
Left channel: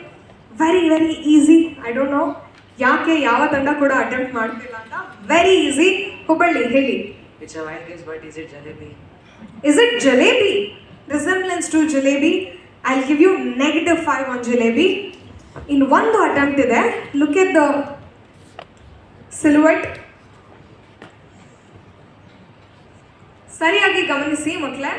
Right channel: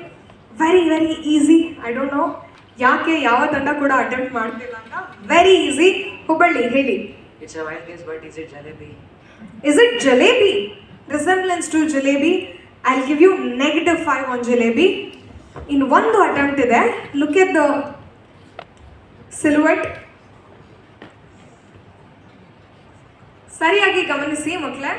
Very, very easy. I don't know ಯಾಕೆ ಯಾವ ತಂಡ ಕೂಡ attempt ಮಾಡ್ತಿಲ್ಲ ಅಂತ. Very easy. Hubballi ಹೇಳಿ. It's a wild guess, but is it jalebi? Is it jalebi? Resemblance to jalebi. I'll give you -5 on jalebi. In one attempt ಇದೆ. Look at the silhouette. ಸರಿಯಾಗಿ ಗಮನಿಸಿ ಮಕ್ಕಳೇ.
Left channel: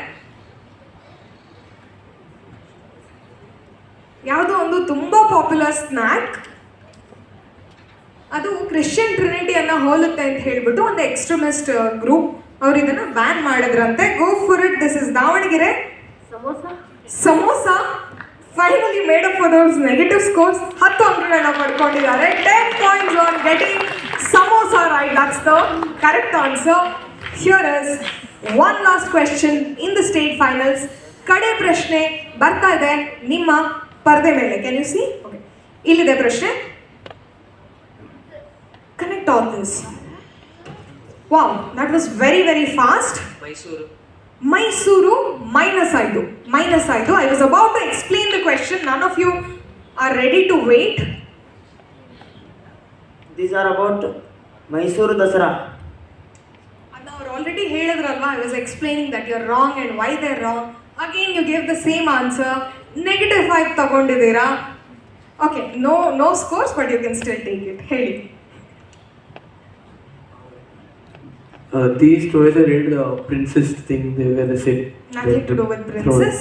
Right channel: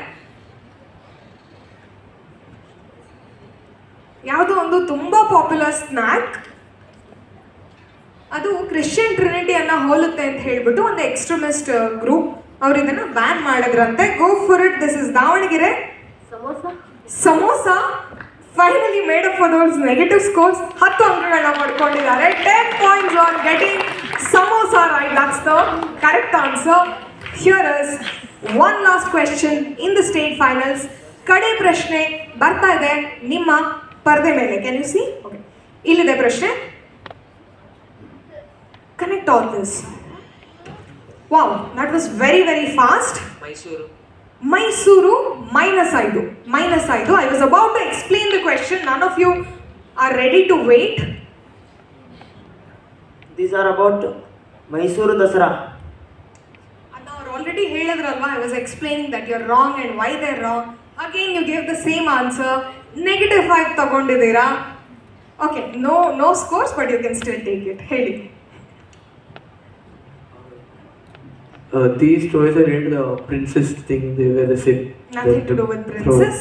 ಯಾವುದೋ ಒಂದು ತುಂಬಾ ಪಾಪ್ಯುಲರ್ ಸ್ನ್ಯಾಕ್, ಅದು ಕ್ರಿಶ್ಚಿಯನ್ ಟ್ರಿನಿಟಿಯನ್ನ ಹೋಲುತ್ತೆ ಅಂತ ಹೇಳ್ಬಿಟ್ಟು ಒಂದು ಎಕ್ಸ್ಟ್ರೀಮಿಸ್ಟ್ ಗ್ರೂಪ್ ಅವ್ರು ಇದನ್ನು ಬ್ಯಾನ್ ಮಾಡಿದ್ರಂತೆ. ಗೋ for it. This is Davanagere. Samosa finally made up for those negative scores. 10 ಅಂಕಗಳನ್ನ ಪಡ್ಕೊಂಡಿದ್ದಾರೆ. 10 points on getting samosa right. That's the correct answer. Here is one last question in the state finals. ಕಡೆ ಪ್ರಶ್ನೆ ಬರ್ತಾ ಇದೆ ನಿಮ್ಮ ಪರದೆ ಮೇಲೆ. Can U C? ಇಲ್ಲಿದೆ ಪ್ರಶ್ನೆ. Connect all this. Wow, that was very, very fast. Mysuru -5. I was about to explain the question. None of you are ready to wait. These are about Mysuru Dasara. Now already ಹೇಳಿದ್ರಲ್ವಾ, I was explaining that you're wrong and why they're wrong. Again you gave the same answer. -5 ತಗೊಂಡಿದ್ದೀರಾ. Okay, no scores, but you can still take it. ಹೇಳಿ. These stories are related to the princess thing. They were the same. Nothing to do with princess.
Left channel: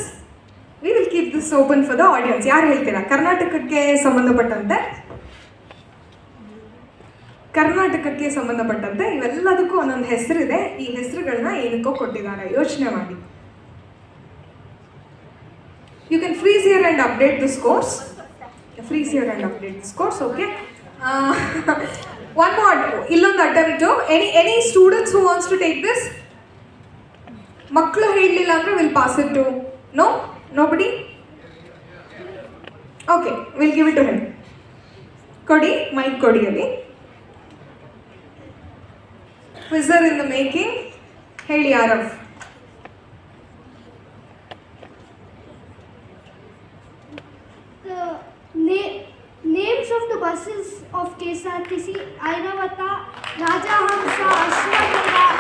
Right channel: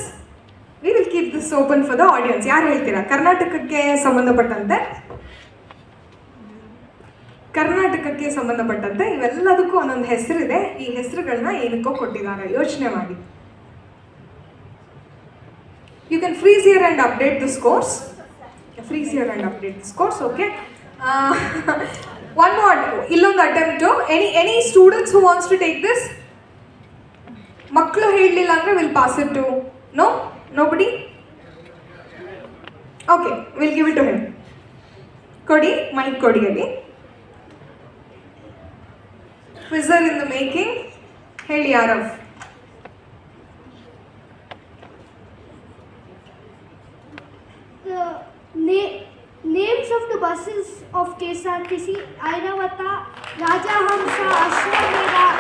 We will keep this open for the audience. ಯಾರು ಹೇಳ್ತೀರಾ? ಕರ್ನಾಟಕಕ್ಕೆ ಸಂಬಂಧಪಟ್ಟಂತೆ ಇವೆಲ್ಲದಕ್ಕೂ ಒಂದೊಂದು ಹೆಸರಿದೆ. ಈ ಹೆಸರುಗಳನ್ನ ಏನಕ್ಕೋ ಕೊಟ್ಟಿದ್ದಾರೆ, ಯೋಚನೆ ಮಾಡಿ. You can freeze here and update the scores. Okay. One more. Illondu attempt. Any students who wants to take this? ಮಕ್ಕಳು ಹೇಳಲಿಲ್ಲ ಅಂದರೆ will pass it to nobody okay will give it to him. ಕೊಡಿ mic ಕೊಡಿ ಅಲ್ಲಿ. Quizzer in the making. ಹೇಳಿ Aarav. The names of the buses of KSRTC: Airavata, Rajahamsa, Ashwamedha,